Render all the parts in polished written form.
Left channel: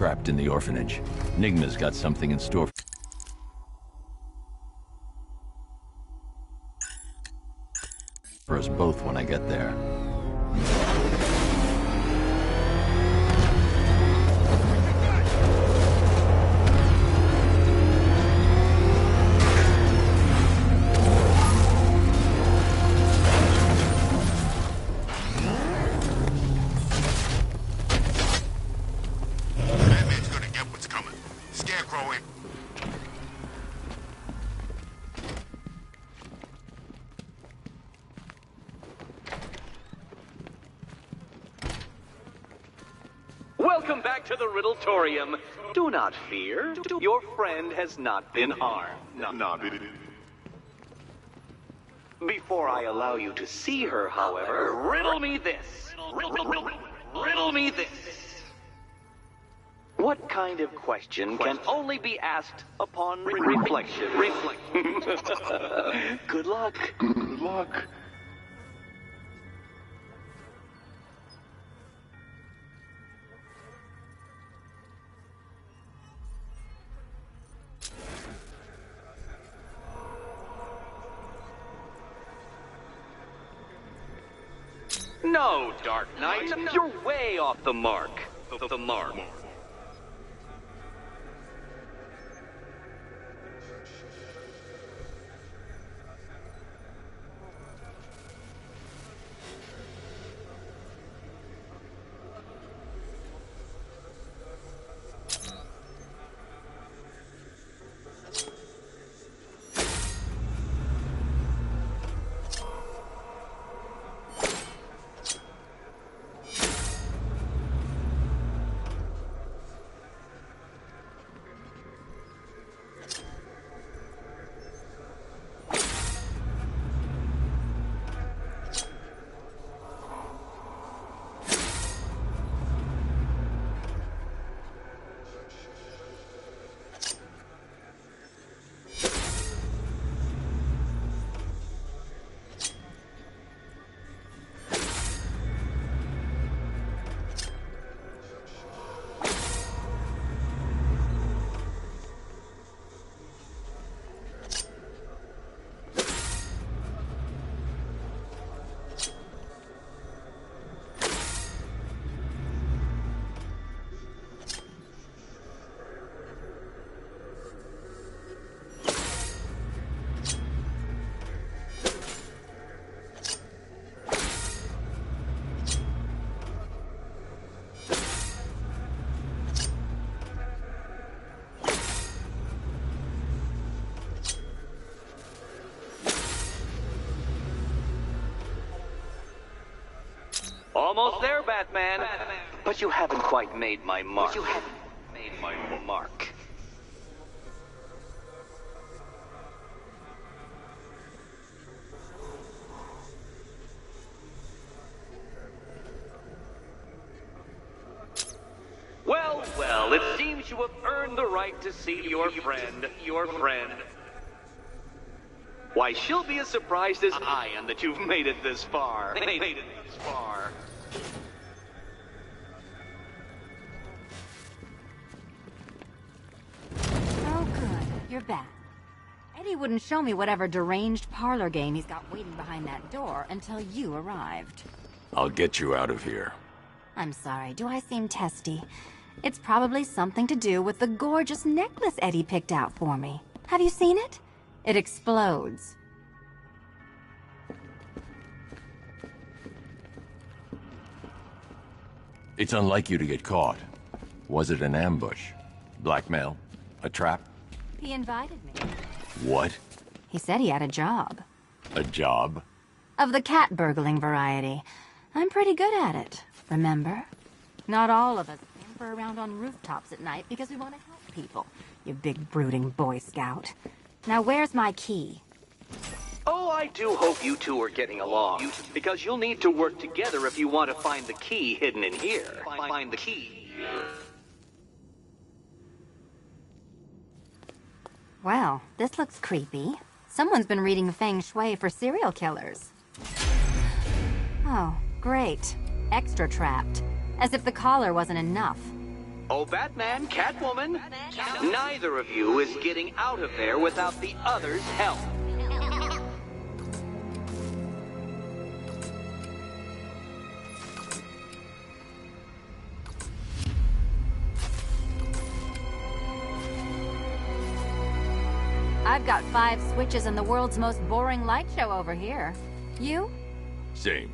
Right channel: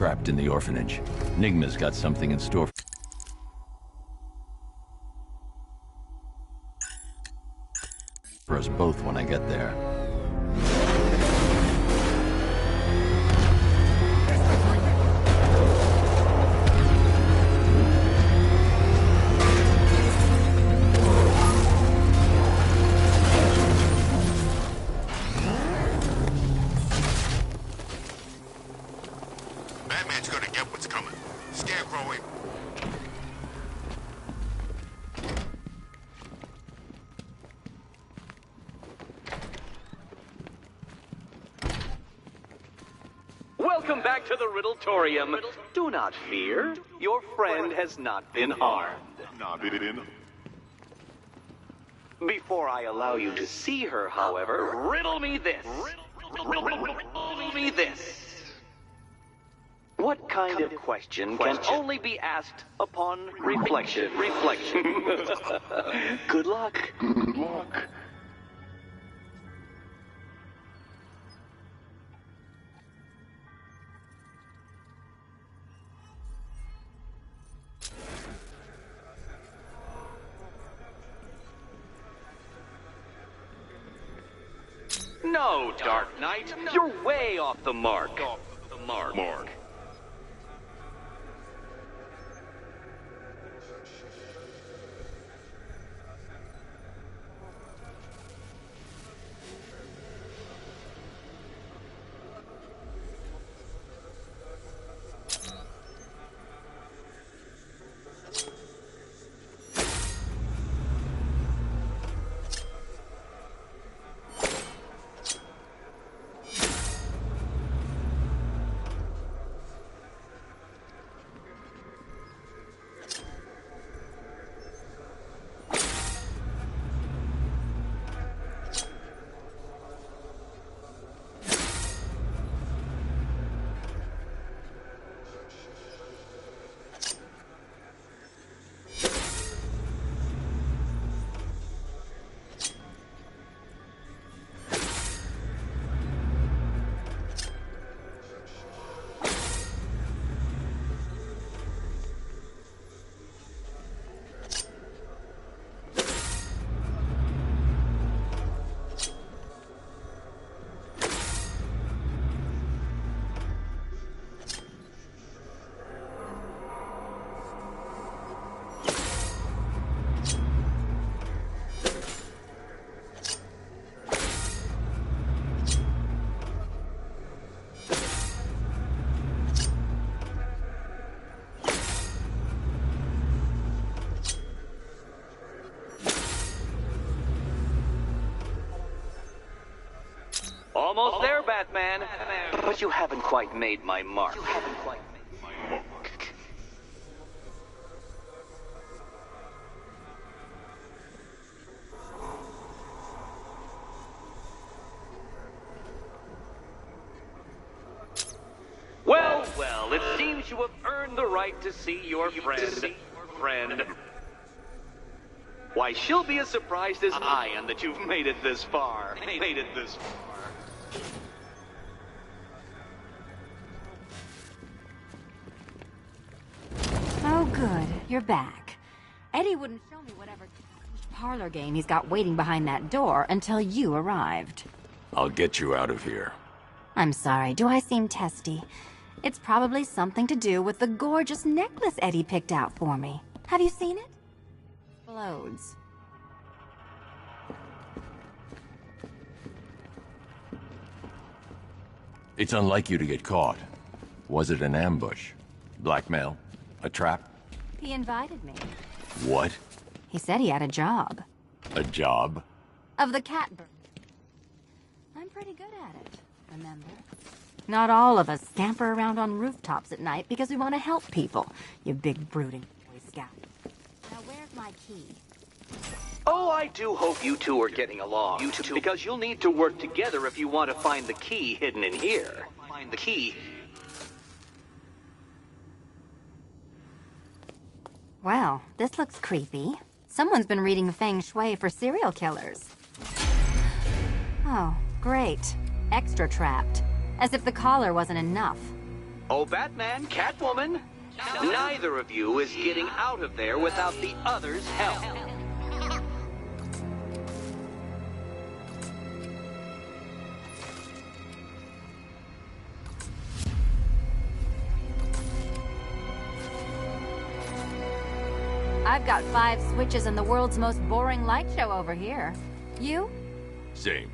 Trapped in the orphanage. Nigma's got something in store for us both when I get there. Batman's gonna get what's coming. Scarecrow in. Welcome back to the Riddletorium. Do not fear. Your friend has not been harmed. Before I allow you to see her, however, riddle me this. Riddle me this. What kind of question can only be asked upon reflection? Good luck. Good luck. No, Dark Knight, you're way off the mark. The mark. Almost there, Batman. But you haven't quite made my mark. Well, it seems you have earned the right to see your friend. Why, she'll be as surprised as I am that you've made it this far. Oh, good. You're back. Eddie wouldn't show me whatever deranged parlor game he's got waiting behind that door until you arrived. I'll get you out of here. I'm sorry, do I seem testy? It's probably something to do with the gorgeous necklace Eddie picked out for me. Have you seen it? It explodes. It's unlike you to get caught. Was it an ambush? Blackmail? A trap? He invited me. What? He said he had a job. A job? Of the cat burgling variety. I'm pretty good at it, remember? Not all of us scamper around on rooftops at night because we want to help people, you big brooding Boy Scout. Now where's my key? Oh, I do hope you two are getting along. Because you'll need to work together if you want to find the key hidden in here. Find the key. Well, this looks creepy. Someone's been reading Feng Shui for serial killers. Oh, great. Extra trapped. As if the collar wasn't enough. Oh, Batman, Catwoman, neither of you is getting out of there without the other's help. I've got 5 switches and the world's most boring light show over here. You? Same.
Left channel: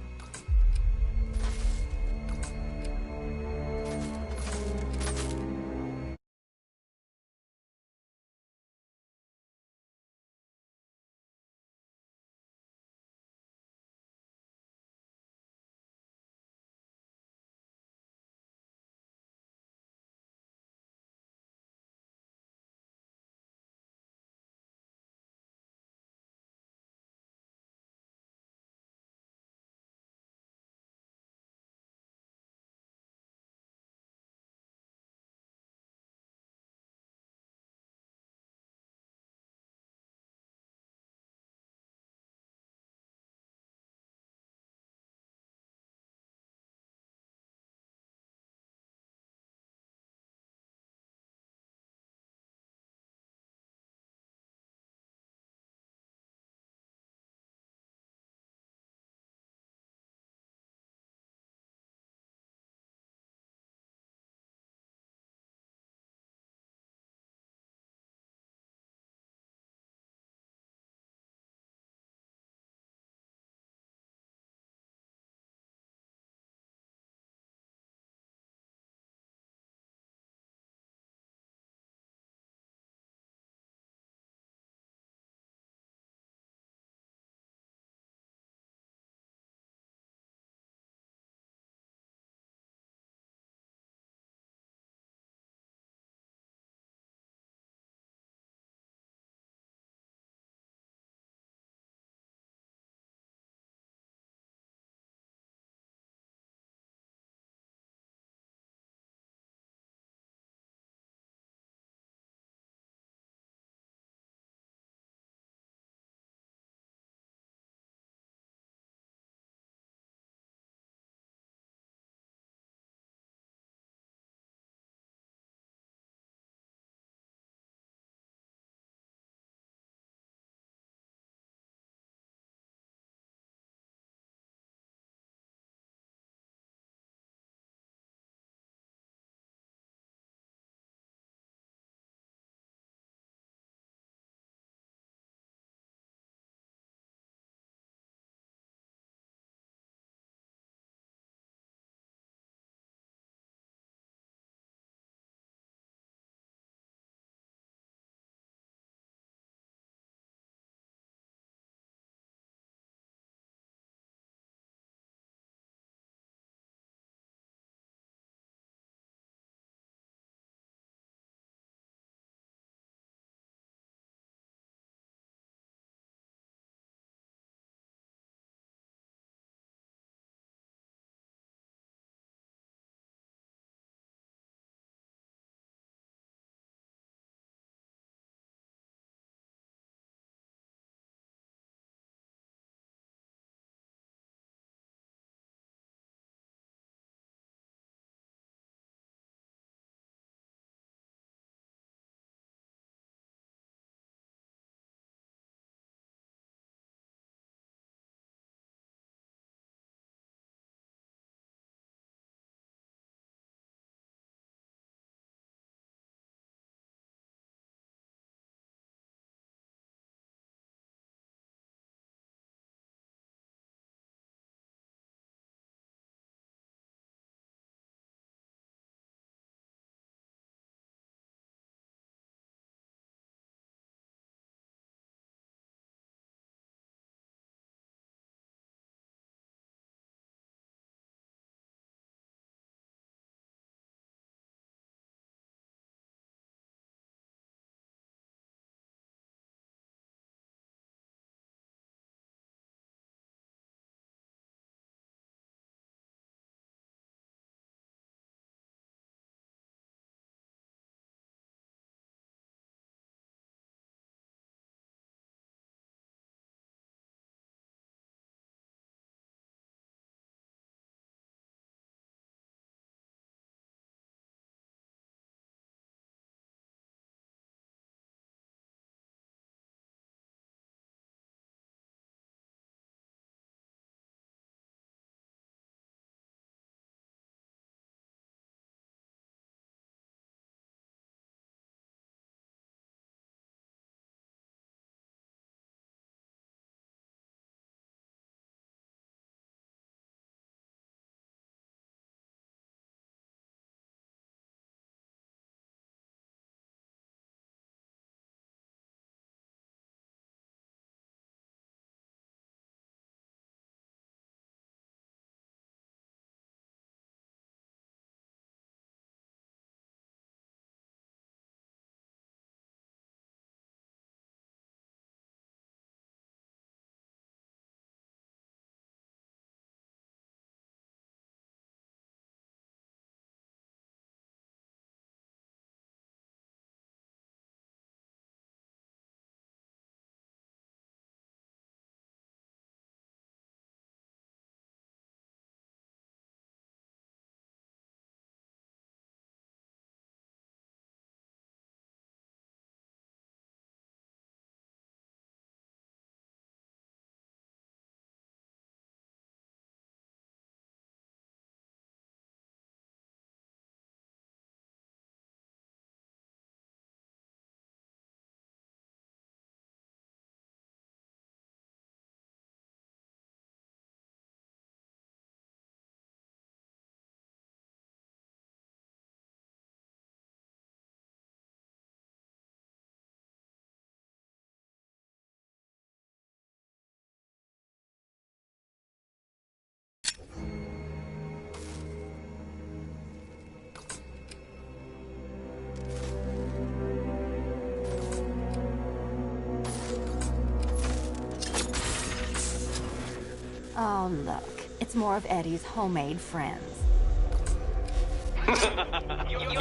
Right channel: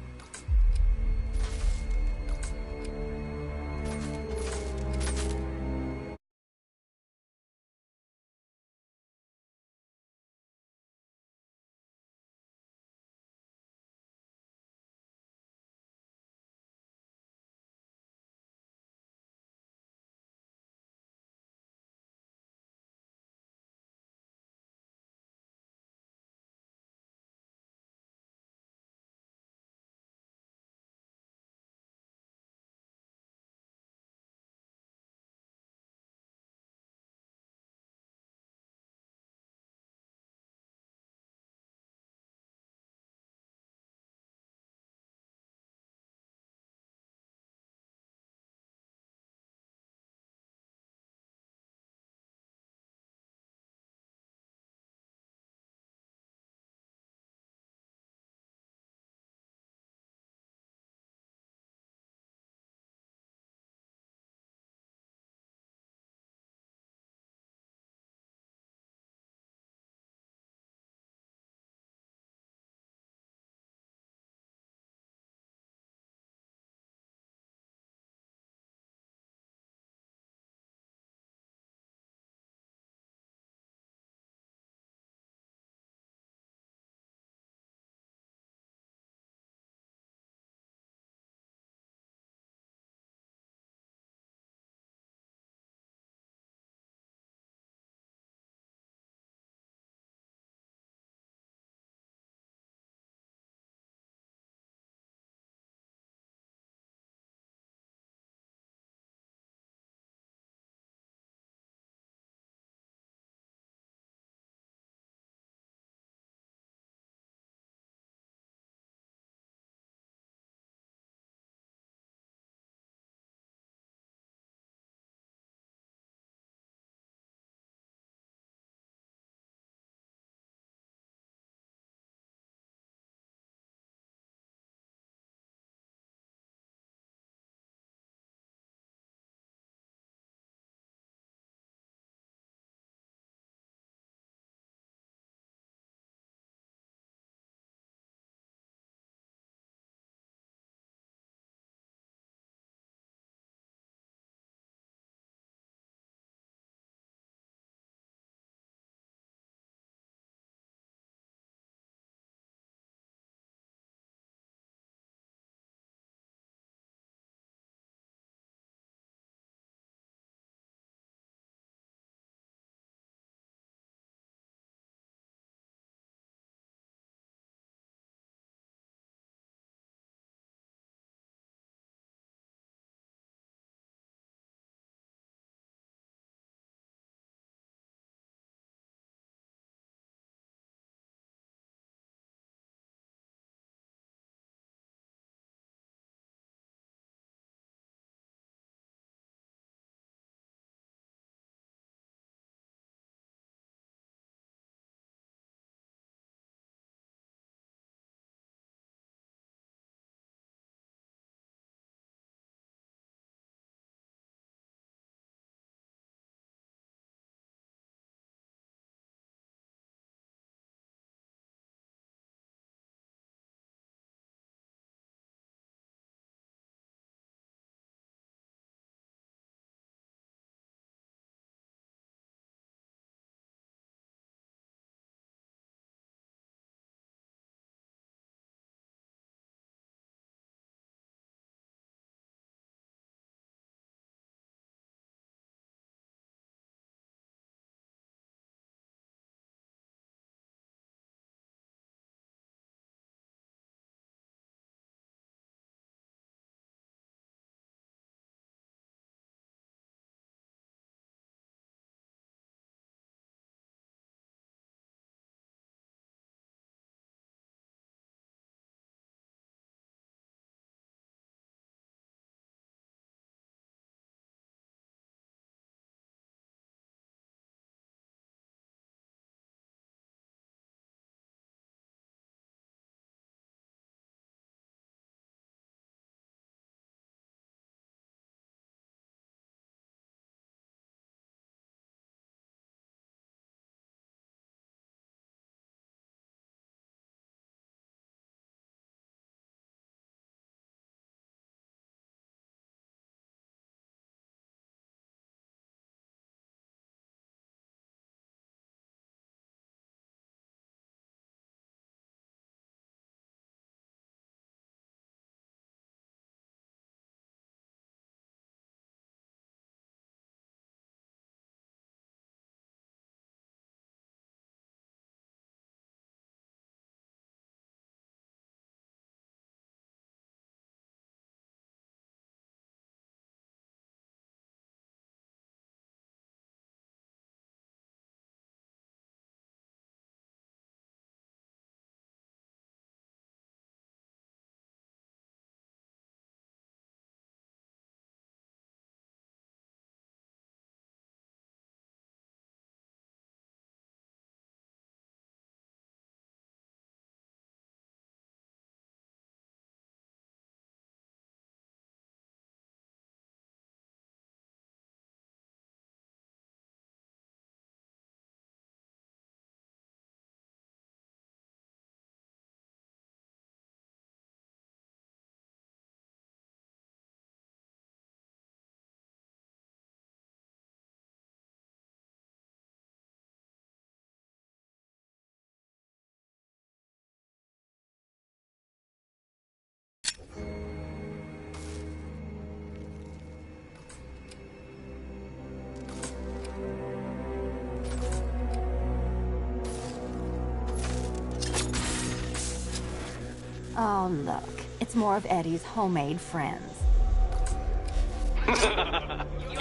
Oh, look. It's more of Eddie's homemade friends.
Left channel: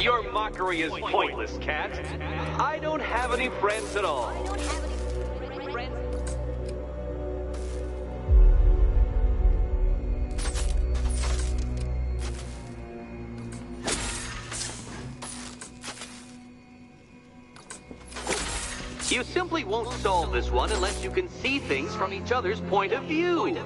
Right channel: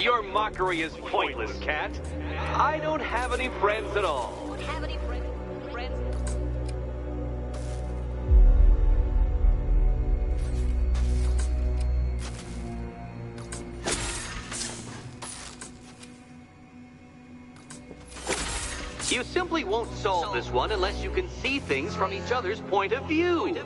Your mockery is pointless, Cat. I don't have any friends at all. You simply won't solve this one unless you can see things from each other's point of view.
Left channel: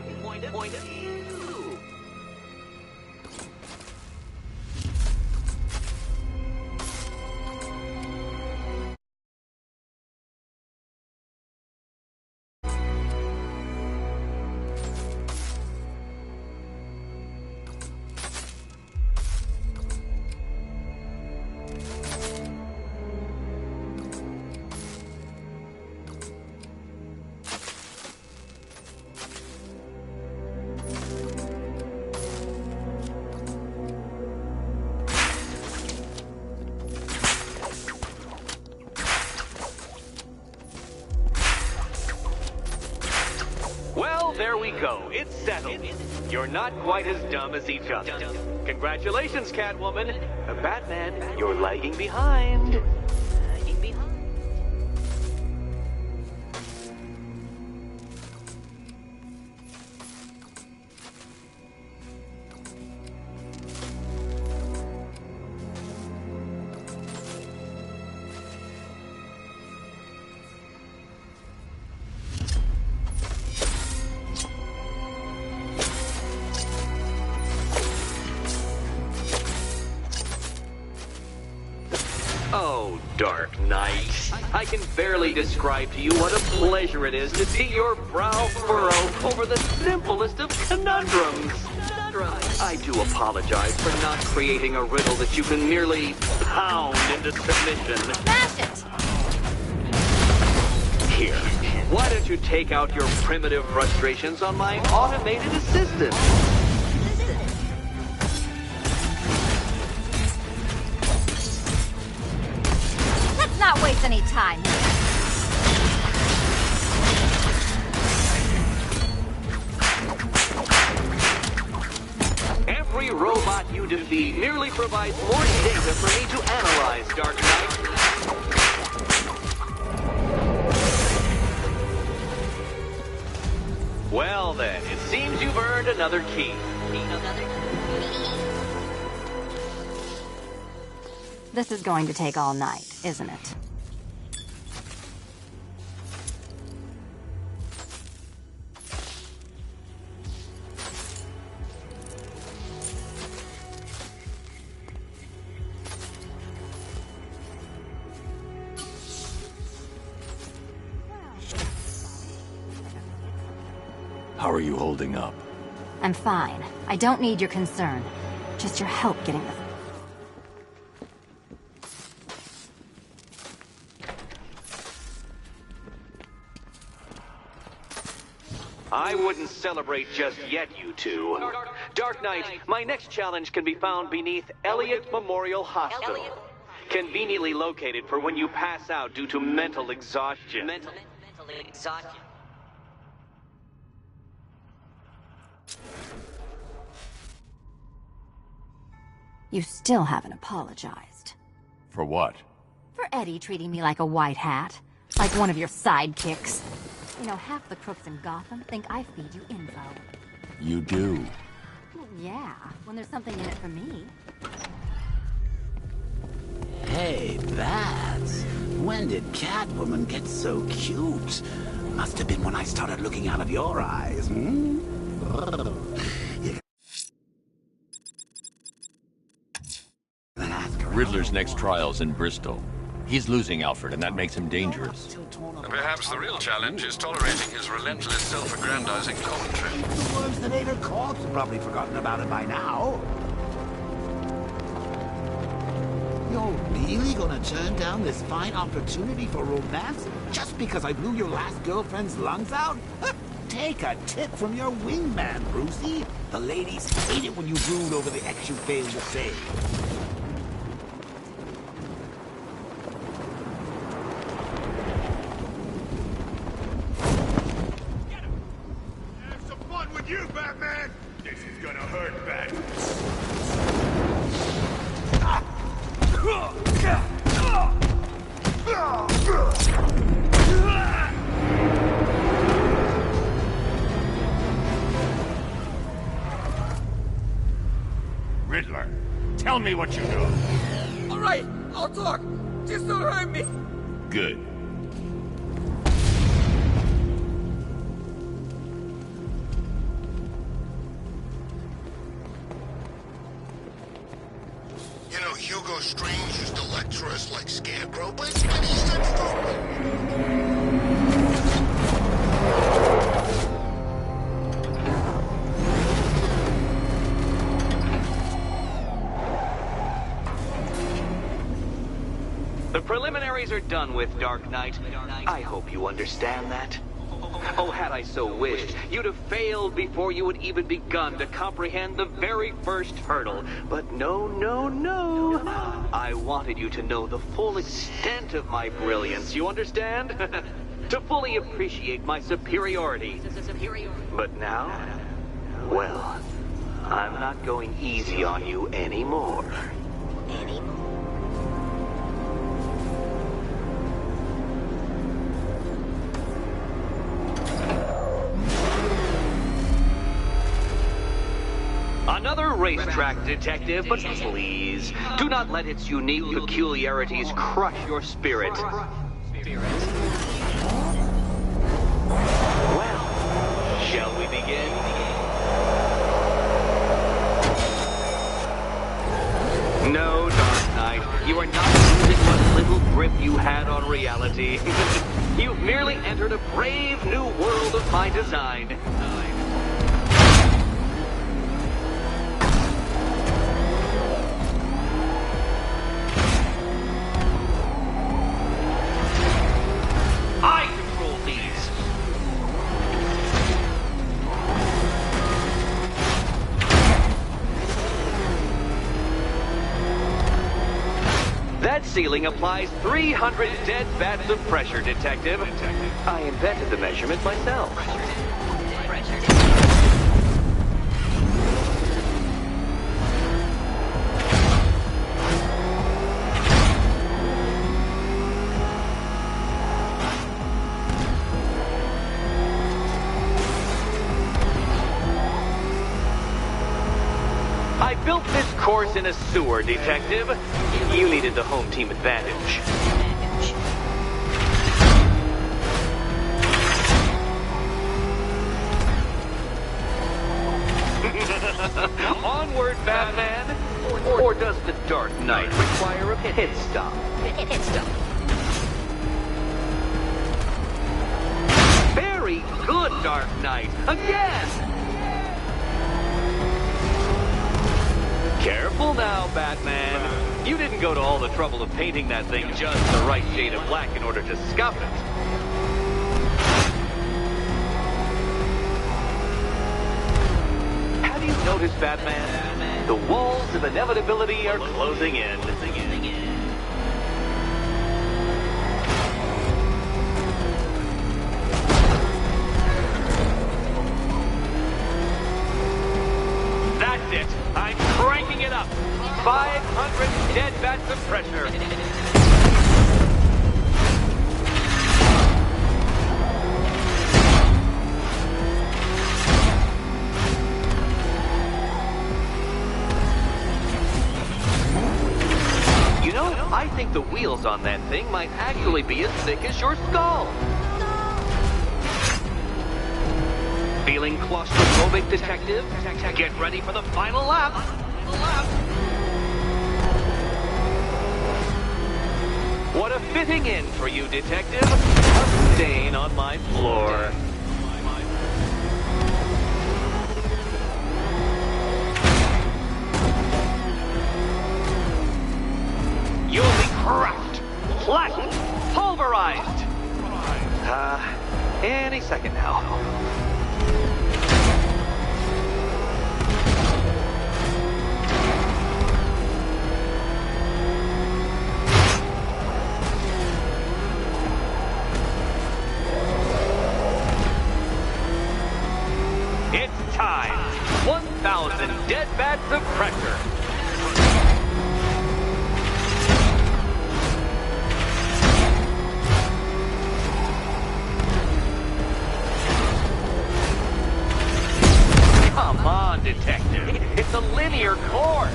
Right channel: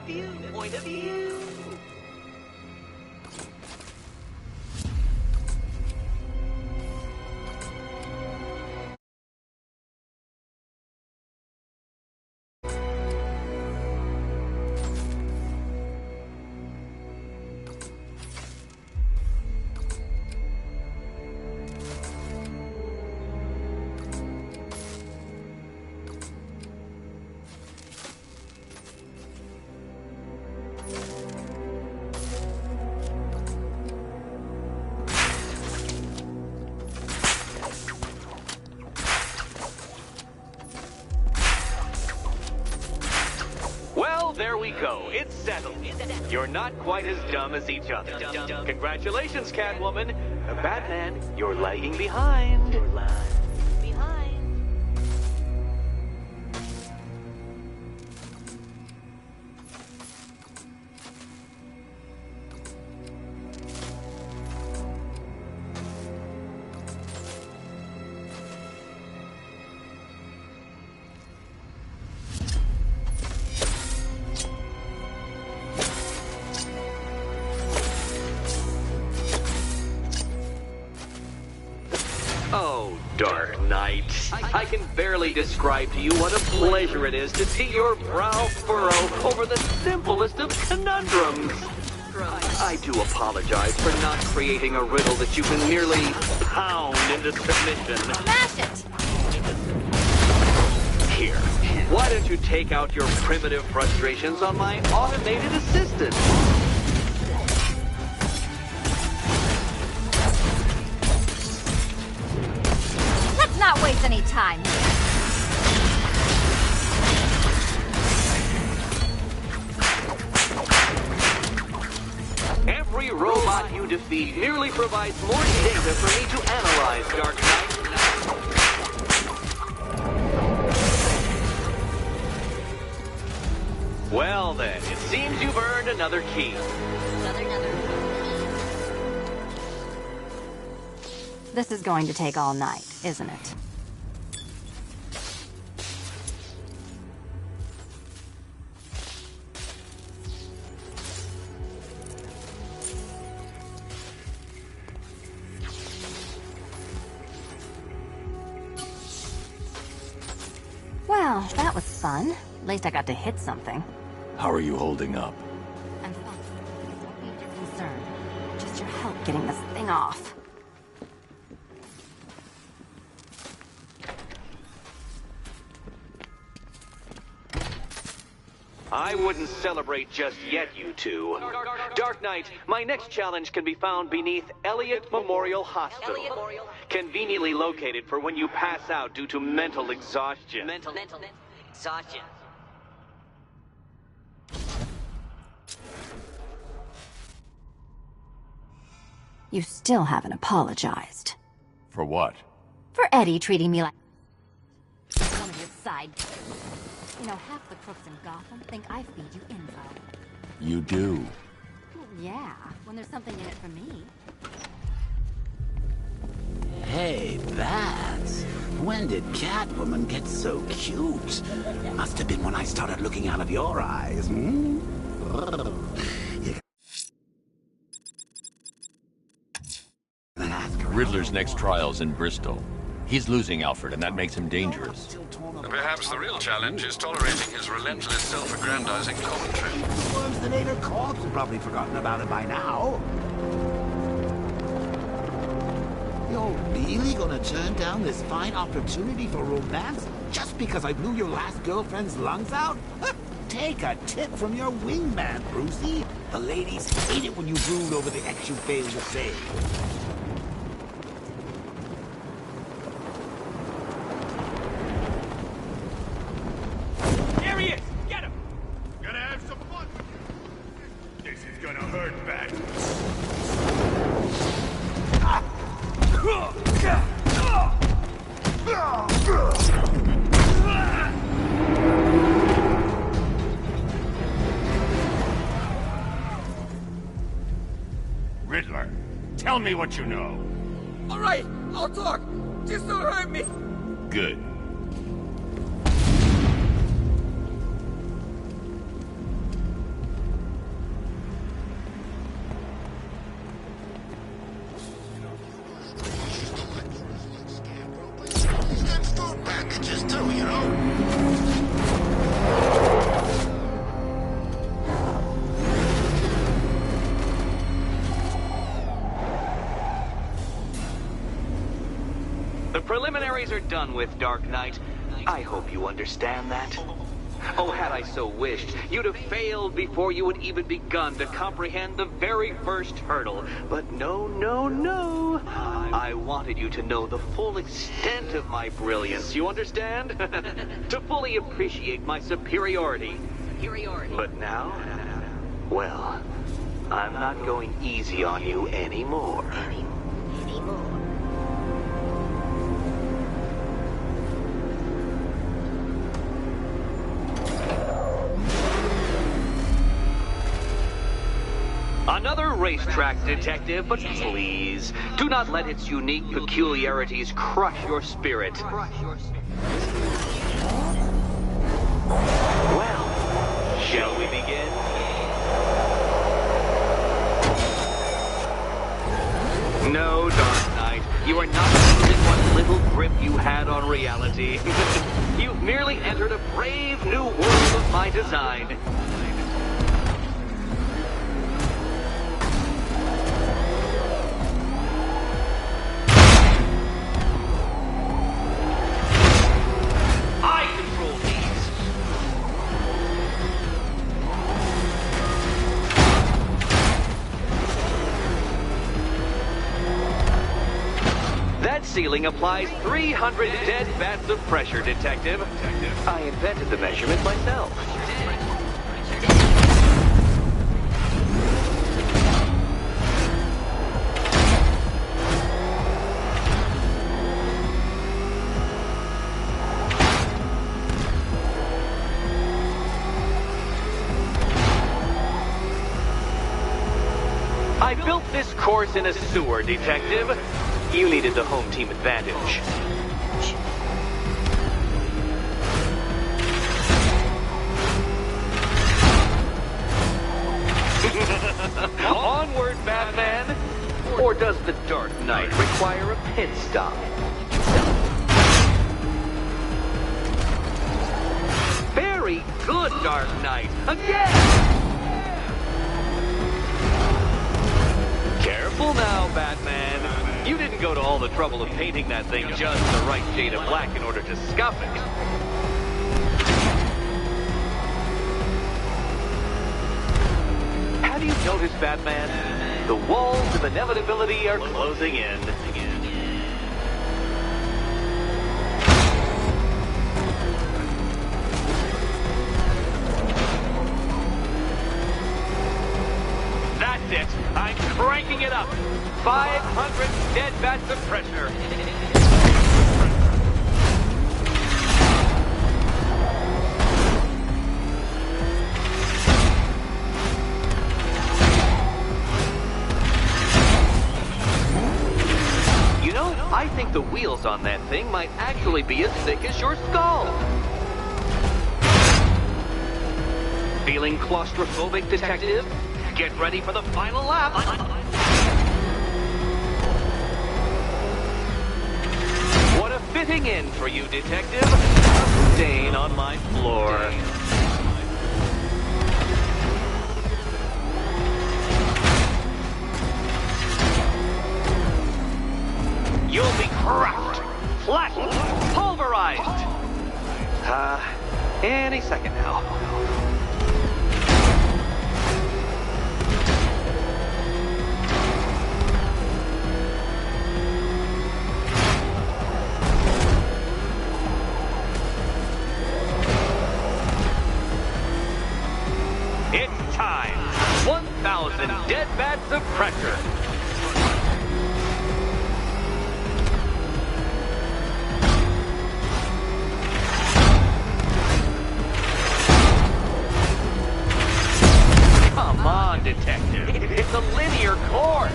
Well, there we go. It's settled. You're not quite as dumb as each other. Congratulations, Catwoman. Batman, you're lagging behind. Oh, Dark Knight. I can barely describe to you what a pleasure it is to see your brow furrow over the simplest of conundrums. I do apologize for not creating a riddle that you can merely pound into submission. Smash it! Here, why don't you take out your primitive frustrations on my automated assistant? Let's not waste any time here. Every robot you defeat merely provides more data for me to analyze, Dark Knight. Well then, it seems you've earned another key. This is going to take all night, isn't it? Well, that was fun. At least I got to hit something. How are you holding up? I'm fine. I don't need your concern. Just your help getting this thing off. I wouldn't celebrate just yet, you two. Dark Knight, my next challenge can be found beneath Elliott Memorial Hospital. Conveniently located for when you pass out due to mental exhaustion. Mental exhaustion. You still haven't apologized. For what? For Eddie treating me like a white hat. Like one of your sidekicks. You know, half the crooks in Gotham think I feed you info. You do. Well, yeah, when there's something in it for me. Hey, Bats. When did Catwoman get so cute? Must have been when I started looking out of your eyes, hmm? Riddler's next trial's in Bristol. He's losing Alfred, and that makes him dangerous. Perhaps the real challenge is tolerating his relentless self-aggrandizing commentary. The worms that ate her corpse have probably forgotten about it by now. You're really gonna turn down this fine opportunity for romance just because I blew your last girlfriend's lungs out? Take a tip from your wingman, Brucey. The ladies hate it when you brood over the ex you failed to save. Gonna have some fun with you, Batman! Riddler, tell me what you know. All right, I'll talk. Just don't hurt me. Good. You know, Hugo Strange used to lecture us like Scarecrow, but he's got throat bandages too, you know? The preliminaries are done with, Dark Knight. I hope you understand that. Oh, had I so wished, you'd have failed before you had even begun to comprehend the very first hurdle. But no, no, no. I wanted you to know the full extent of my brilliance, you understand? To fully appreciate my superiority. But now, well, I'm not going easy on you anymore. Another racetrack detective, but please, do not let its unique peculiarities crush your spirit. Well, shall we begin? No, Dark Knight, you are not losing what little grip you had on reality. You've merely entered a brave new world of my design. I control these. That ceiling applies 300 dead bats of pressure, Detective. I invented the measurement myself. I built this course in a sewer, Detective. You needed the home team advantage. Onward, Batman! Or does the Dark Knight require a pit stop? Very good, Dark Knight! Again! Careful now, Batman. You didn't go to all the trouble of painting that thing just the right shade of black in order to scuff it. Have you noticed, Batman? The walls of inevitability are closing in. That's it. I'm cranking it up. 500 dead bats of pressure. You know, I think the wheels on that thing might actually be as thick as your skull. Feeling claustrophobic, Detective? Get ready for the final lap. What a fitting end for you, Detective. A stain on my floor. You'll be cracked, flattened, pulverized. Any second now. It's time. 1,000 dead bats of pressure. Come on, Detective. It's a linear your course.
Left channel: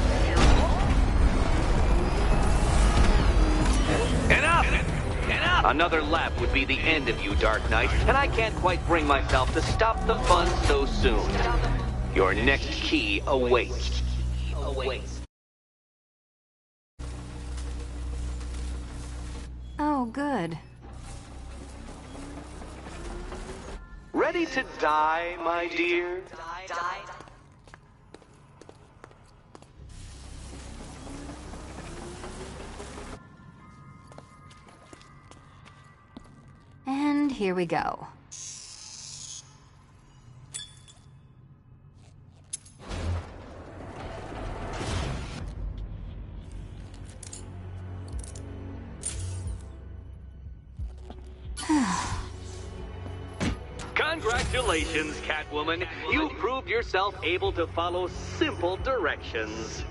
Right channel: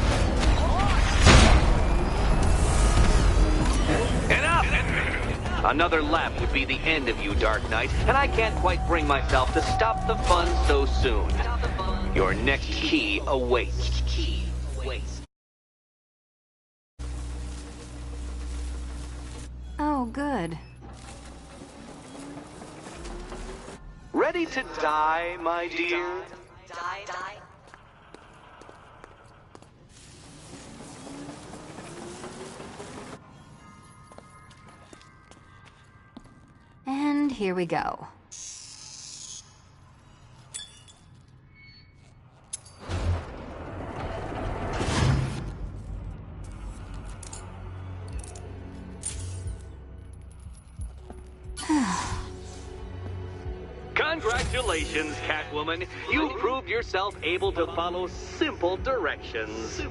Enough! Another lap would be the end of you, Dark Knight, and I can't quite bring myself to stop the fun so soon. Your next key awaits. Oh, good. Ready to die, my dear? And here we go. Congratulations, Catwoman. You proved yourself able to follow simple directions.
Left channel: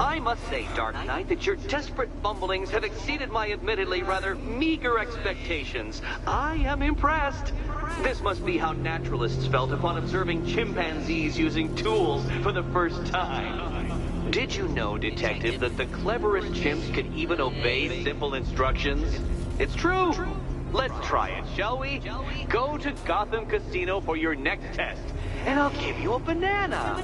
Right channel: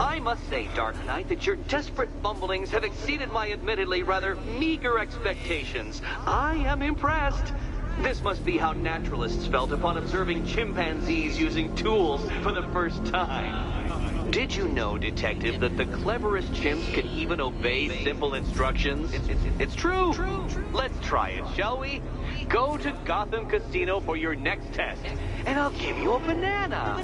I must say, Dark Knight, that your desperate fumblings have exceeded my admittedly rather meager expectations. I am impressed. This must be how naturalists felt upon observing chimpanzees using tools for the first time. Did you know, Detective, that the cleverest chimps can even obey simple instructions? It's true. Let's try it, shall we? Go to Gotham Casino for your next test, and I'll give you a banana.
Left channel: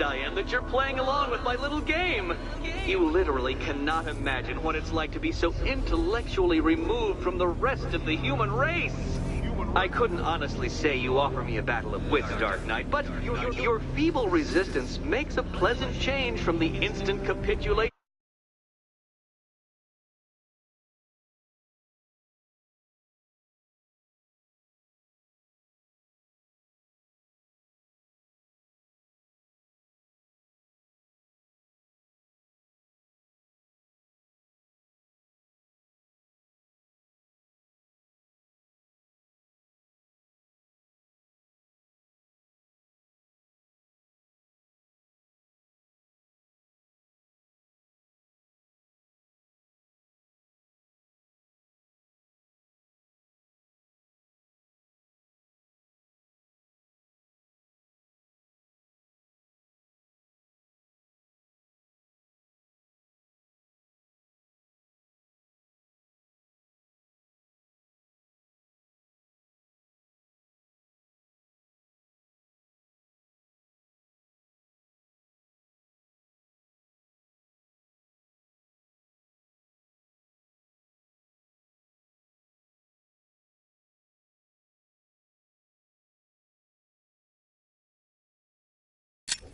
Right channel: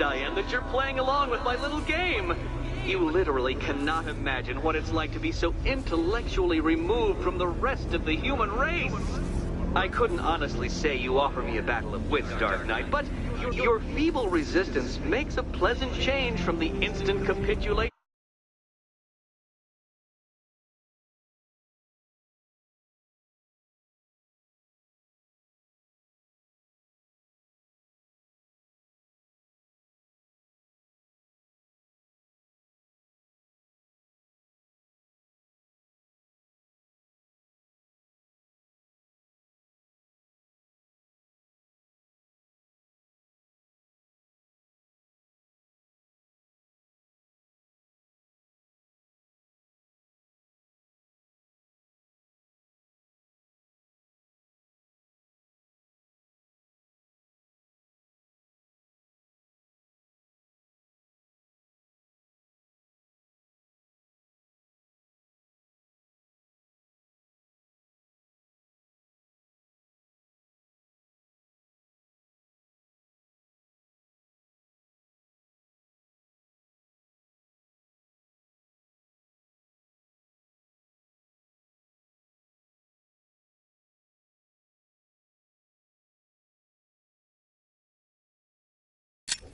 Diane, that you're playing along with my little game. You literally cannot imagine what it's like to be so intellectually removed from the rest of the human race. I couldn't honestly say you offer me a battle of wits, Dark Knight, but your feeble resistance makes a pleasant change from the instant capitulation.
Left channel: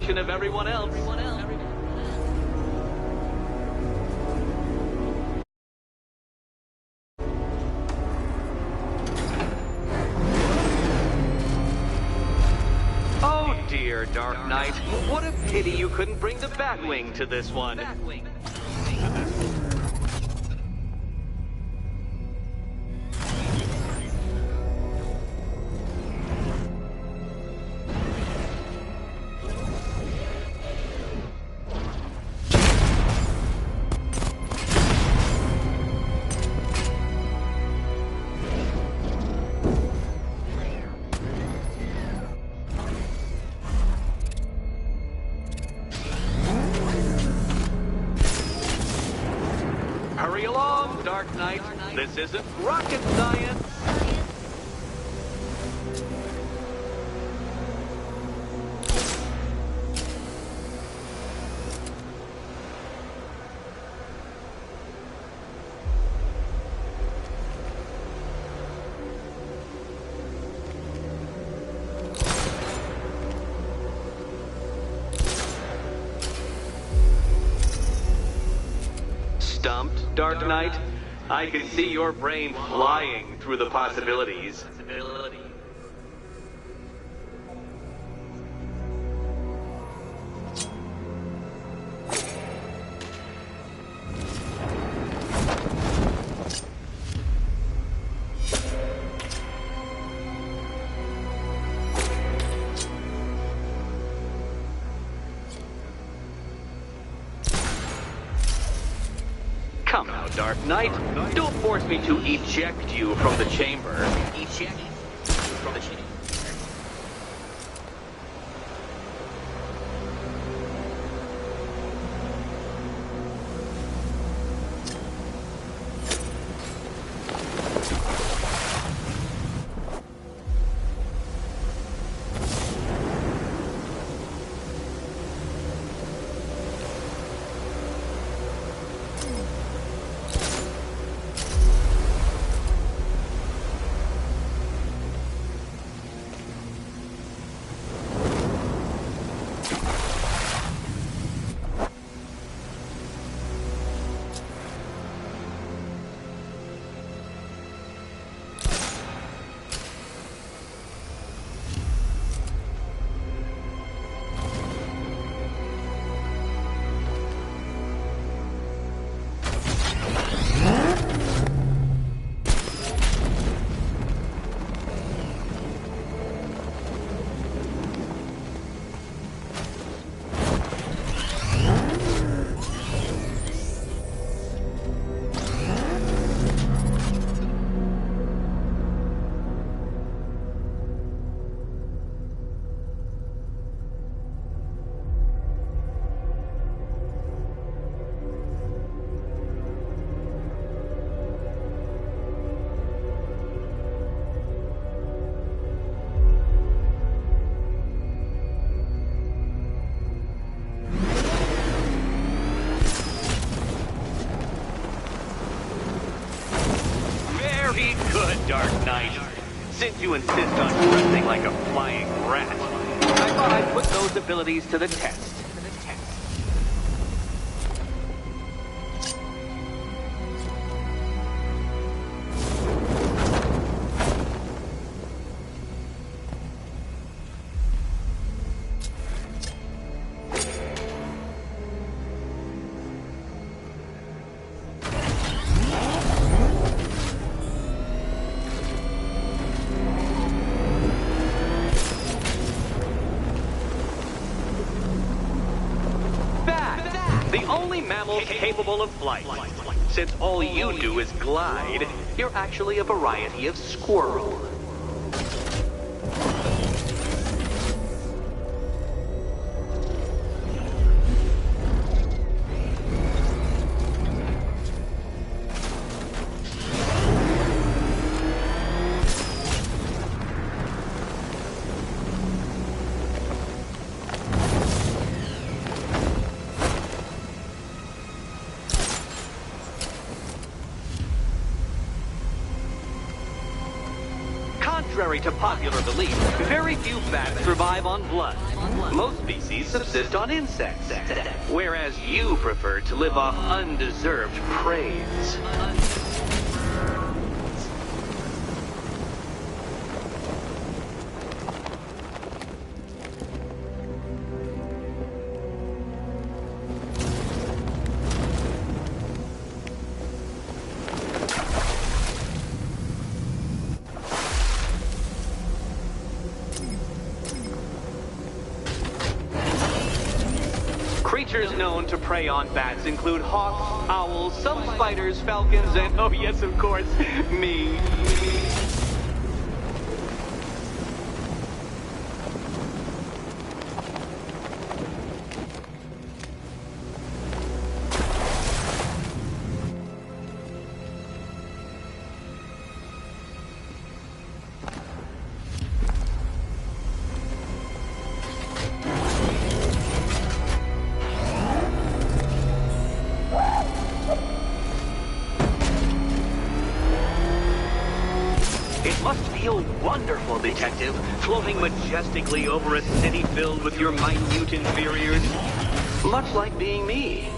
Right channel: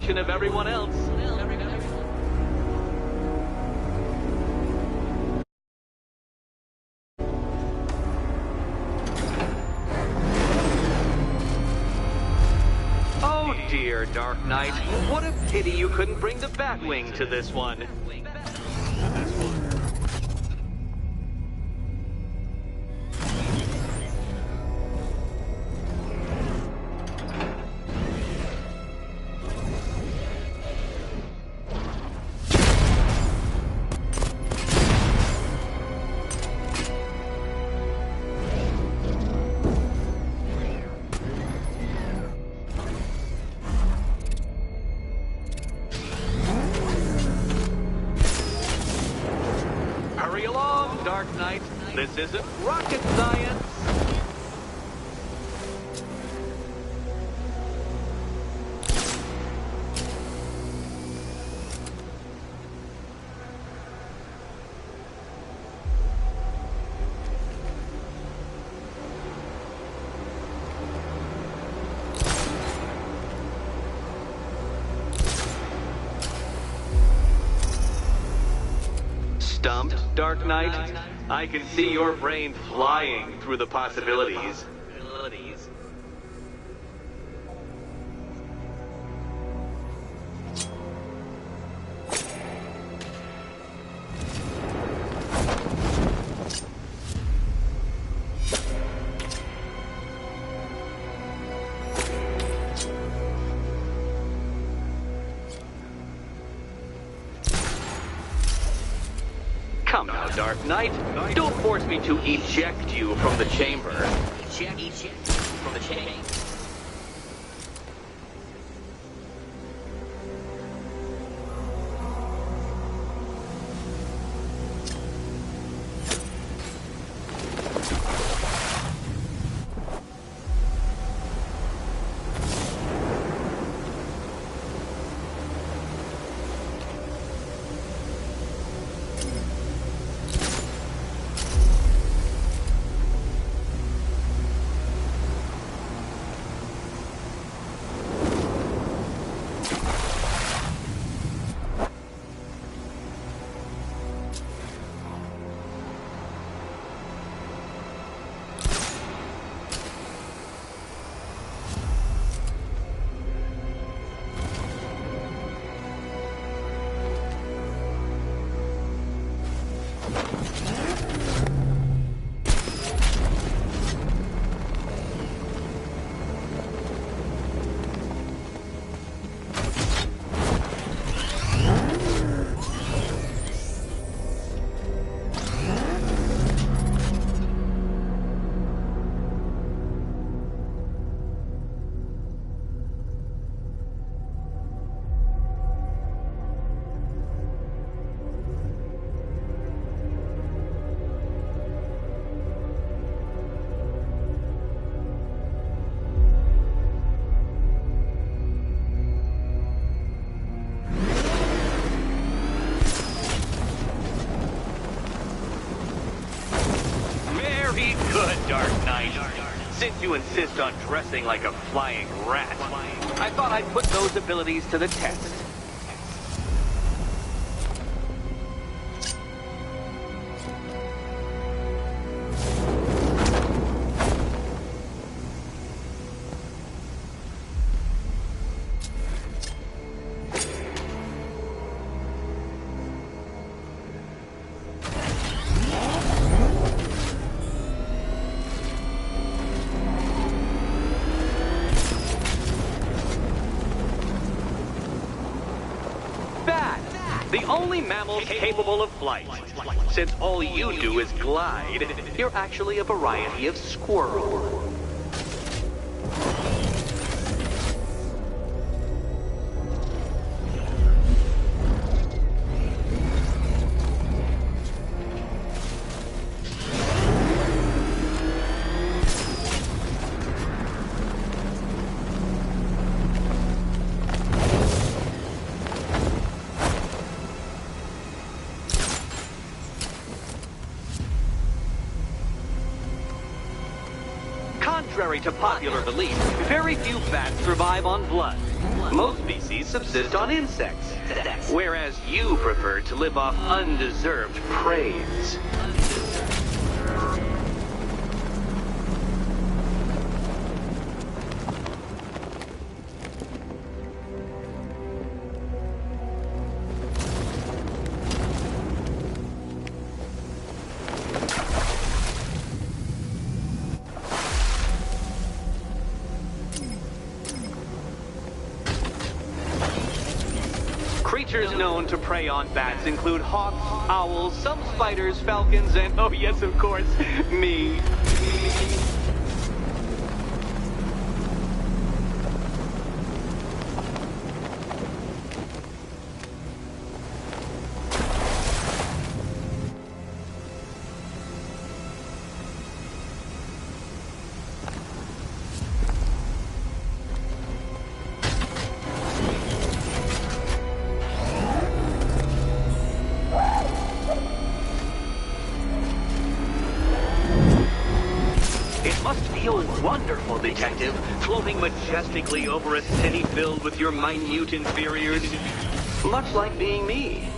Of everyone else. Oh dear, Dark Knight. What a pity you couldn't bring the Batwing to this one. Hurry along, Dark Knight. This isn't rocket science. Stumped, Dark Knight? I can see your brain flying through the possibilities. Come now, Dark Knight. Don't force me to eject you from the chamber. Eject from the chamber. Be good, Dark Knight. Since you insist on dressing like a flying rat, I thought I'd put those abilities to the test. The only mammal capable of flight. Since all you do is glide, you're actually a variety of squirrel. Contrary to popular belief, very few bats survive on blood. Most species subsist on insects, whereas you prefer to live off undeserved praise. Creatures known to prey on bats include hawks, owls, some spiders, falcons, and, oh yes, of course, me. It must feel wonderful, Detective, floating majestically over a city filled with your minute inferiors. Much like being me.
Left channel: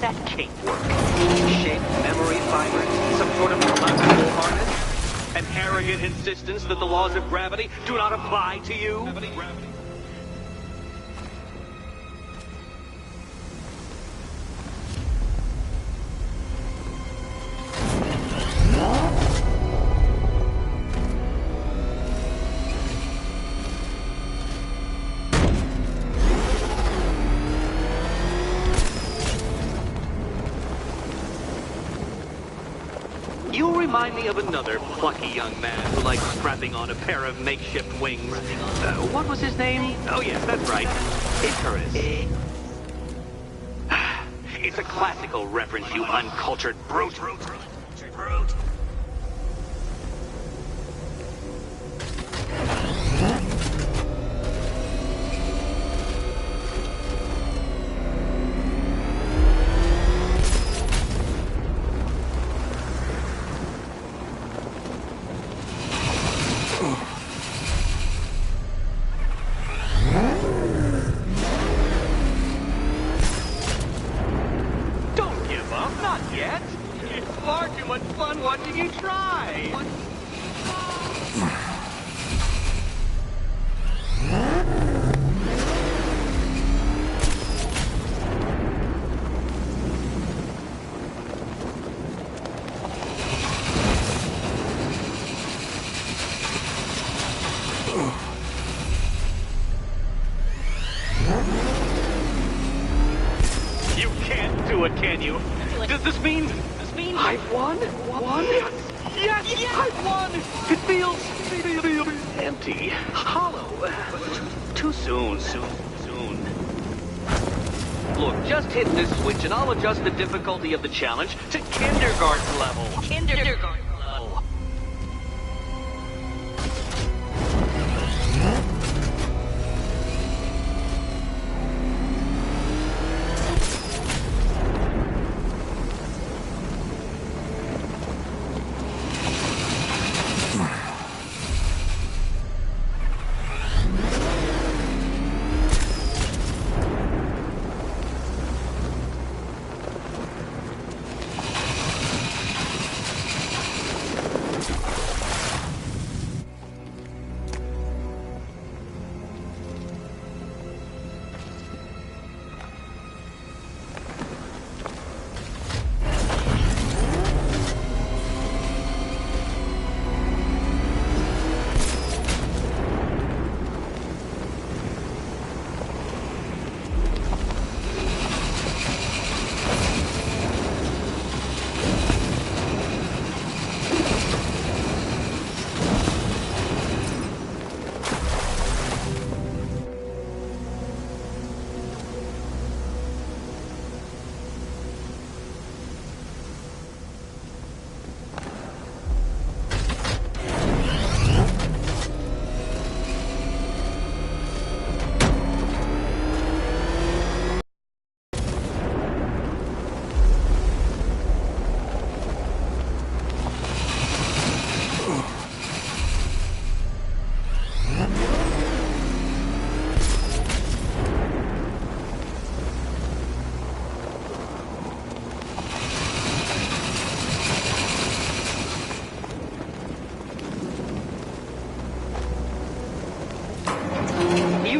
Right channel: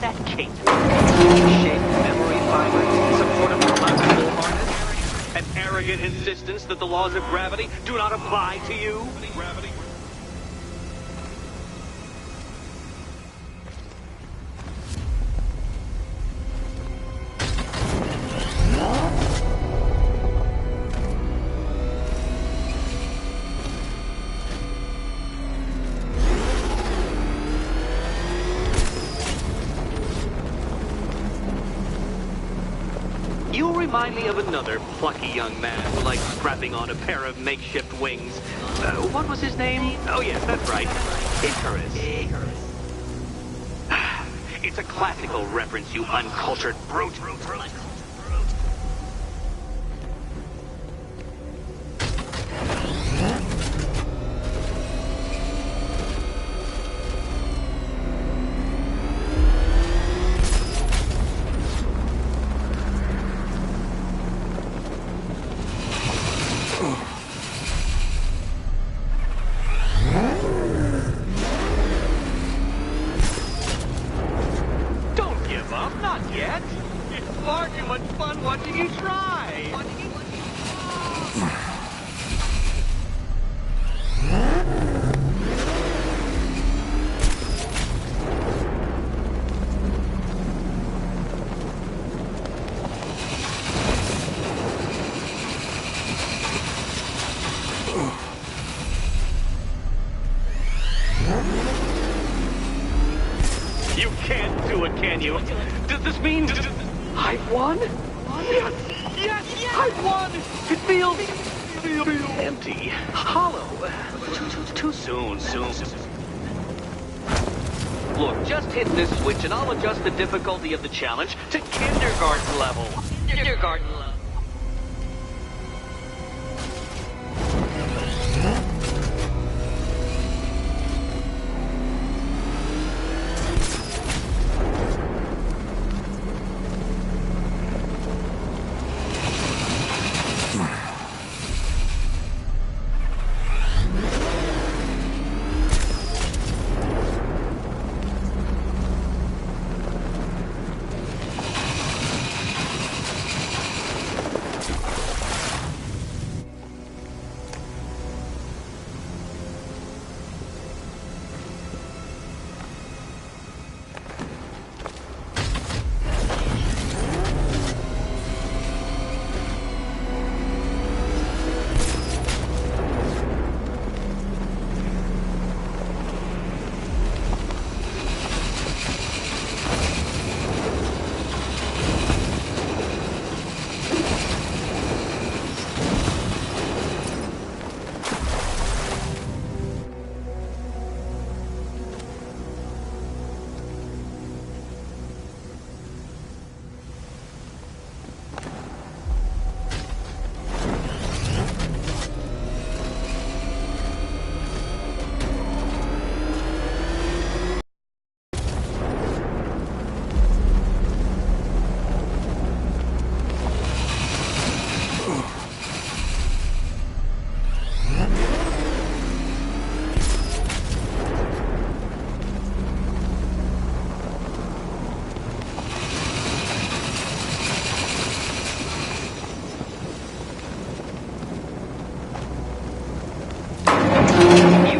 That cape? Shaped memory fibers? Some sort of collapsible harness? An arrogant insistence that the laws of gravity do not apply to you? You remind me of another plucky young man who likes strapping on a pair of makeshift wings. What was his name? Oh yes, that's right. Icarus. It's a classical reference, you uncultured brute. Not yet. It's far too much fun watching you try. You can't do it, can you? Does this mean I've won? Yes, I've won! It feels empty, hollow. Too soon. Look, just hit this switch and I'll adjust the difficulty of the challenge to kindergarten level. Kindergarten level.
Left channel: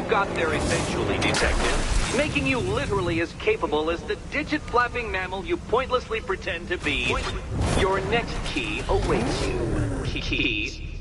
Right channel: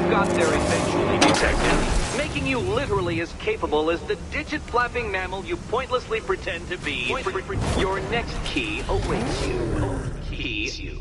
Got there eventually, Detective, making you literally as capable as the digit-flapping mammal you pointlessly pretend to be. Your next key awaits you. Key.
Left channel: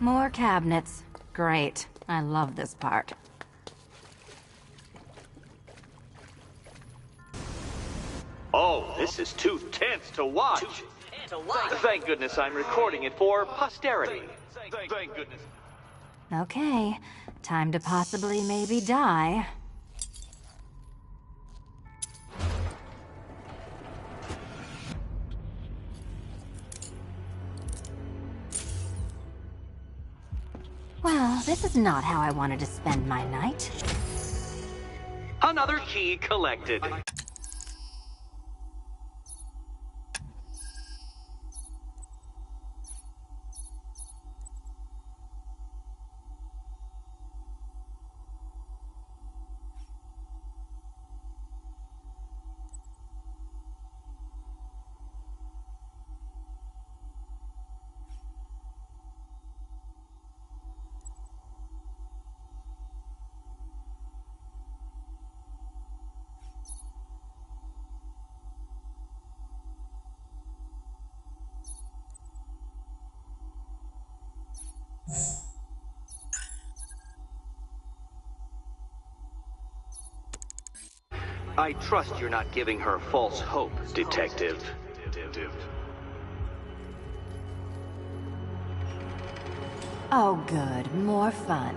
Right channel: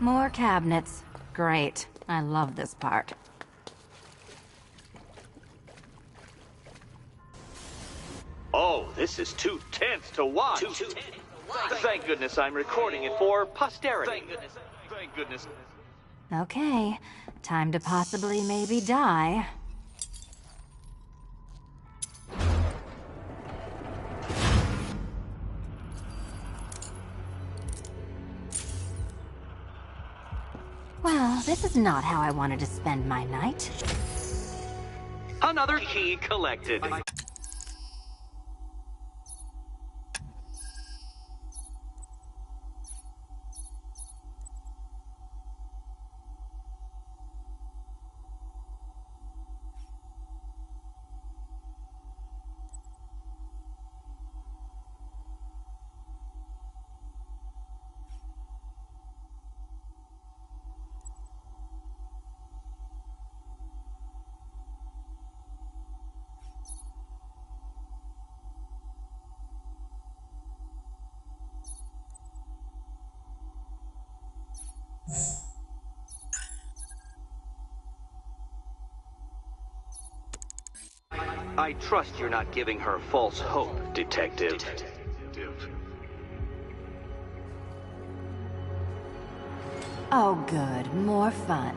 More cabinets. Great. I love this part. Oh, this is too tense to watch. Thank goodness I'm recording it for posterity. Thank goodness. Okay. Time to possibly maybe die. Well, this is not how I wanted to spend my night. Another key collected. I trust you're not giving her false hope, Detective. Oh, good. More fun.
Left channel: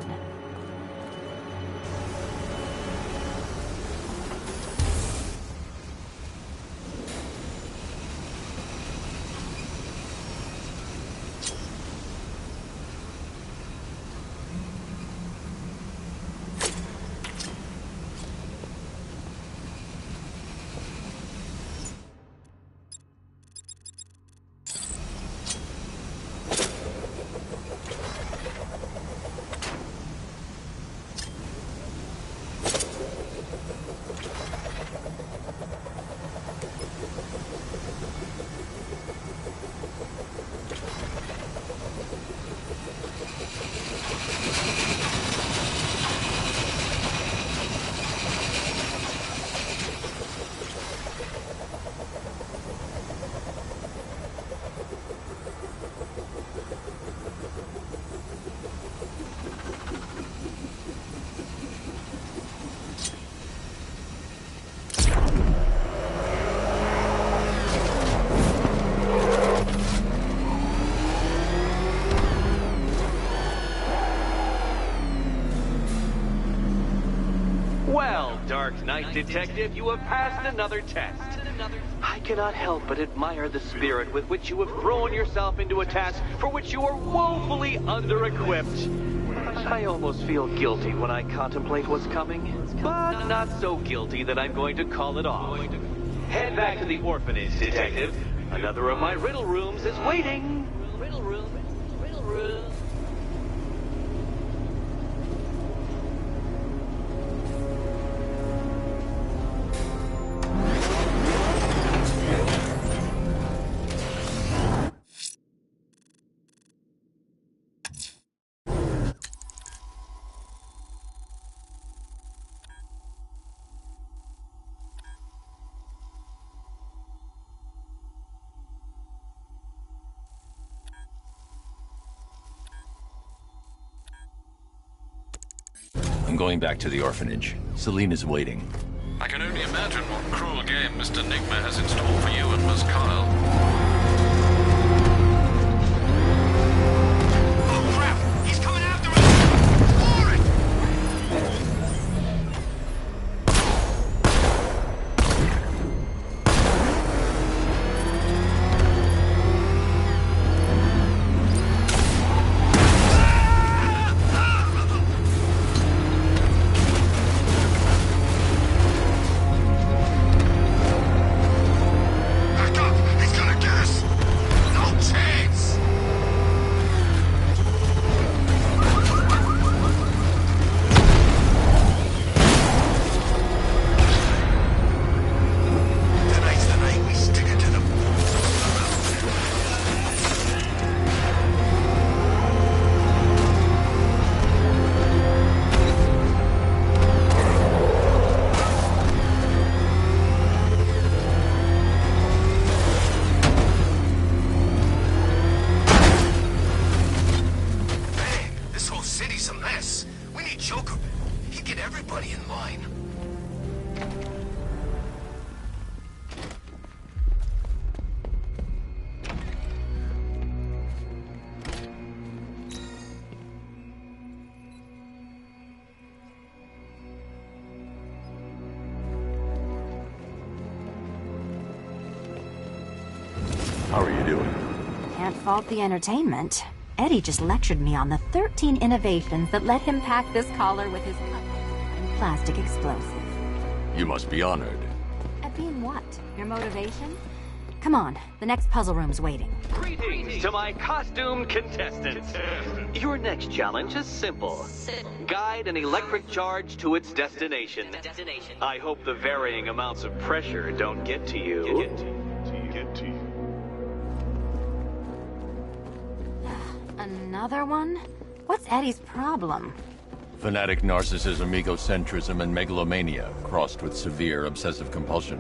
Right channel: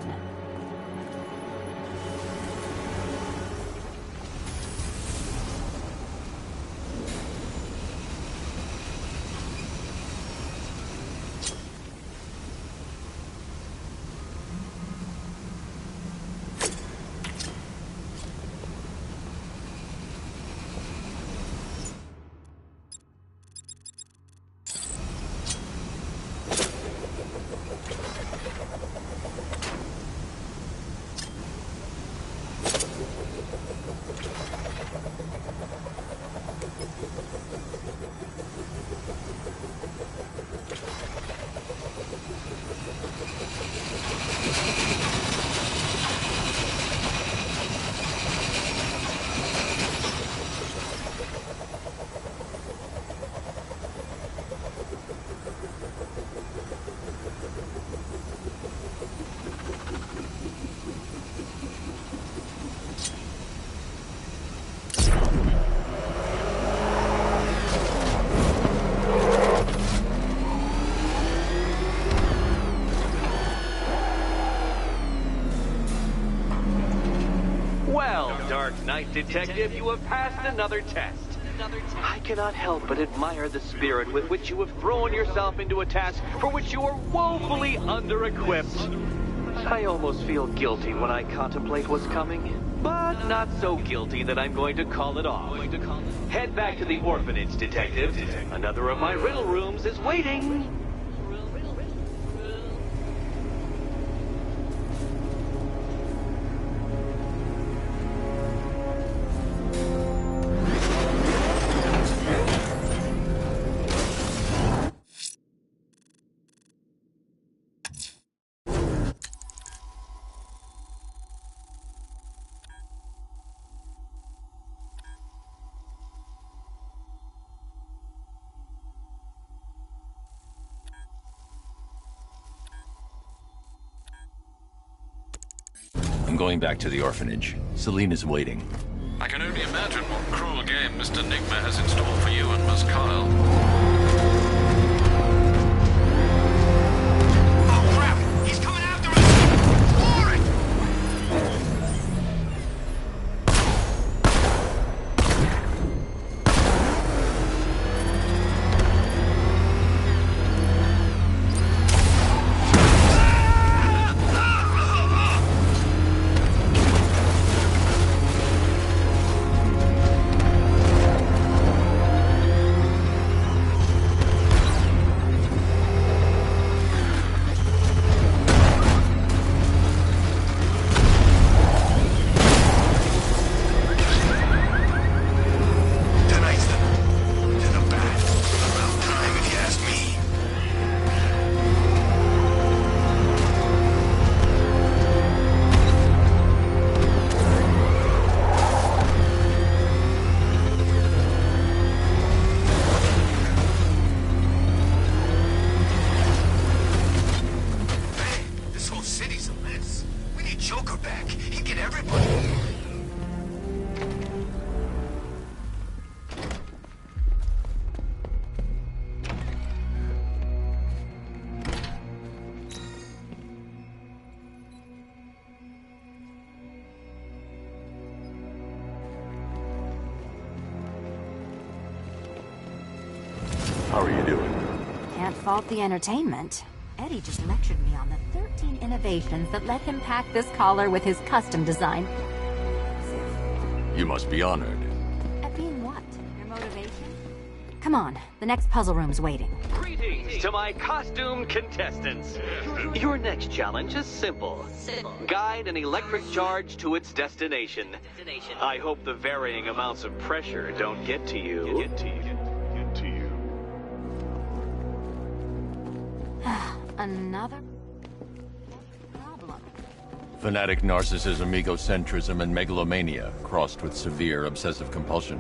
Well, Dark Knight Detective, you have passed another test. I cannot help but admire the spirit with which you have thrown yourself into a task for which you are woefully under-equipped. I almost feel guilty when I contemplate what's coming, but not so guilty that I'm going to call it off. Head back to the orphanage, Detective. Another of my riddle rooms is waiting. I'm going back to the orphanage. Celine is waiting. I can only imagine what cruel game Mr. Nigma has in store for you and Miss Kyle. Oh crap! He's coming after us! Warren! He's gonna get us! No chance! Tonight's the night we stick it to the back. About time, if you ask me. Man, this whole city's a mess. We need Joker back. He'd get everybody in line. How are you doing? Can't fault the entertainment. Eddie just lectured me on the 13 innovations that let him pack this collar with his custom-designed plastic explosive. You must be honored. At being what? Your motivation? Come on, the next puzzle room's waiting. Greetings to my costumed contestants. Your next challenge is simple. Guide an electric charge to its destination. I hope the varying amounts of pressure don't get to you. Another one? What's Eddie's problem? Fanatic narcissism, egocentrism, and megalomania, crossed with severe obsessive compulsion.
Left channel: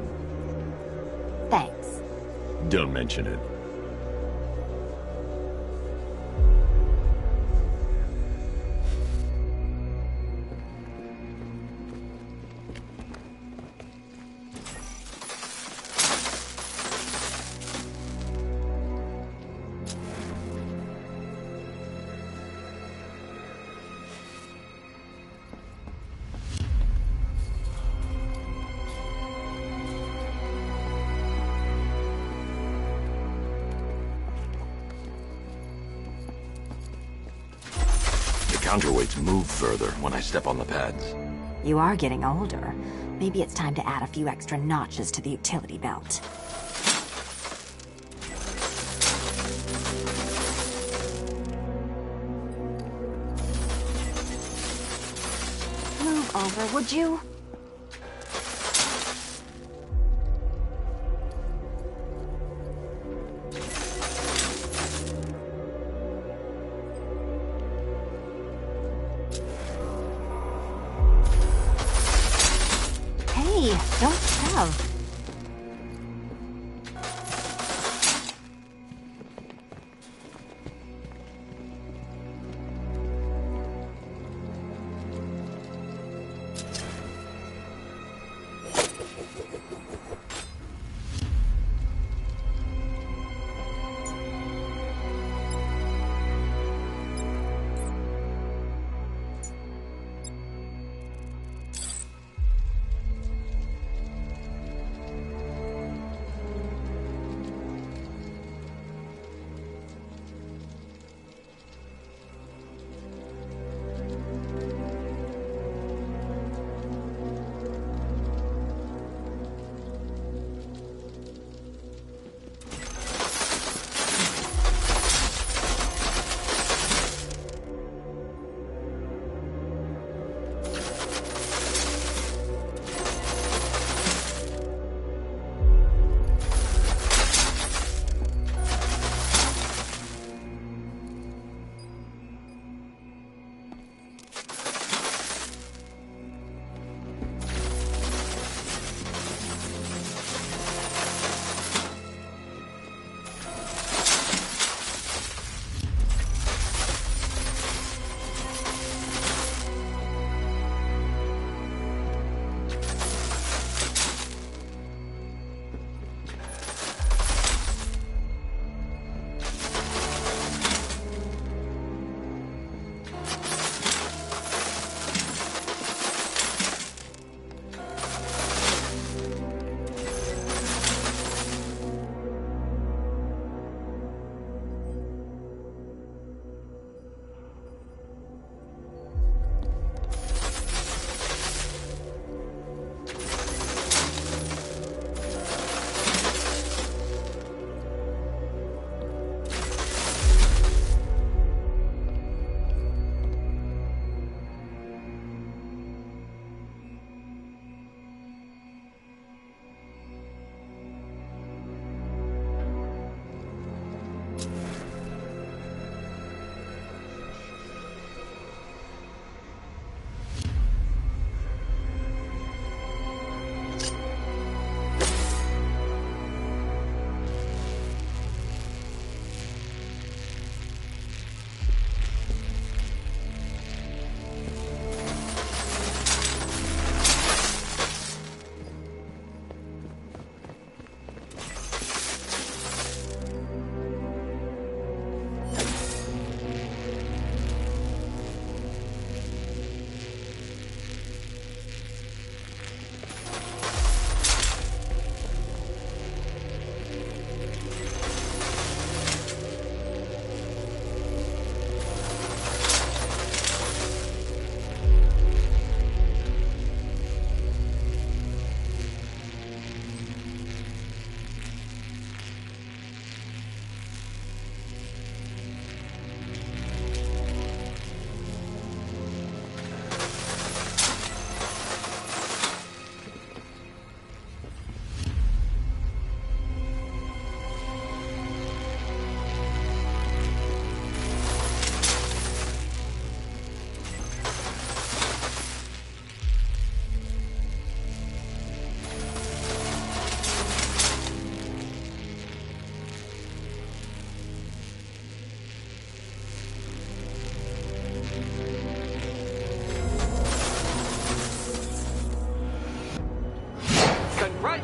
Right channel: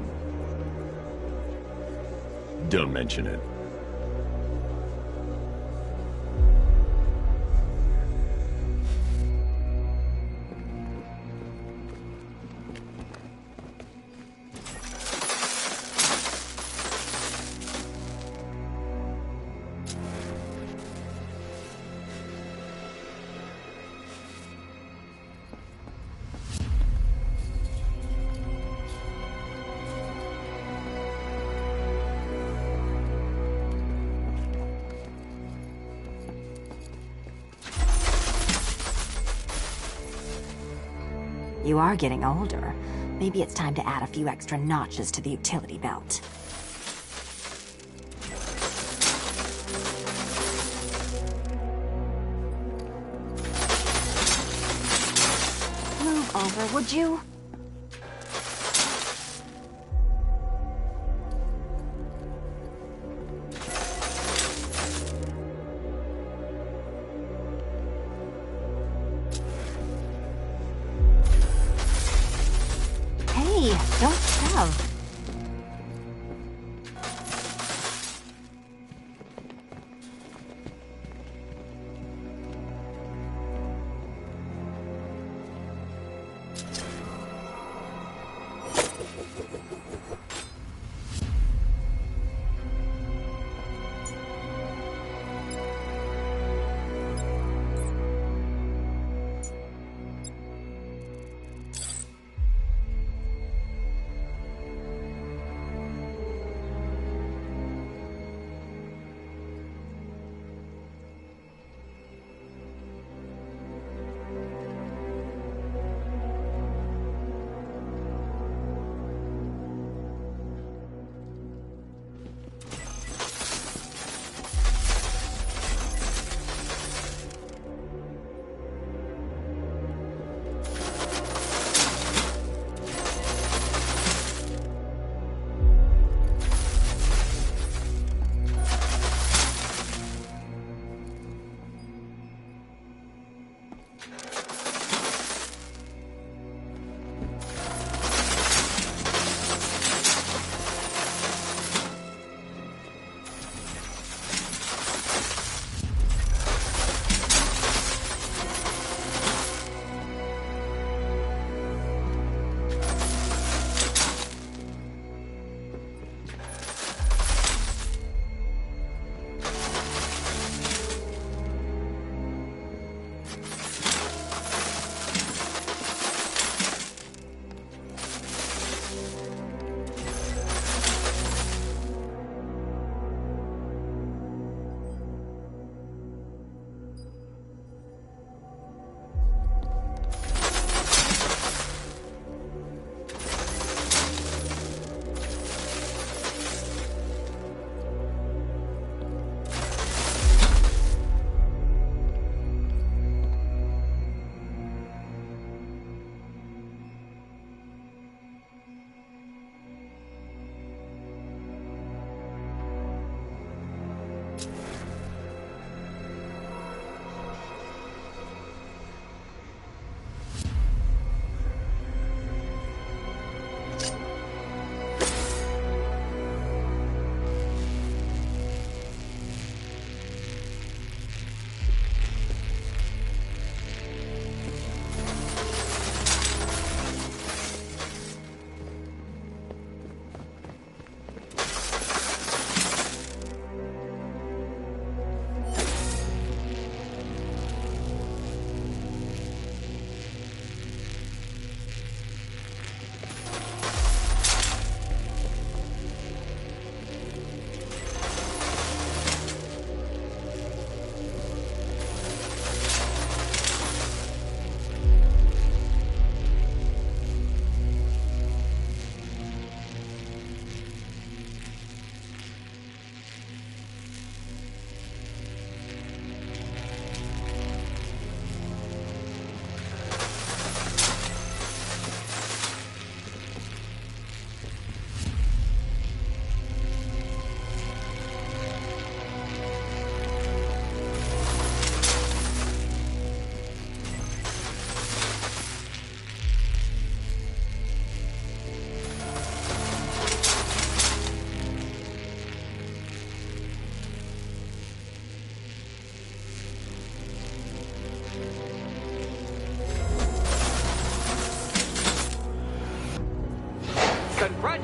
Thanks. Don't mention it. Counterweights move further when I step on the pads. You are getting older. Maybe it's time to add a few extra notches to the utility belt. Move over, would you? Hey, don't shove.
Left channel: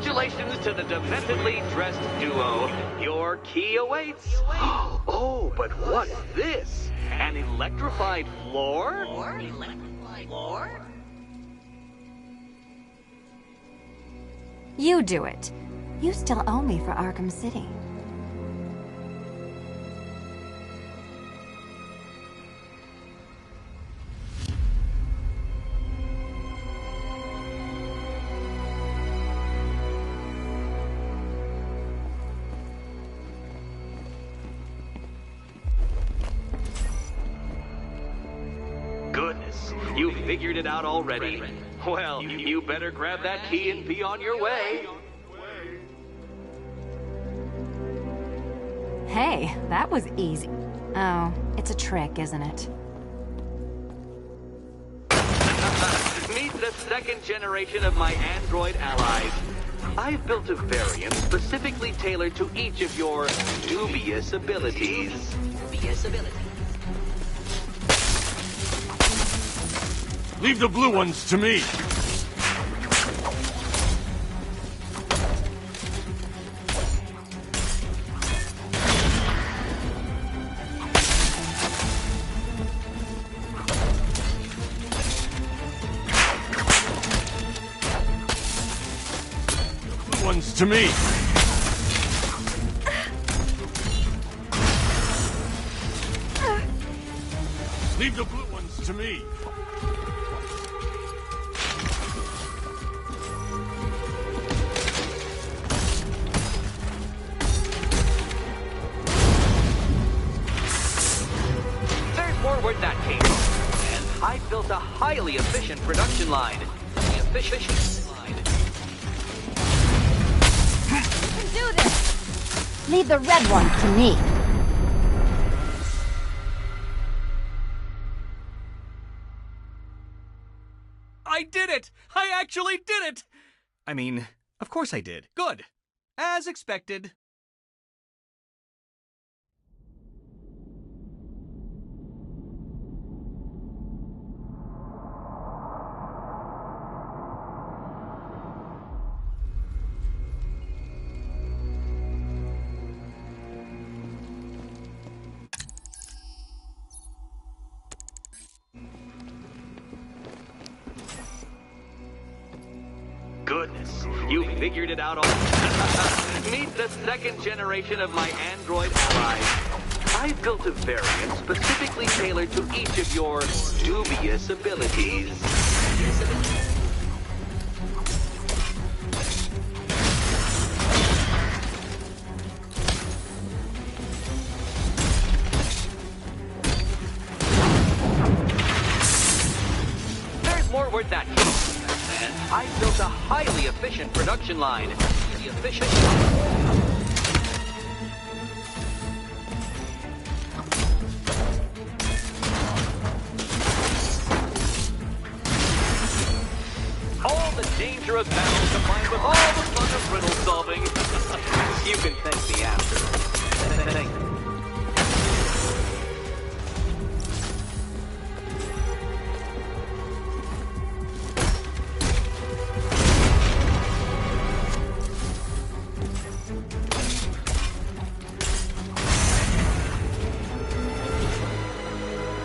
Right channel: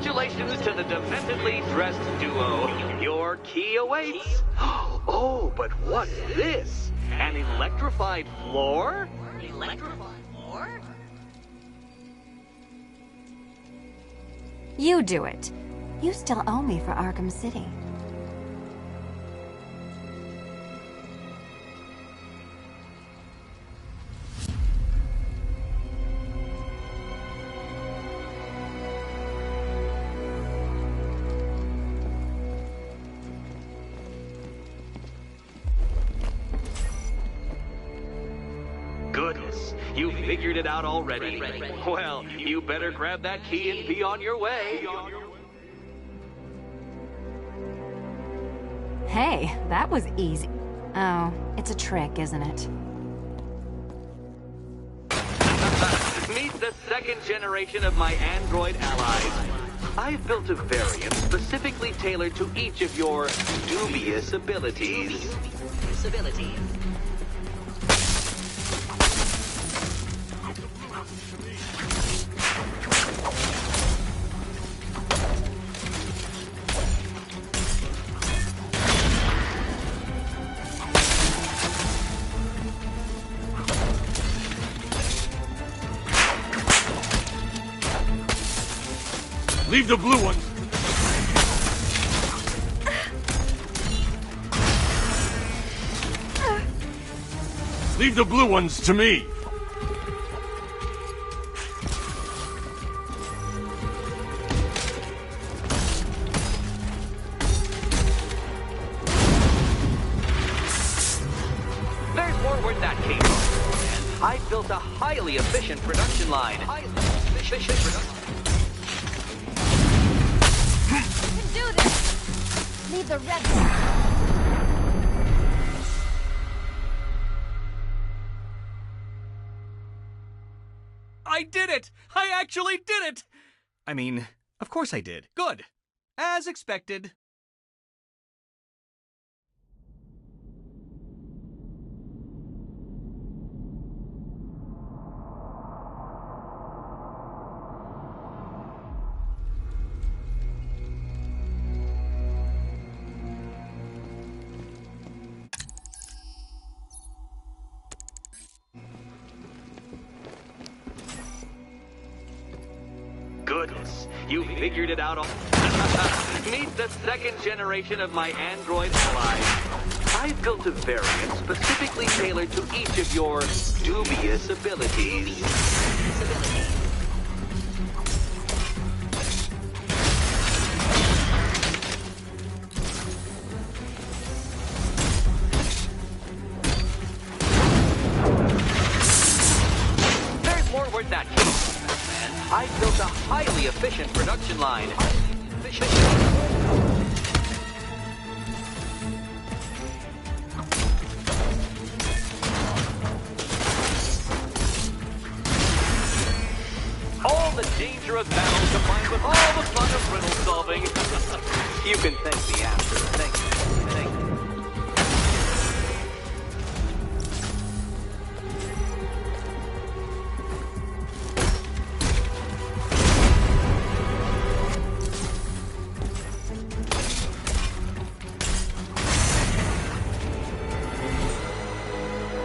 Congratulations to the dementedly dressed duo. Your key awaits. Oh, but what's this? An electrified floor? Electrified floor? You do it. You still owe me for Arkham City. Goodness, you figured it out already. Well, you better grab that key and be on your way. Hey, that was easy. Oh, it's a trick, isn't it? Meet the second generation of my android allies. I've built a variant specifically tailored to each of your dubious abilities. Leave the blue ones to me. Leave the blue ones to me. Leave the blue ones to me. There's more where that came from. And I built a highly efficient production line. Do this! Leave the red one to me. I did it! I actually did it! I mean, of course I did. Good. As expected. Goodness, you figured it out all. Meet the second generation of my android allies. I've built a variant specifically tailored to each of your dubious abilities. There's more where that came from. I built a highly efficient production line. All the danger of battle combined with all the fun of riddle solving. You can thank me after. Thank you.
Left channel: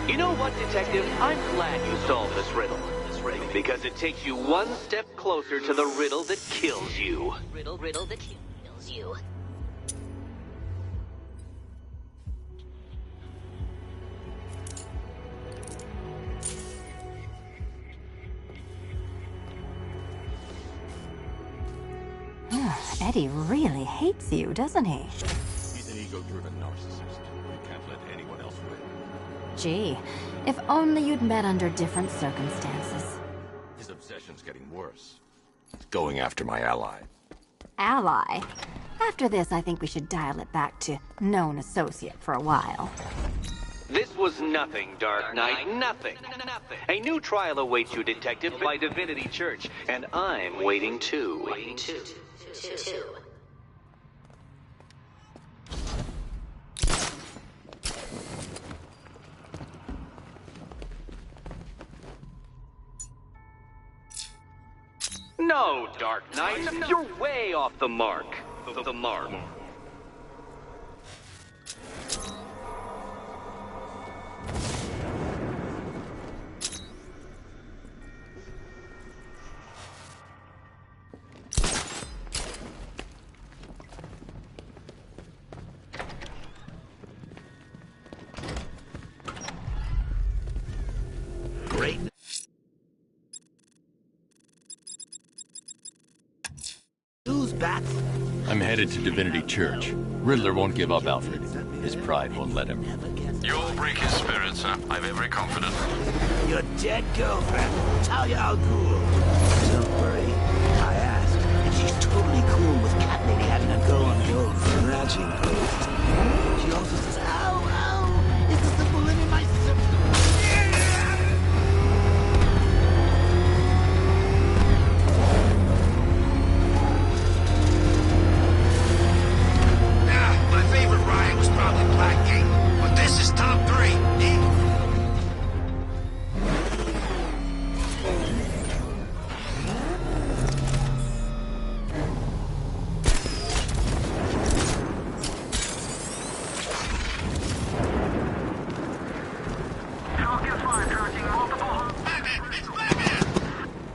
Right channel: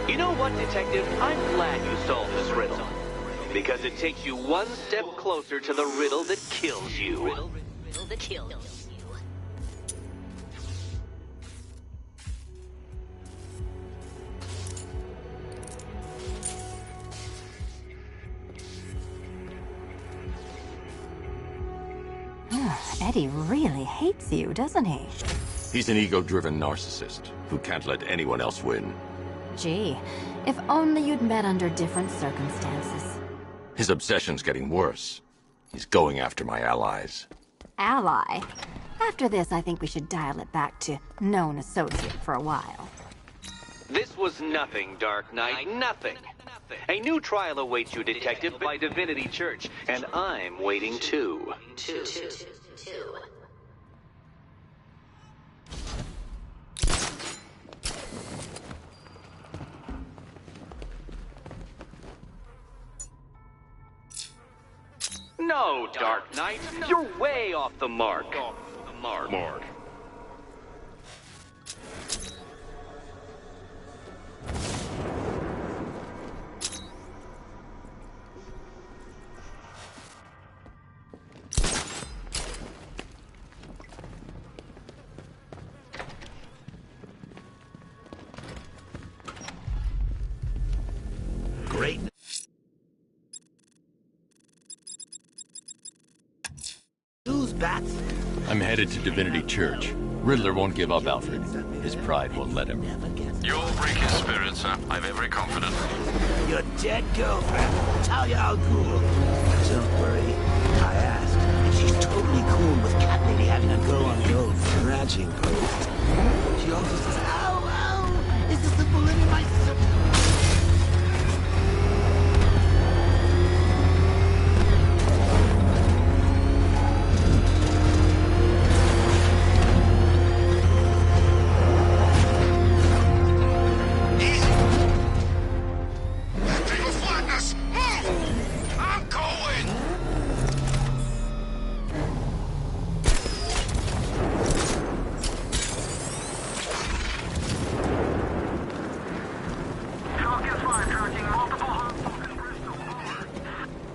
You know what, Detective? I'm glad you solved this riddle. Because it takes you one step closer to the riddle that kills you. Riddle that kills you. Eddie really hates you, doesn't he? He's an ego-driven narcissist who can't let anyone else win. Gee, if only you'd met under different circumstances. His obsession's getting worse. He's going after my allies. Ally? After this, I think we should dial it back to known associate for a while. This was nothing, Dark Knight, nothing. A new trial awaits you, Detective, by Divinity Church, and I'm waiting too. No, Dark Knight, you're way off the mark. The mark. Great. Who's bats? I'm headed to Divinity Church. Riddler won't give up, Alfred. His pride won't let him. You'll break his spirit, sir. I've every confidence. Your dead girlfriend, Talia al Ghul. Don't worry, I asked, and she's totally cool with Cat Lady having a go on the old scratching post. She also says, ow, ow, is this the bullet in my My favorite ride was probably Blackgate, but this is top 3. Easy. They will find us. Move! I'm going.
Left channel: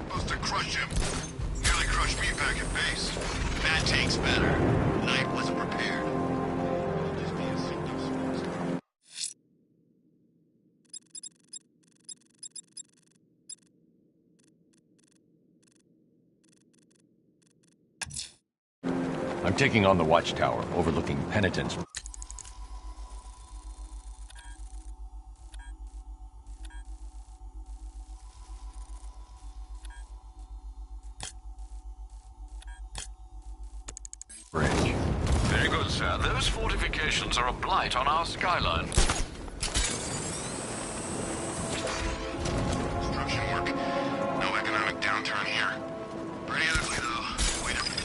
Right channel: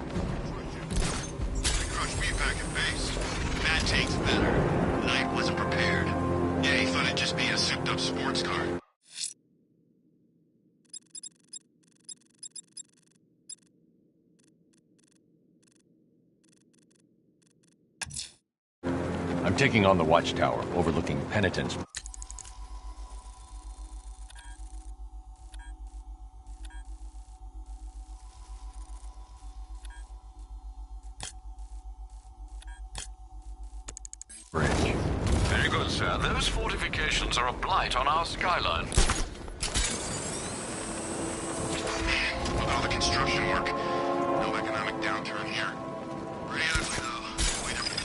Supposed to crush him. Nearly crushed me back at base. That tank's better. Knight wasn't prepared. Yeah, he thought it'd just be a souped-up sports car. I'm taking on the watchtower, overlooking Penitence. Bridge. Very good, sir. Those fortifications are a blight on our skyline. With all the construction work, no economic downturn here. Pretty ugly, though. Wait a minute.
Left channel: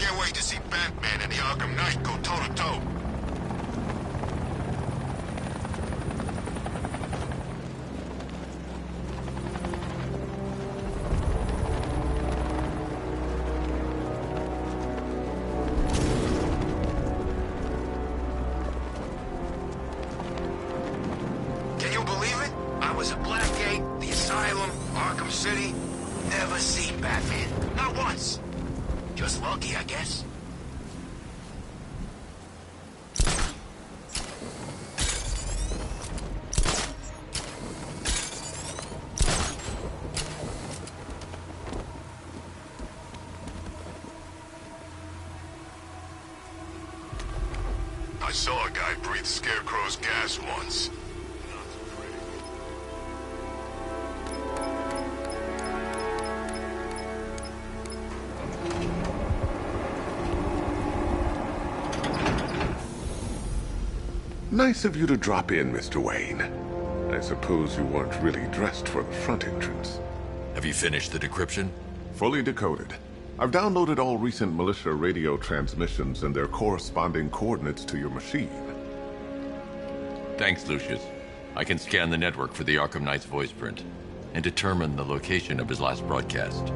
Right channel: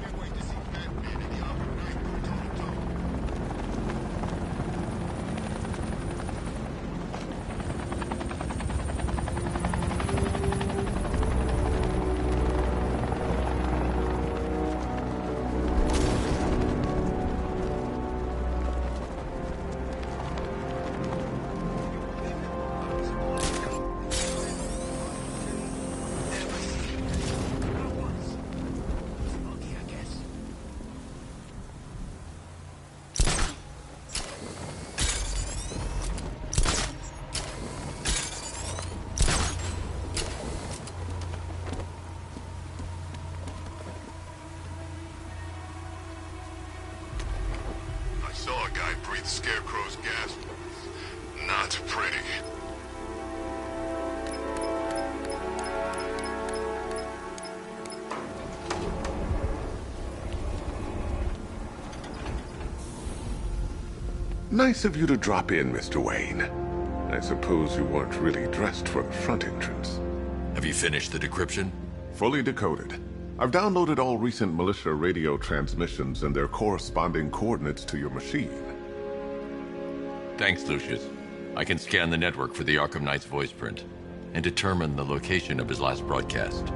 Can't wait to see Batman and the Arkham Knight go toe-to-toe. Can you believe it? I was at Blackgate, the Asylum, Arkham City. Never seen Batman. Not once. Just lucky, I guess. I saw a guy breathe Scarecrow's gas once. Not pretty. Nice of you to drop in, Mr. Wayne. I suppose you weren't really dressed for the front entrance. Have you finished the decryption? Fully decoded. I've downloaded all recent militia radio transmissions and their corresponding coordinates to your machine. Thanks, Lucius. I can scan the network for the Arkham Knight's voice print and determine the location of his last broadcast.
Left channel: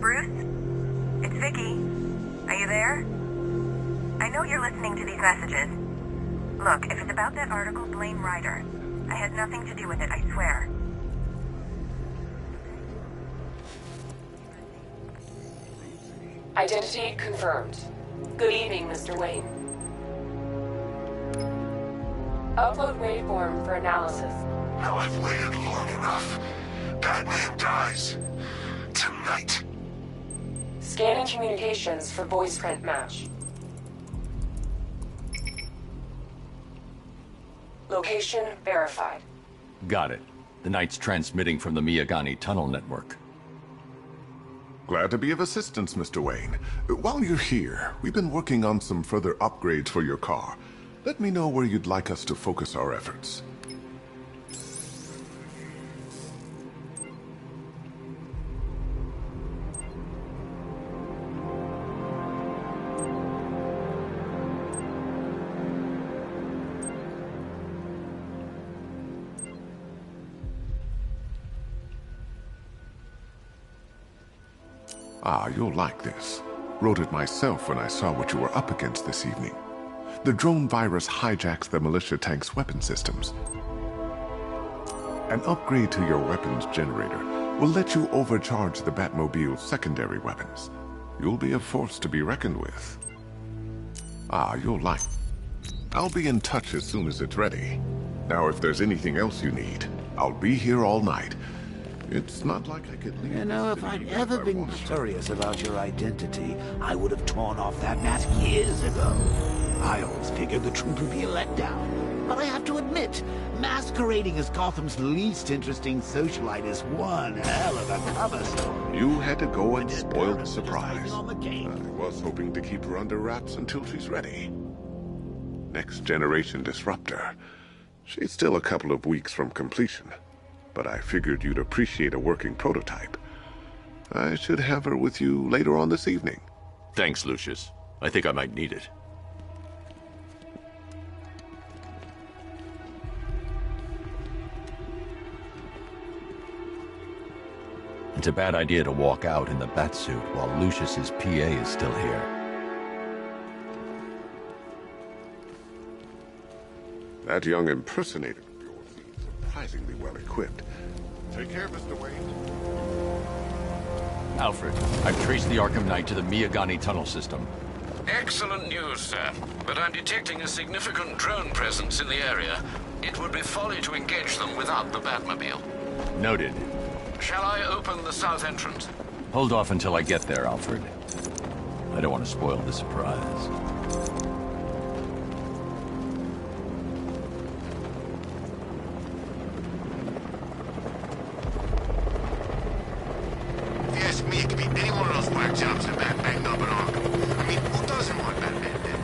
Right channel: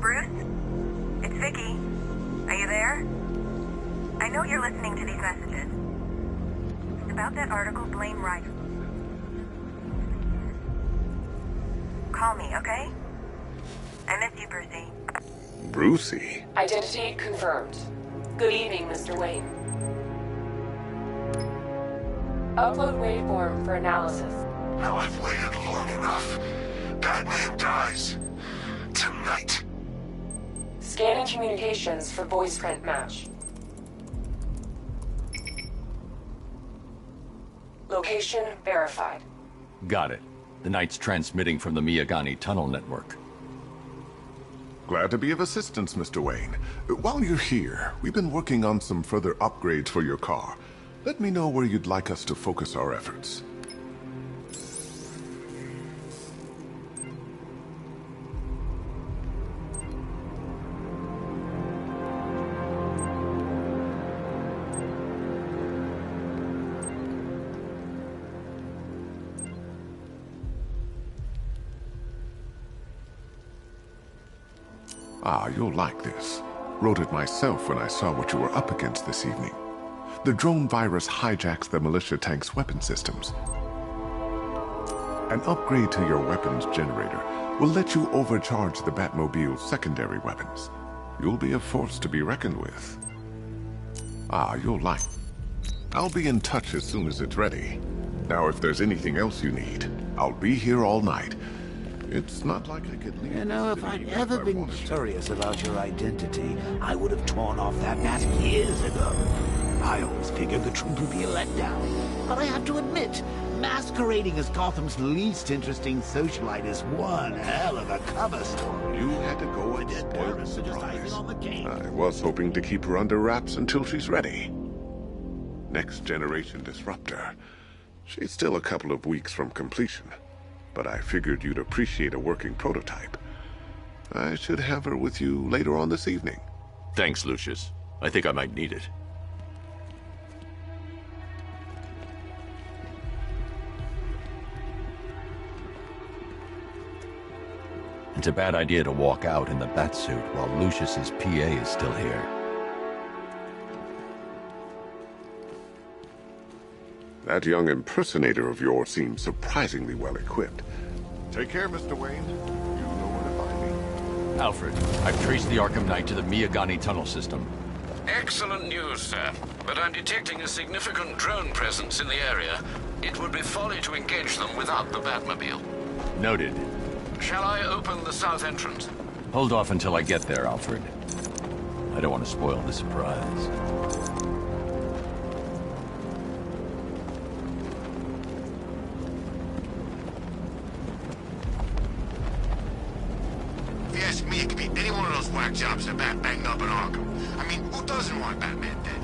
Bruce? It's Vicky. Are you there? I know you're listening to these messages. Look, if it's about that article, blame Ryder. I had nothing to do with it, I swear. Call me, okay? I miss you, Brucey. Brucey? Identity confirmed. Good evening, Mr. Wayne. Upload waveform for analysis. Now I've waited long enough. Batman dies. Tonight. Scanning communications for voice print match. Location verified. Got it. The Knight's transmitting from the Miyagani tunnel network. Glad to be of assistance, Mr. Wayne. While you're here, we've been working on some further upgrades for your car. Let me know where you'd like us to focus our efforts. Ah, you'll like this. Wrote it myself when I saw what you were up against this evening. The drone virus hijacks the militia tank's weapon systems. An upgrade to your weapons generator will let you overcharge the Batmobile's secondary weapons. You'll be a force to be reckoned with. Ah, you'll like. I'll be in touch as soon as it's ready. Now, if there's anything else you need, I'll be here all night. It's not like I could leave. You know, if I'd ever been curious about your identity, I would have torn off that mask years ago. I always figured the truth would be a letdown. But I have to admit, masquerading as Gotham's least interesting socialite is one hell of a cover story. You had to go and spoil the surprise. I was hoping to keep her under wraps until she's ready. Next generation disruptor. She's still a couple of weeks from completion. But I figured you'd appreciate a working prototype. I should have her with you later on this evening. Thanks, Lucius. I think I might need it. It's a bad idea to walk out in the Batsuit while Lucius's PA is still here. That young impersonator of yours seems surprisingly well equipped. Take care, Mr. Wayne. Alfred, I've traced the Arkham Knight to the Miyagani tunnel system. Excellent news, sir. But I'm detecting a significant drone presence in the area. It would be folly to engage them without the Batmobile. Noted. Shall I open the south entrance? Hold off until I get there, Alfred. I don't want to spoil the surprise. If you ask me, it could be any one of those whack jobs that Bat banged up in Arkham. I mean, who doesn't want Batman dead?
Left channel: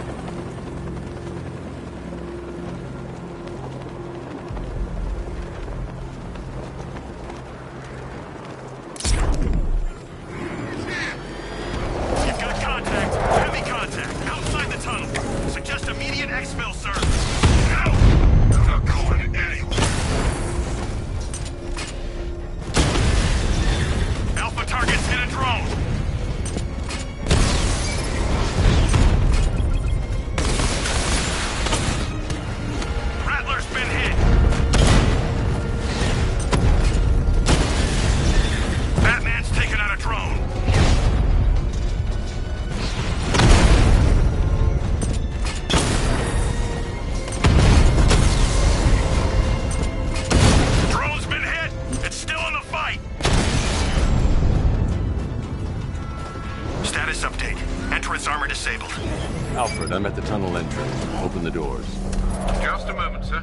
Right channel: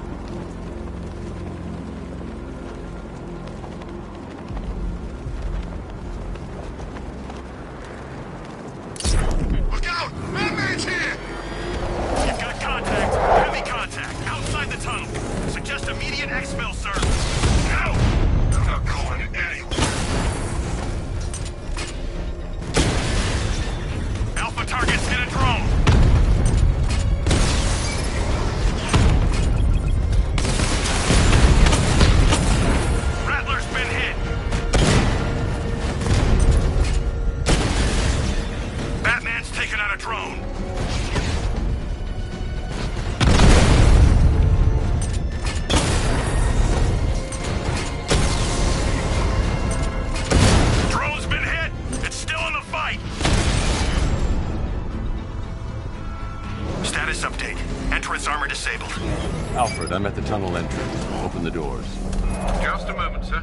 Alfred, I'm at the tunnel entrance. Open the doors. Just a moment, sir.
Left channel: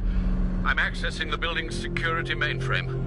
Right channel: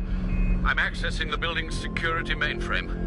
I'm accessing the building's security mainframe.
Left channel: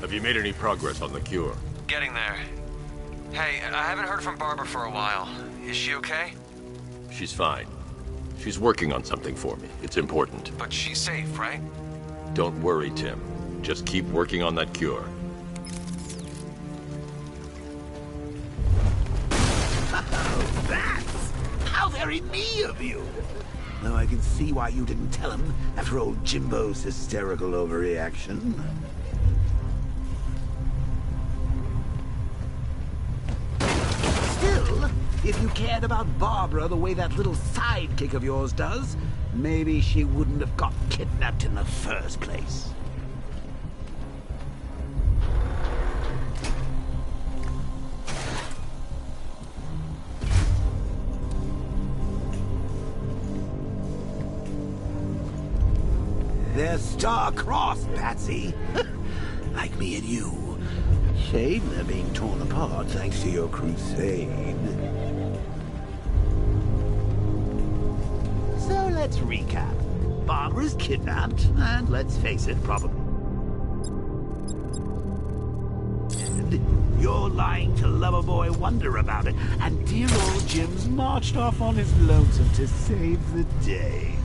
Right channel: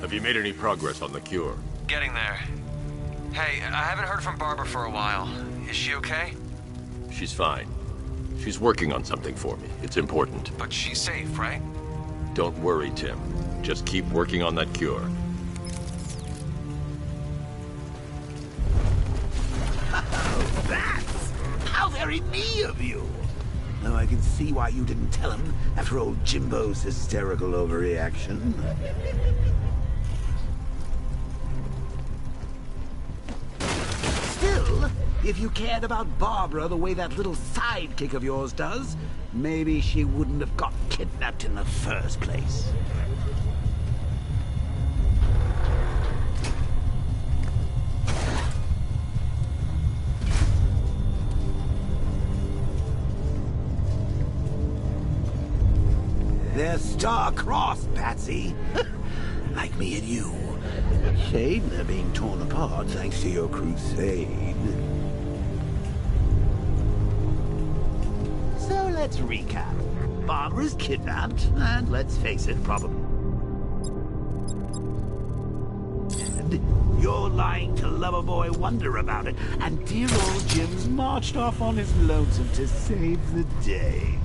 Have you made any progress on the cure? Getting there. Hey, I haven't heard from Barbara for a while. Is she okay? She's fine. She's working on something for me. It's important. But she's safe, right? Don't worry, Tim. Just keep working on that cure. Oh, that's how very me of you. Though I can see why you didn't tell him after old Jimbo's hysterical overreaction. Still, If you cared about Barbara the way that little sidekick of yours does, maybe she wouldn't have got kidnapped in the first place. They're star-crossed, Patsy. Like me and you. Shame they're being torn apart thanks to your crusade. So let's recap. Barbara's kidnapped, and let's face it, probably. And you're lying to Loverboy Wonder about it, and dear old Jim's marched off on his lonesome to save the day.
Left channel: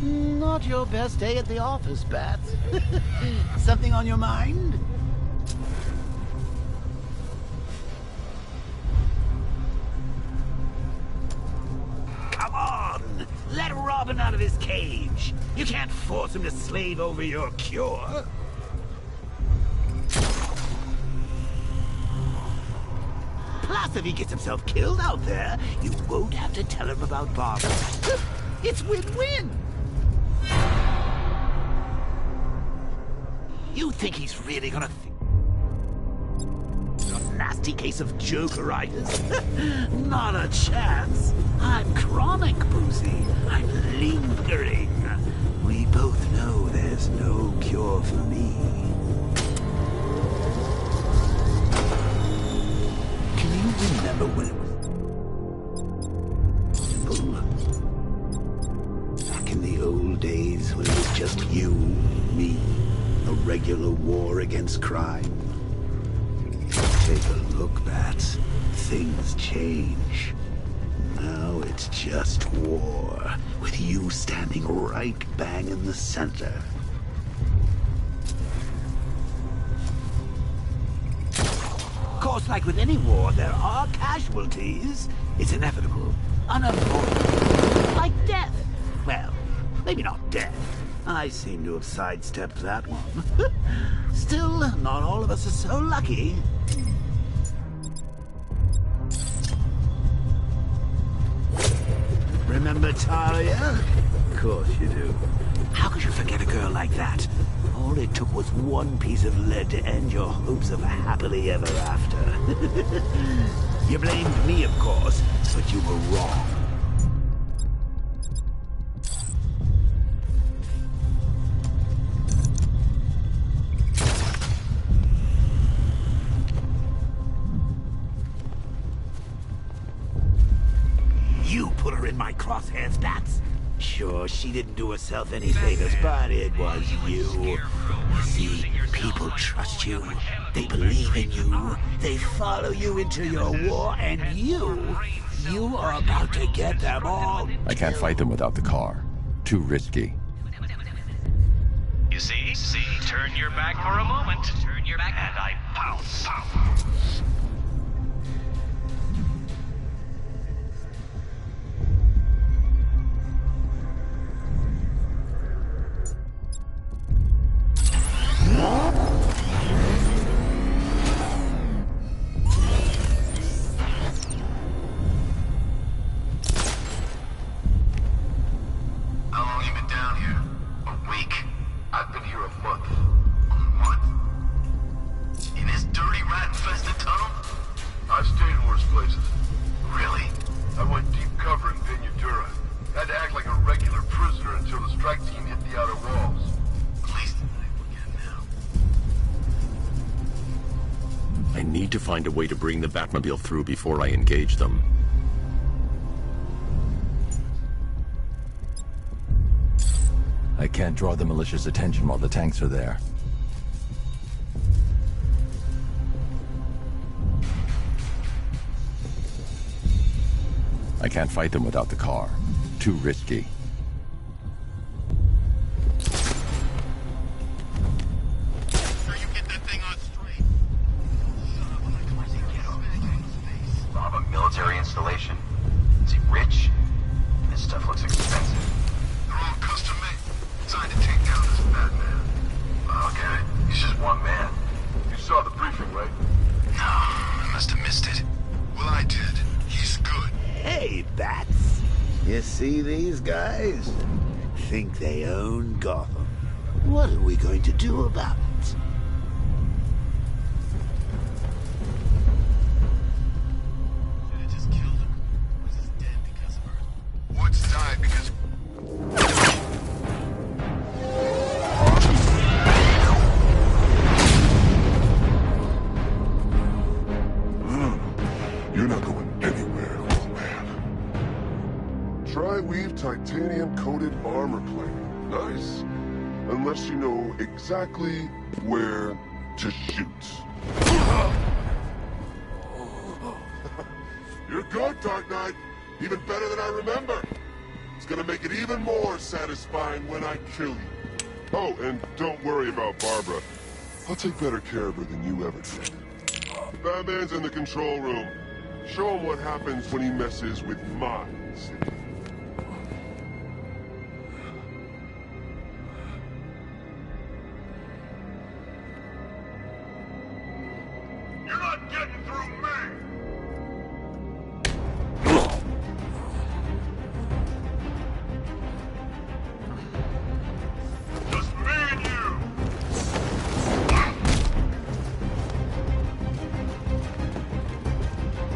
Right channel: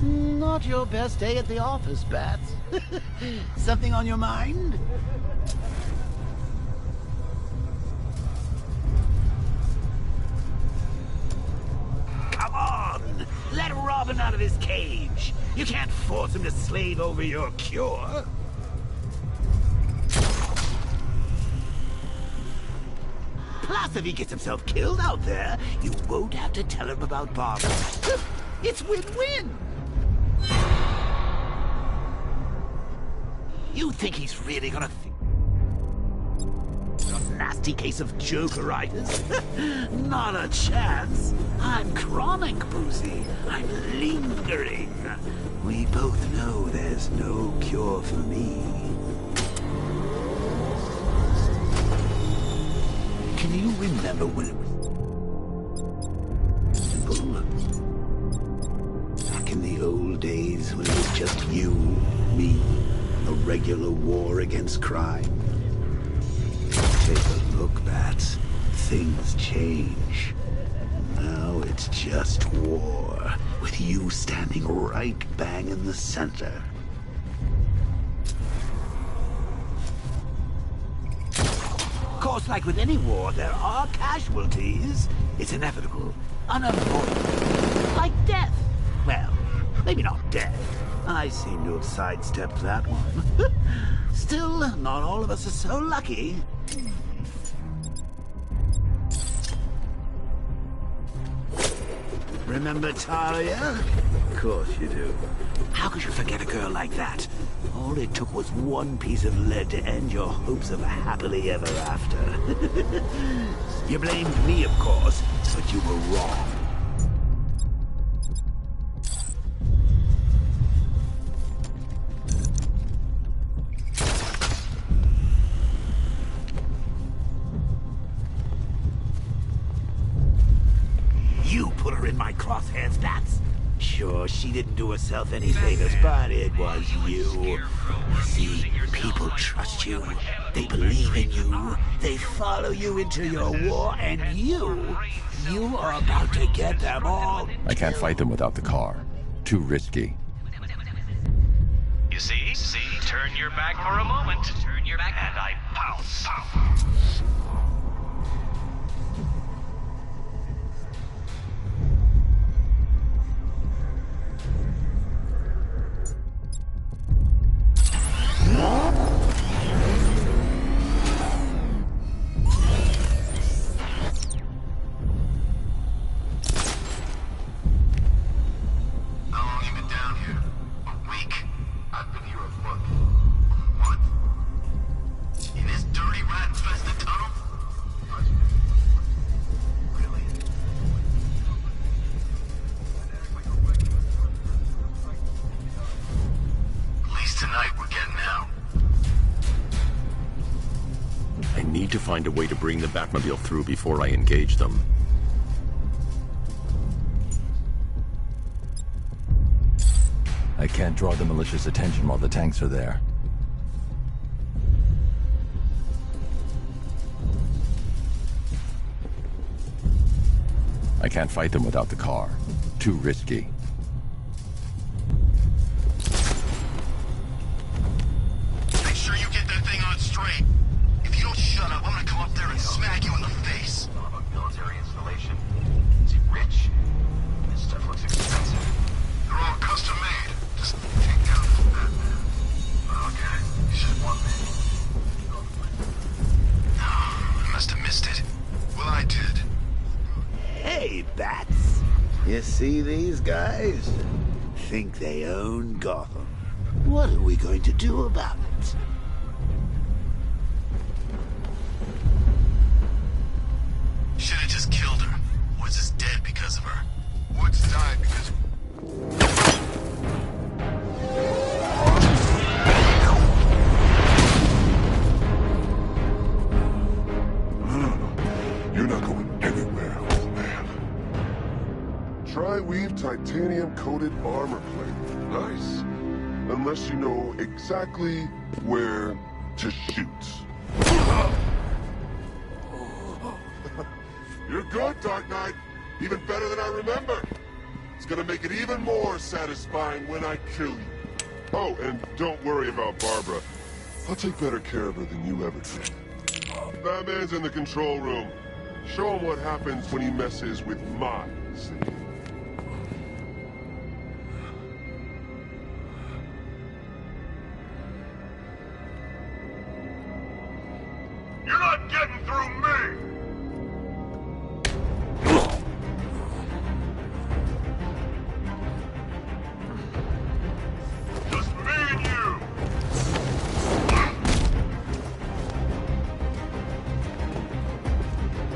Not your best day at the office, Bats. Something on your mind? Come on! Let Robin out of his cage! You can't force him to slave over your cure! Plus, if he gets himself killed out there, you won't have to tell him about Barbara. It's win-win! You think he's really gonna a nasty case of jokeritis? Not a chance. I'm chronic, Brucey. I'm lingering. We both know there's no cure for me. Can you remember when it was simple? Back in the old days when it was just you, me, a regular war against crime. Take a look, Bats. Things change. Now it's just war, with you standing right bang in the center. Of course, like with any war, there are casualties. It's inevitable, unavoidable, like death. Well, maybe not death. I seem to have sidestepped that one. Still, not all of us are so lucky. Remember Talia? Of course you do. How could you forget a girl like that? All it took was one piece of lead to end your hopes of a happily ever after. You blamed me, of course, but you were wrong. You put her in my crosshairs, Bats. Sure, she didn't do herself any favors, but it was you. See, people trust you. They believe in you. They follow you into your war, and you are about to get them all. I can't fight them without the car. Too risky. You see? Turn your back for a moment. Turn your back, and I pounce. How long you been down here? A week? I've been here a month. A month? In this dirty, rat-infested tunnel? I've stayed in worse places. Really? I went deep cover in Pinudura. Had to act like a regular prisoner until the strike team hit the outer walls. At least tonight we're getting out. I need to find a way to bring the Batmobile through before I engage them. I can't draw the militia's attention while the tanks are there. I can't fight them without the car. Too risky. Make sure you get that thing on straight. If you don't shut up, I'm gonna come up there and smack you in the face. Of a military installation. Is he rich? This stuff looks expensive. They're all custom made, designed to take down this Batman. I'll get it. He's just one man. You saw the briefing, right? silly bats. You see these guys? Think they own Gotham. What are we going to do about it? Should have just killed her. Woods is dead because of her. Woods died because... You're not going anywhere, old man. Tri-weave titanium-coated armor plate. Nice. Unless you know exactly where to shoot. You're good, Dark Knight. Even better than I remember. It's gonna make it even more satisfying when I kill you. Oh, and don't worry about Barbara. I'll take better care of her than you ever did. Batman's in the control room. Show him what happens when he messes with minds. You're not getting through me! Just me and you!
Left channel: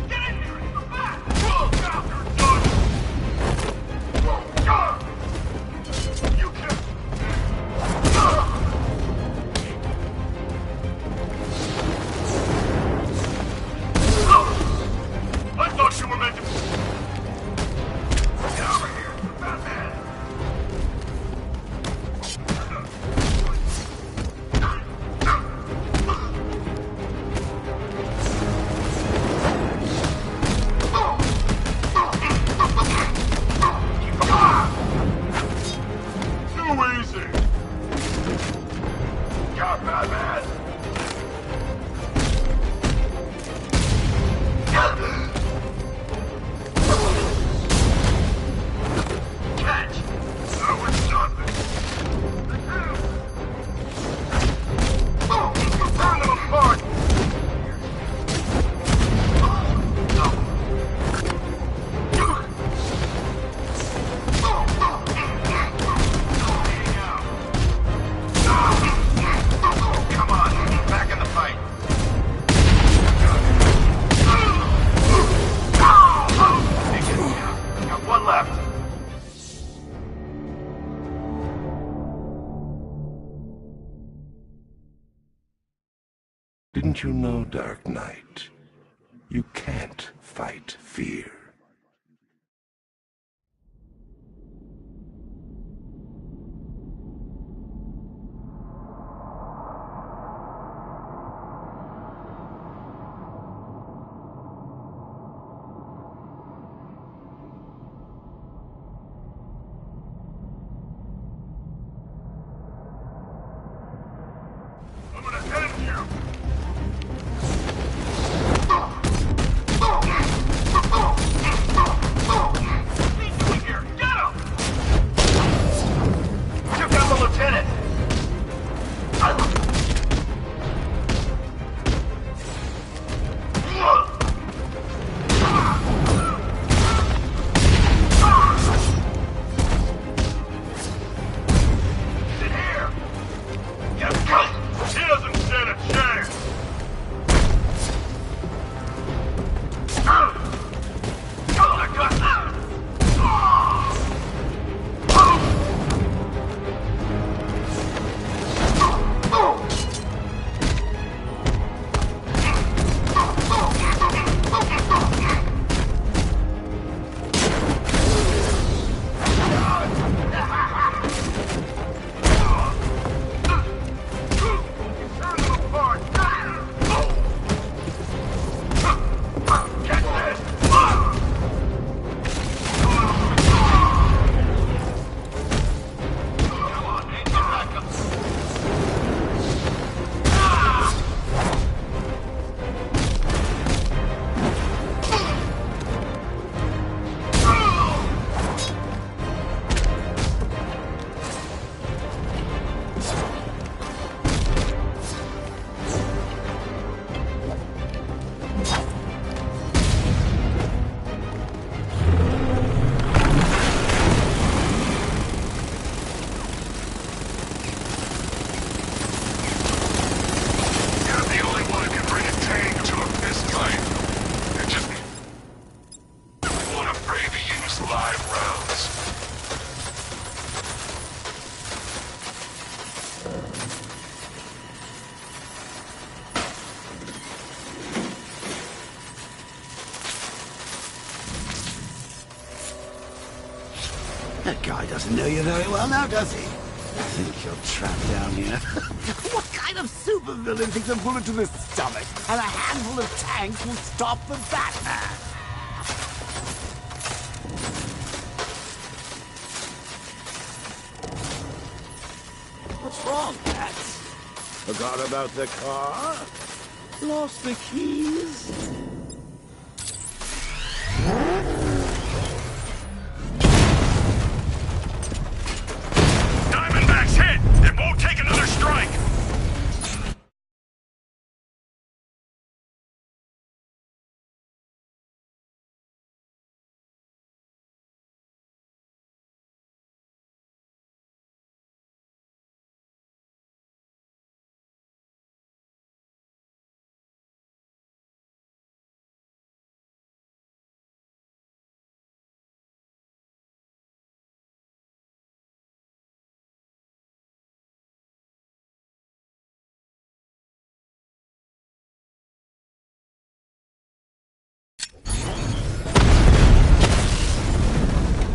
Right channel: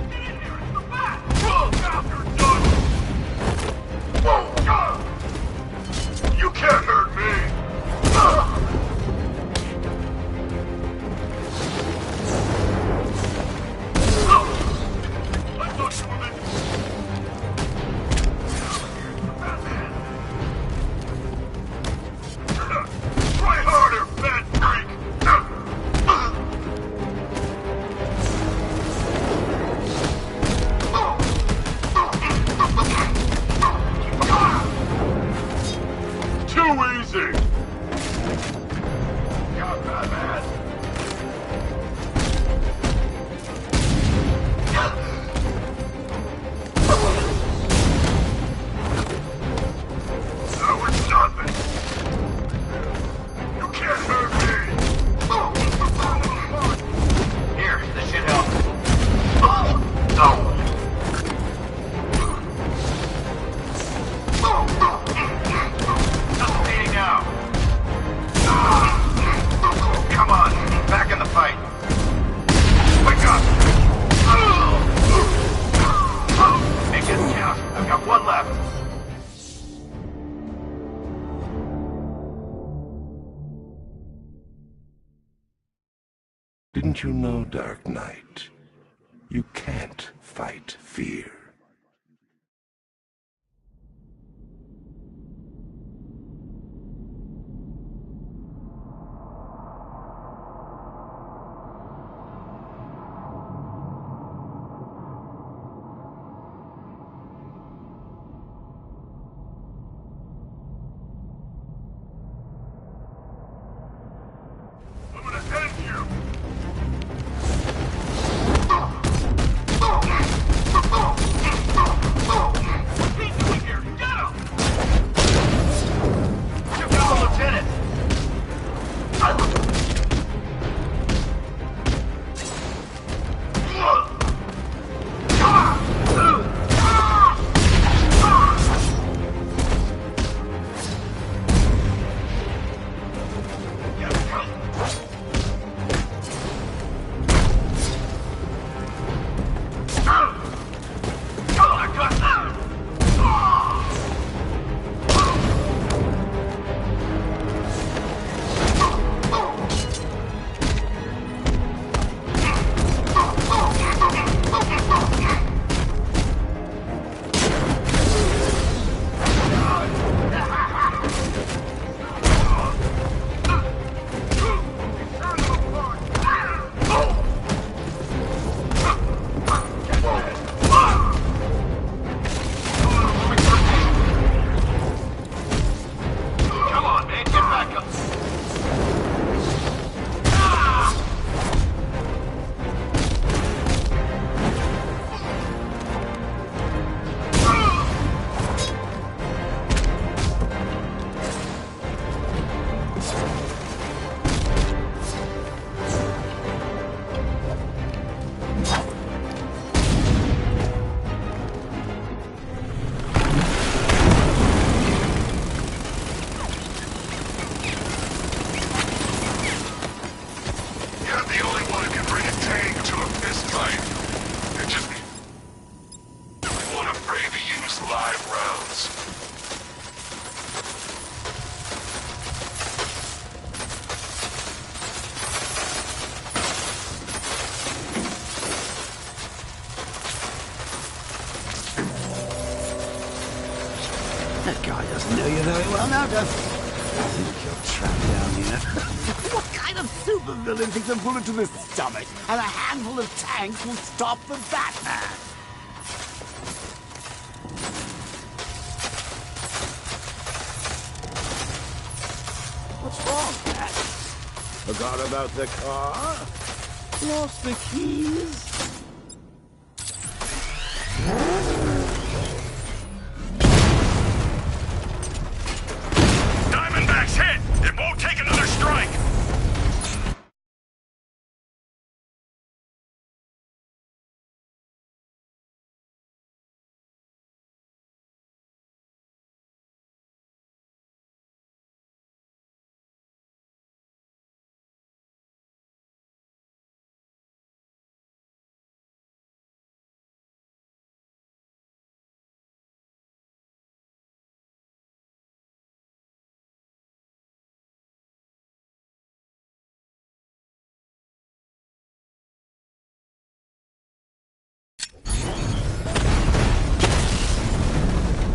Get in here! It's the bat! You're done! You can't hurt me! I thought you were meant to... Get over here! It's the Batman! Try harder, bad freak! Too easy! Got Batman! That was nothing! You can't hurt me! Burn them apart! Here, this should help. Still bleeding out. Come on, back in the fight. Wake up! Make it count. I've got one left. Didn't you know, Dark Knight? You can't fight fear. I'm gonna end you! live rounds. That guy doesn't know you very well now, does he? I think you're trapped down here. What kind of supervillain thinks a bullet to the stomach and a handful of tanks will stop the Batman? What's wrong, Pat? Forgot about the car? Lost the keys? Diamondback's hit! It won't take another strike!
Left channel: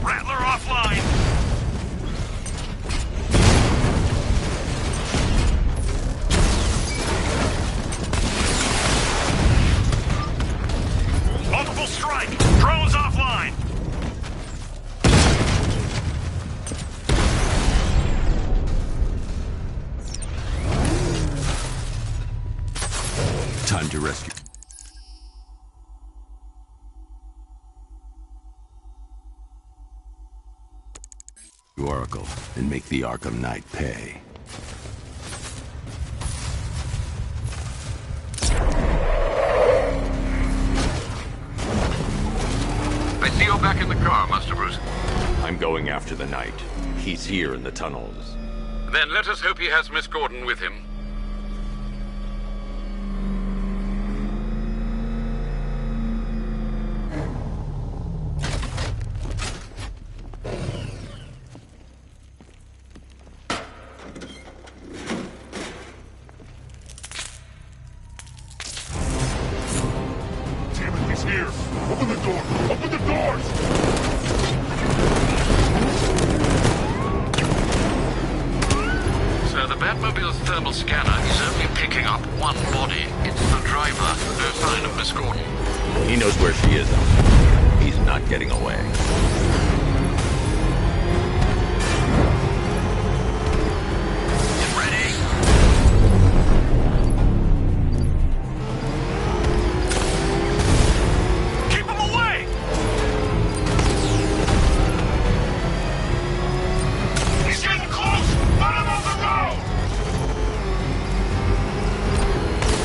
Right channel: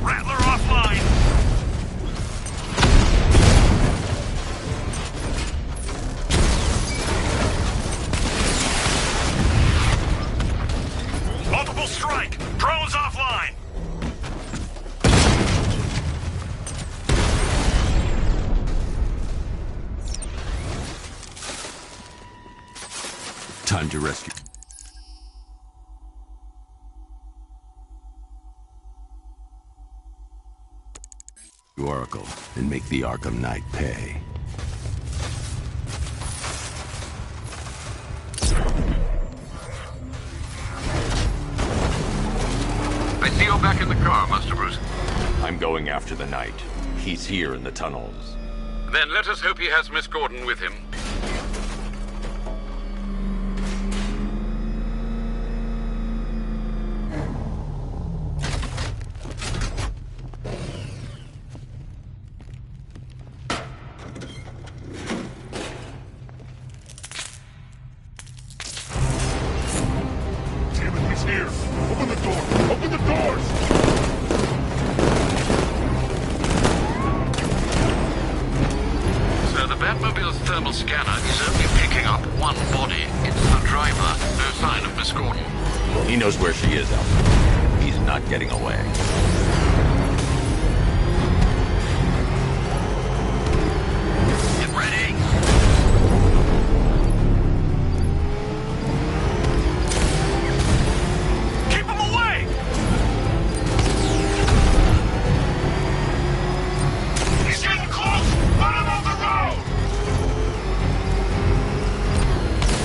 Rattler offline! Multiple strike! Drones offline! Time to rescue. Oracle and make the Arkham Knight pay. I see you back in the car, Master Bruce. I'm going after the Knight. He's here in the tunnels. Then let us hope he has Miss Gordon with him. Damn it, he's here! Open the door! Open the doors! So the Batmobile's thermal scanner is only picking up one body. It's the driver. No sign of Miss Gordon. He knows where she is, Alfred. He's not getting away. Get ready! Keep him away! He's getting close! Let him off the road!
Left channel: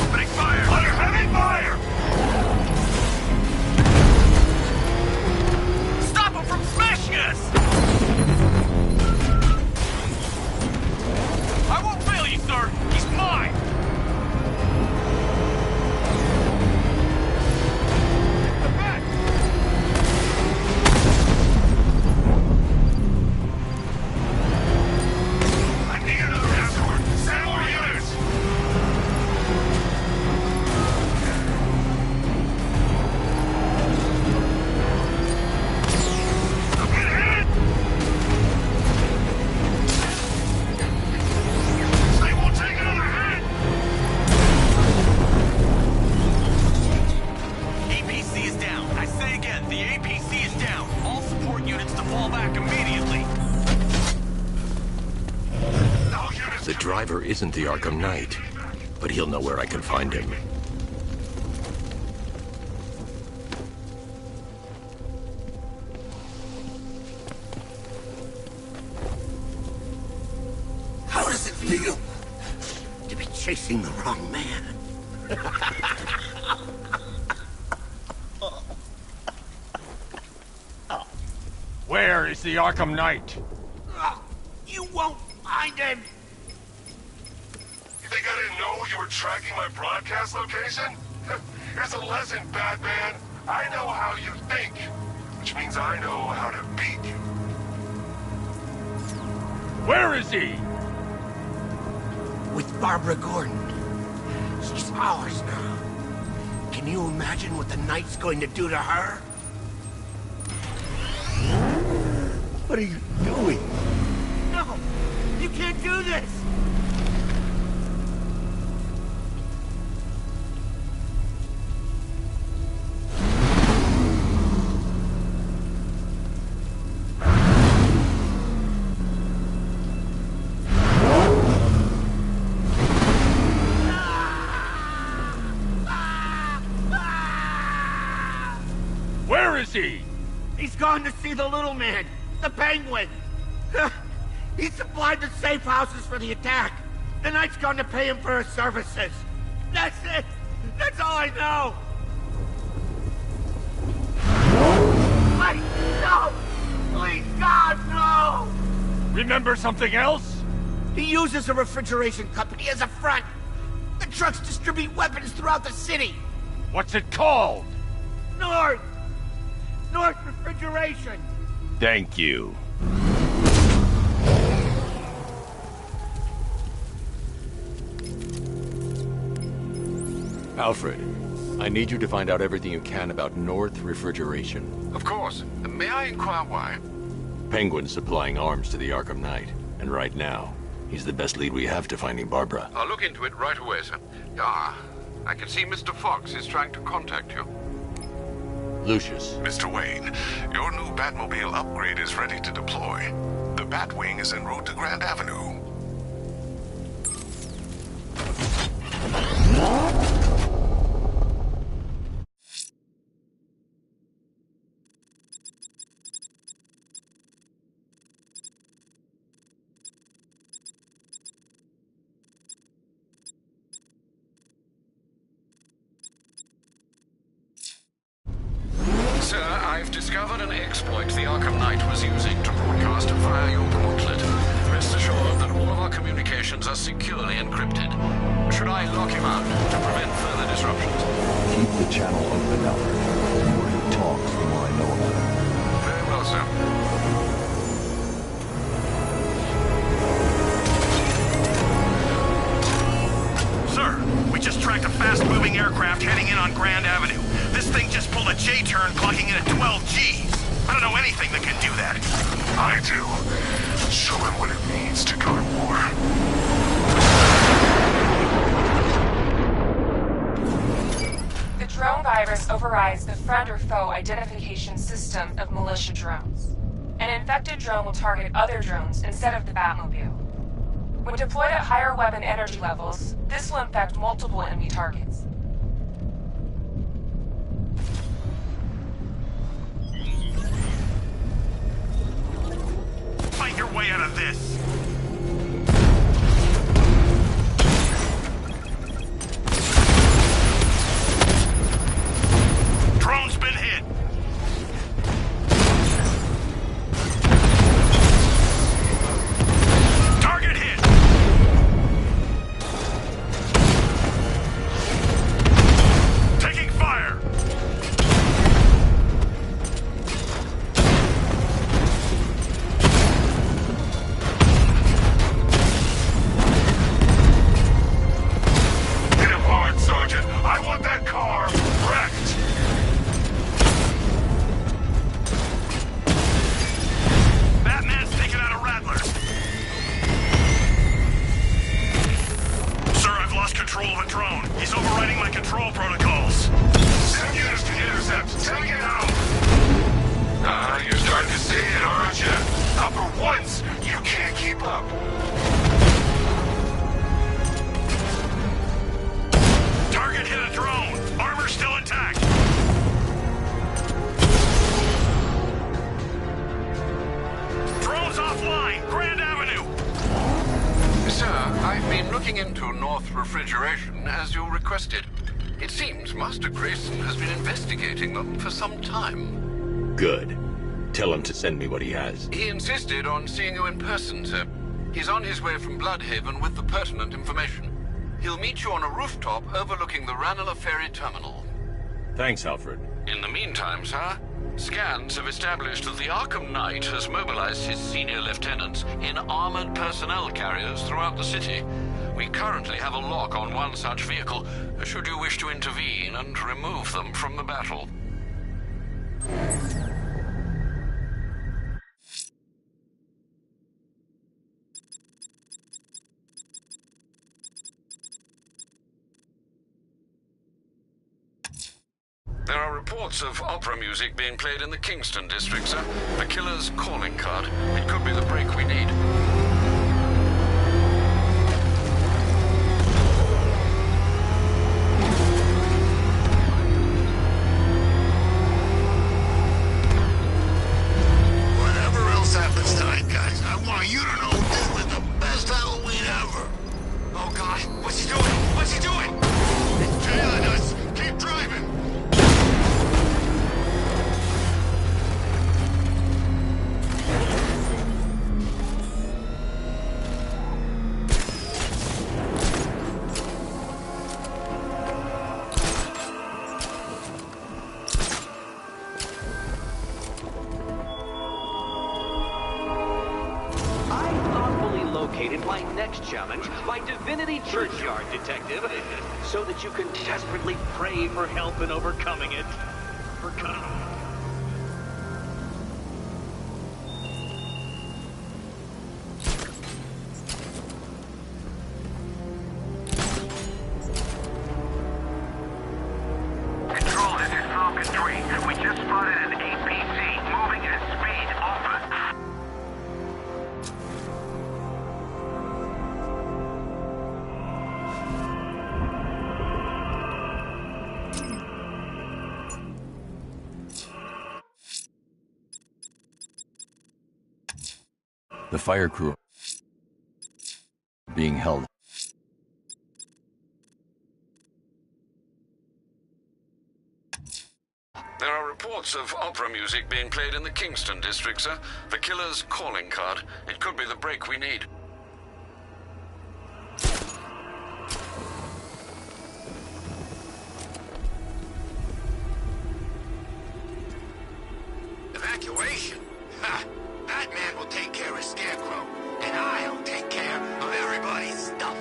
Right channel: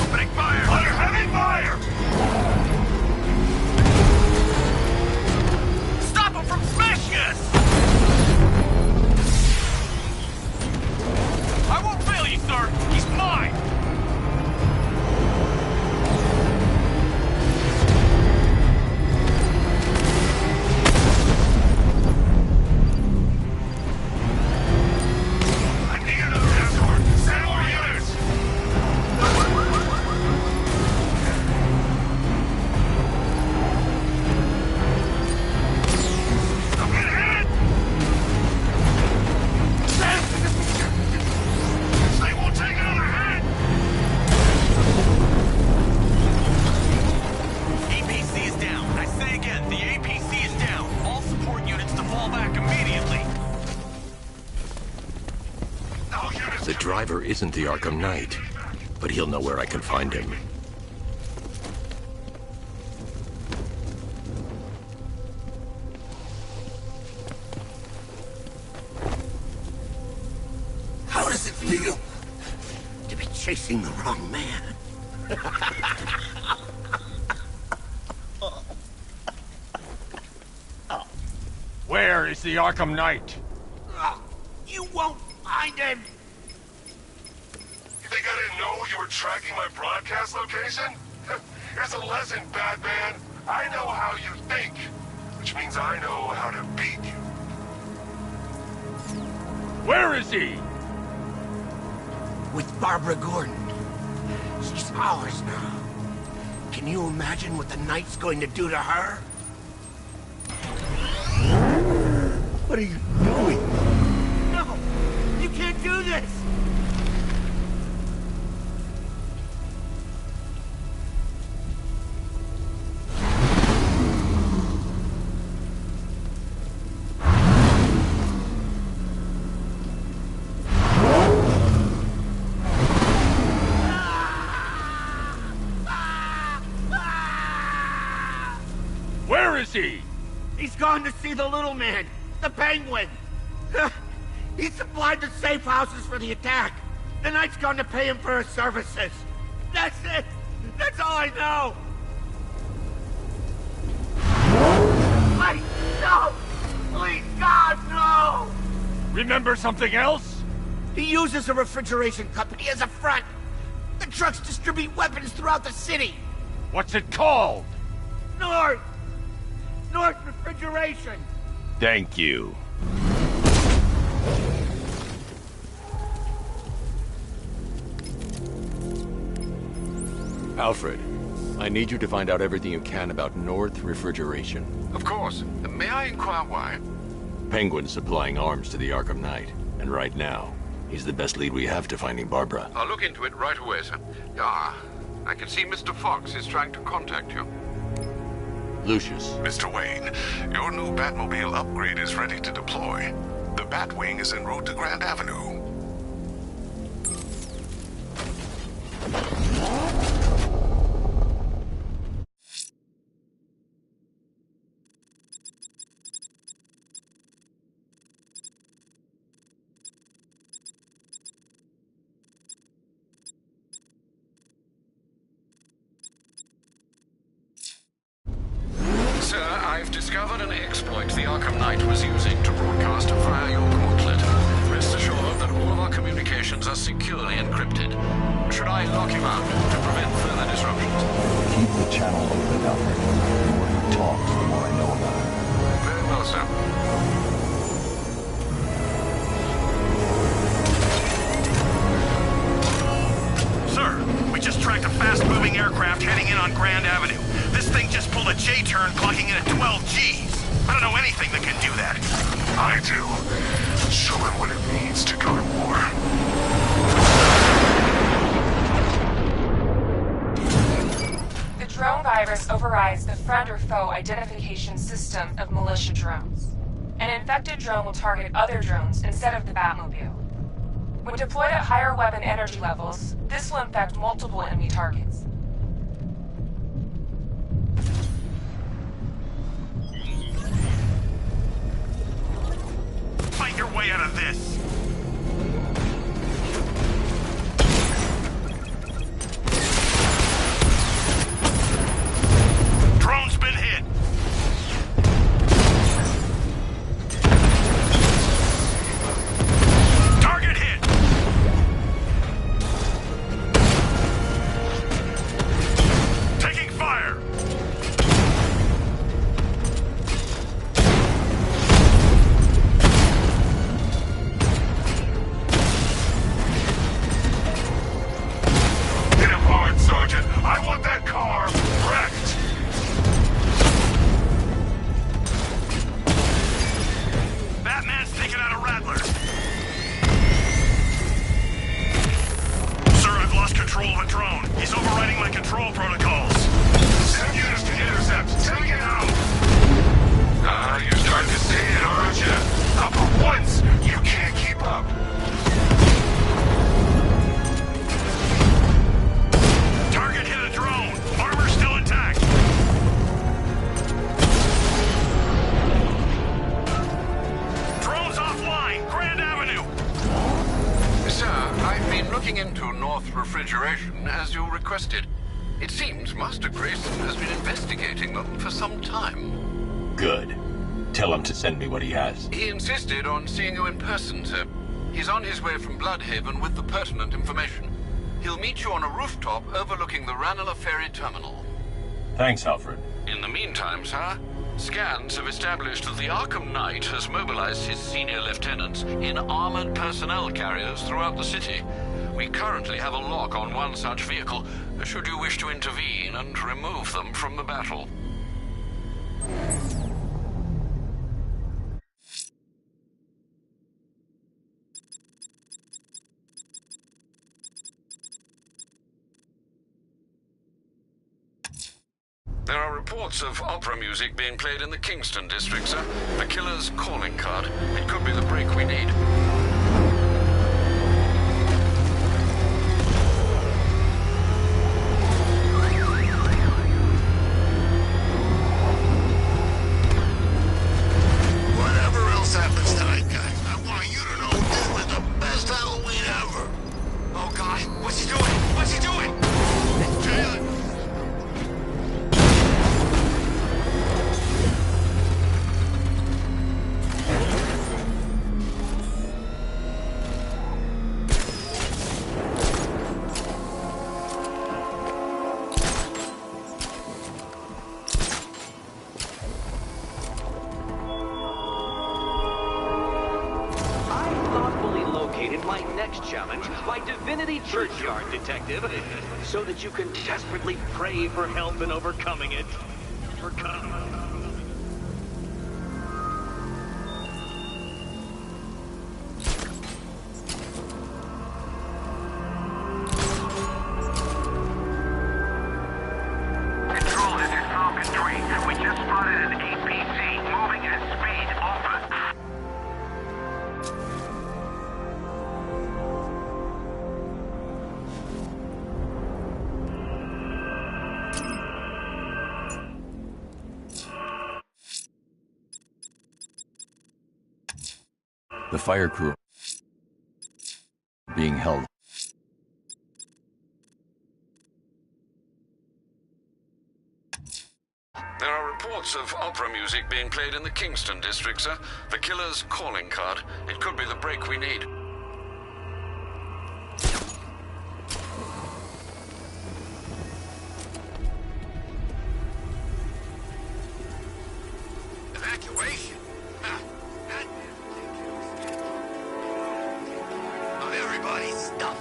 Opening fire! Under heavy fire! Stop him from smashing us! I won't fail you, sir! He's mine! I need another escort! Send more units! I'm getting hit! They won't take another hit! APC is down. I say again, the APC is down. All support units to fall back immediately. All units... The driver isn't the Arkham Knight, but he'll know where I can find him. How does it feel to be chasing the wrong man? Where is the Arkham Knight? You won't find him! You think I didn't know you were tracking my broadcast location? Here's a lesson, Batman. I know how you think, which means I know how to Where is he? With Barbara Gordon. She's ours now. Can you imagine what the Knight's going to do to her? What are you doing? No! You can't do this! Where is he? He's gone to see the little man, the Penguin. He supplied the safe houses for the attack. The Knight's gone to pay him for his services. That's it. That's all I know. Wait, no! Please, God, no! Remember something else? He uses a refrigeration company as a front. The trucks distribute weapons throughout the city. What's it called? North Refrigeration. Thank you. Alfred, I need you to find out everything you can about North Refrigeration. Of course. May I inquire why? Penguin's supplying arms to the Arkham Knight, and right now, he's the best lead we have to finding Barbara. I'll look into it right away, sir. Ah, I can see Mr. Fox is trying to contact you. Lucius. Mr. Wayne, your new Batmobile upgrade is ready to deploy. The Batwing is en route to Grand Avenue. Sir, I've discovered an exploit the Arkham Knight was using to broadcast via your gauntlet. Rest assured that all of our communications are securely encrypted. Should I lock him out to prevent further disruptions? Keep the channel open, Alfred. The more he talks, the more I know about him. Very well, sir. Sir, we just tracked a fast-moving aircraft heading in on Grand Avenue. This thing just pulled a J-turn, clocking in at 12 Gs. I don't know anything that can do that. I do. Show him what it means to go to war. The drone virus overrides the friend or foe identification system of militia drones. An infected drone will target other drones instead of the Batmobile. When deployed at higher weapon energy levels, this will infect multiple enemy targets. Fight your way out of this! Drone's been hit! Target hit! Taking fire! Hit him hard, Sergeant. I want that car wrecked. Batman's taken out a Rattler. Sir, I've lost control of a drone. He's overriding my control protocols. Send units to intercept. Take it out. You're starting to see it, aren't you? Not for once, you can't keep up. Target hit a drone. Armor still intact. Drone's offline. Grand Avenue. Sir, I've been looking into North Refrigeration as you requested. It seems Master Grayson has been investigating them for some time. Good. Tell him to send me what he has. He insisted on seeing you in person, sir. He's on his way from Bloodhaven with the pertinent information. He'll meet you on a rooftop overlooking the Ranelagh Ferry Terminal. Thanks, Alfred. In the meantime, sir, Scans have established that the Arkham Knight has mobilized his senior lieutenants in armored personnel carriers throughout the city. We currently have a lock on one such vehicle, should you wish to intervene and remove them from the battle. There are reports of opera music being played in the Kingston district, sir. The killer's calling card. It could be the break we need. Whatever else happens tonight, guys, I want you to know this was the best Halloween ever. Oh God, what's he doing? What's he doing? He's tailing us. Keep driving. My next challenge, my Divinity Churchyard detective, so that you can desperately pray for help in overcoming it. Control, this is Falcon 3. We just spotted an APC moving at speed. Over. The fire crew being held. There are reports of opera music being played in the Kingston district, sir. The killer's calling card. It could be the break we need. Evacuation? Ha! Batman will take care of Scarecrow, and I'll take care of everybody's stuff.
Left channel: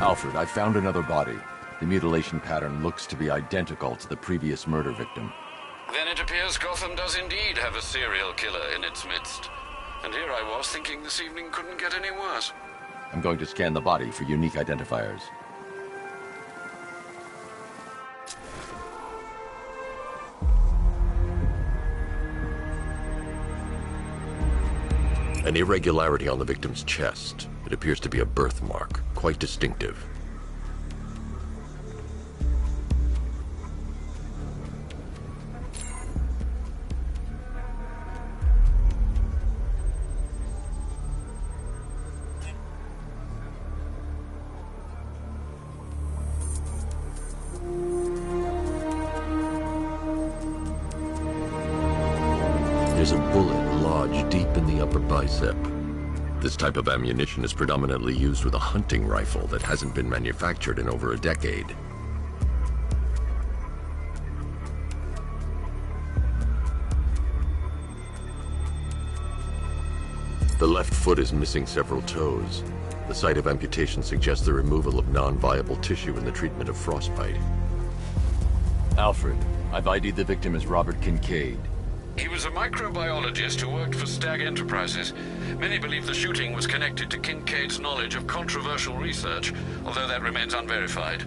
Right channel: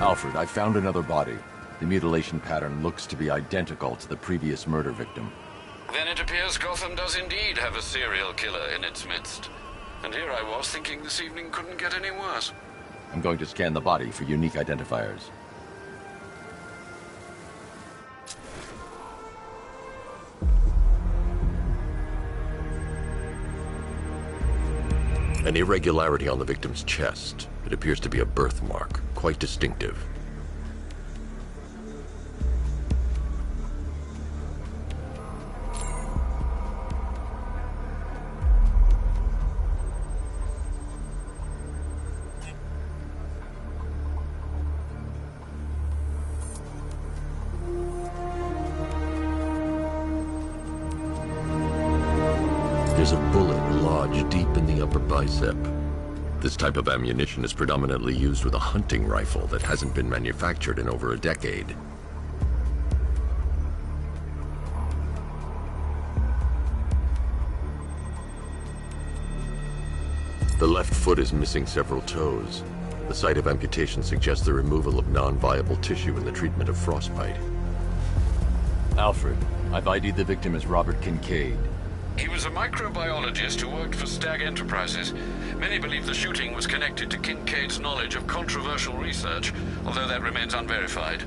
Alfred, I found another body. The mutilation pattern looks to be identical to the previous murder victim. Then it appears Gotham does indeed have a serial killer in its midst. And here I was thinking this evening couldn't get any worse. I'm going to scan the body for unique identifiers. An irregularity on the victim's chest. It appears to be a birthmark, quite distinctive. There's a bullet lodged deep in the upper bicep. This type of ammunition is predominantly used with a hunting rifle that hasn't been manufactured in over a decade. The left foot is missing several toes. The site of amputation suggests the removal of non-viable tissue in the treatment of frostbite. Alfred, I've ID'd the victim as Robert Kincaid. He was a microbiologist who worked for Stag Enterprises. Many believe the shooting was connected to Kincaid's knowledge of controversial research, although that remains unverified.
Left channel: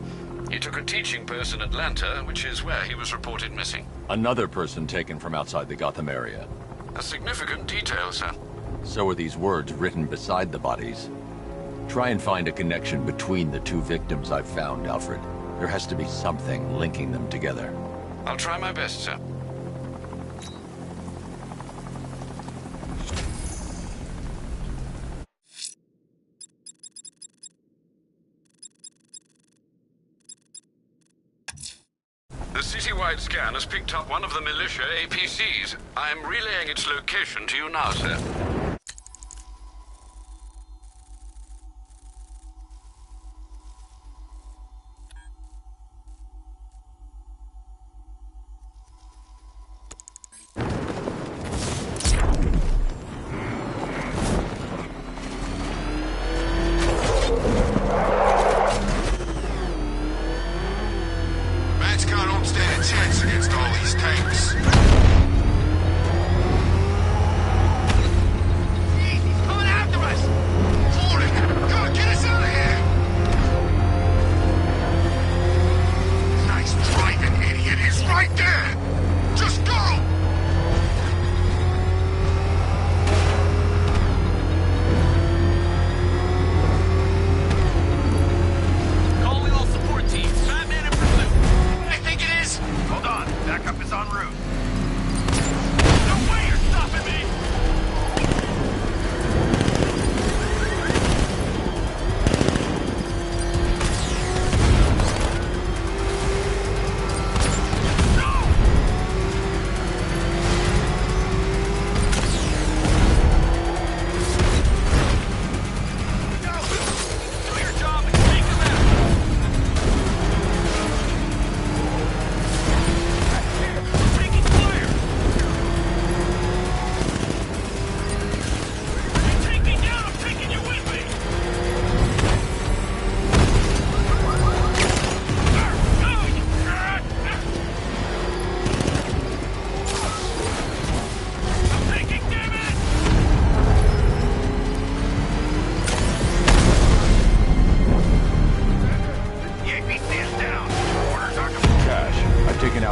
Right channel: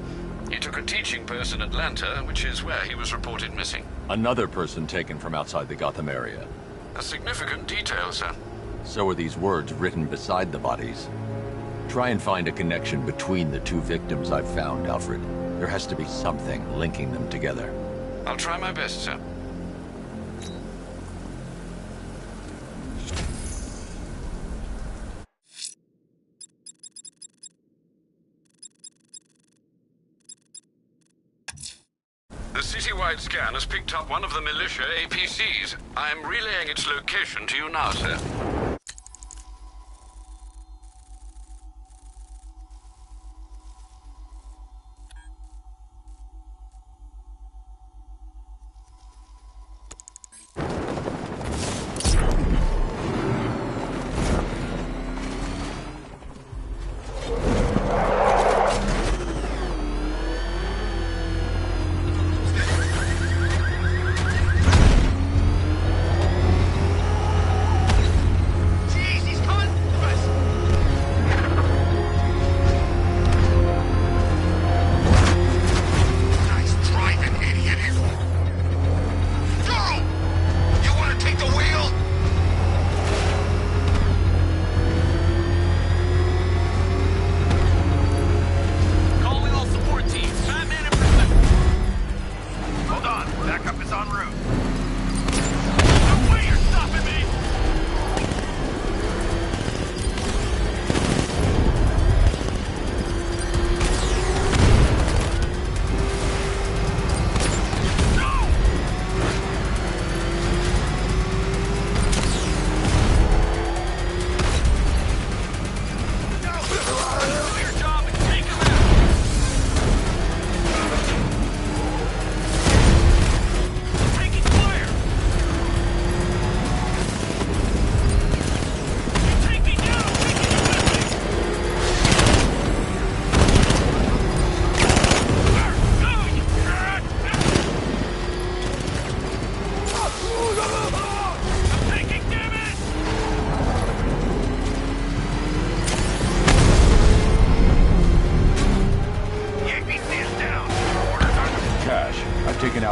He took a teaching post in Atlanta, which is where he was reported missing. Another person taken from outside the Gotham area. A significant detail, sir. So are these words written beside the bodies. Try and find a connection between the two victims I've found, Alfred. There has to be something linking them together. I'll try my best, sir. citywide scan has picked up one of the militia APCs. I'm relaying its location to you now, sir.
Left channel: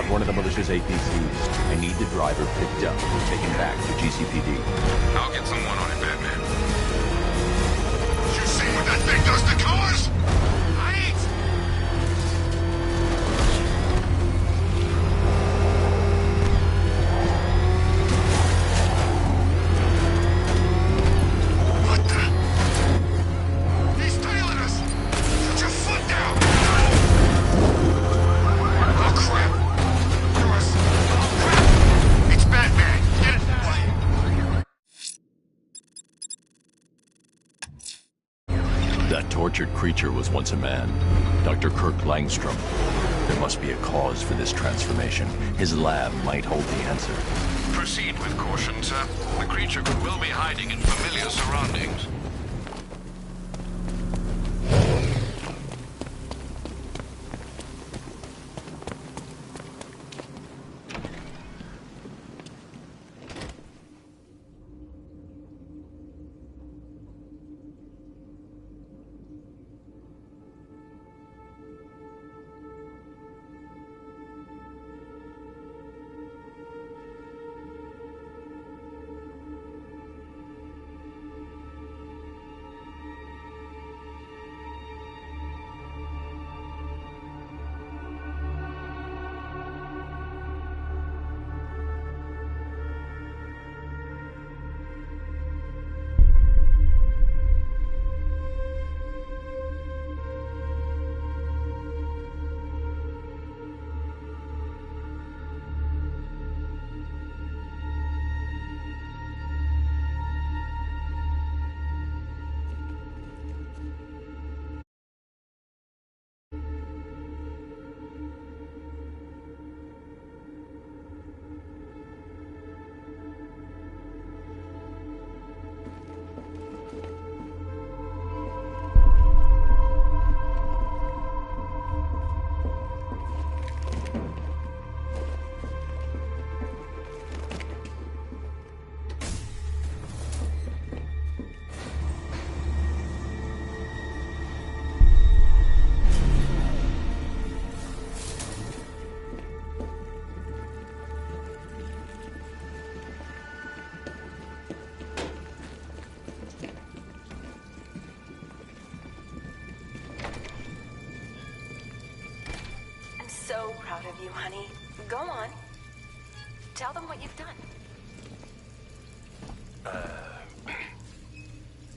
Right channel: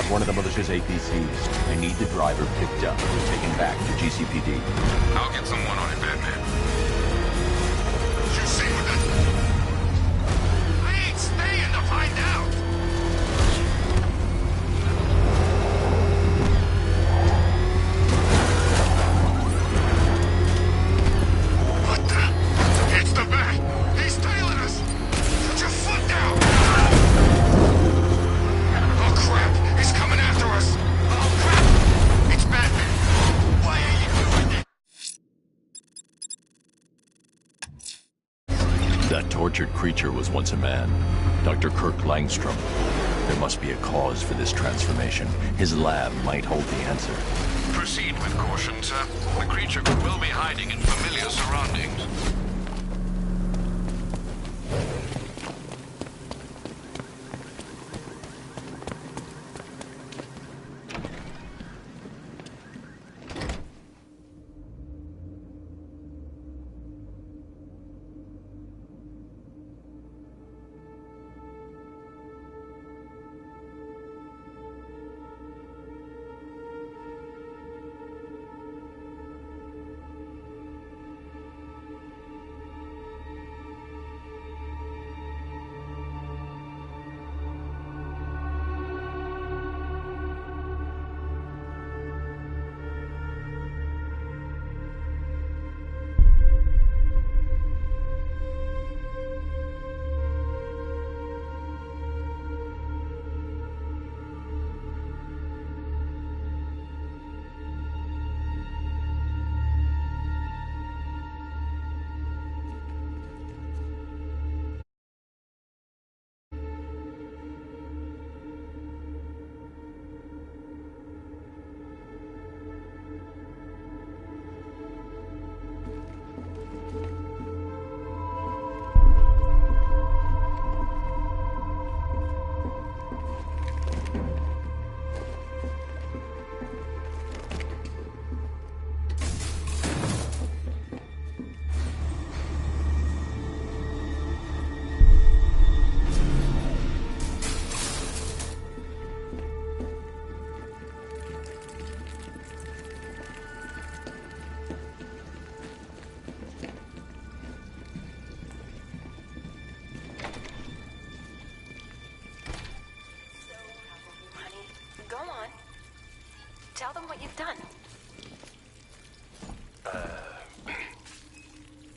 One of the militia's APCs. I need the driver picked up and taken back to GCPD. I'll get someone on it, Batman. You see what that thing does to cars? I ain't staying to find out. What the? It's the Bat. He's tailing us. Put your foot down. Oh, crap. He's coming after us. Oh, crap. It's Batman. Why are you... That tortured creature was once a man. Dr. Kirk Langstrom. There must be a cause for this transformation. His lab might hold the answer. Proceed with caution, sir. The creature could well be hiding in familiar surroundings. Go on. Tell them what you've done.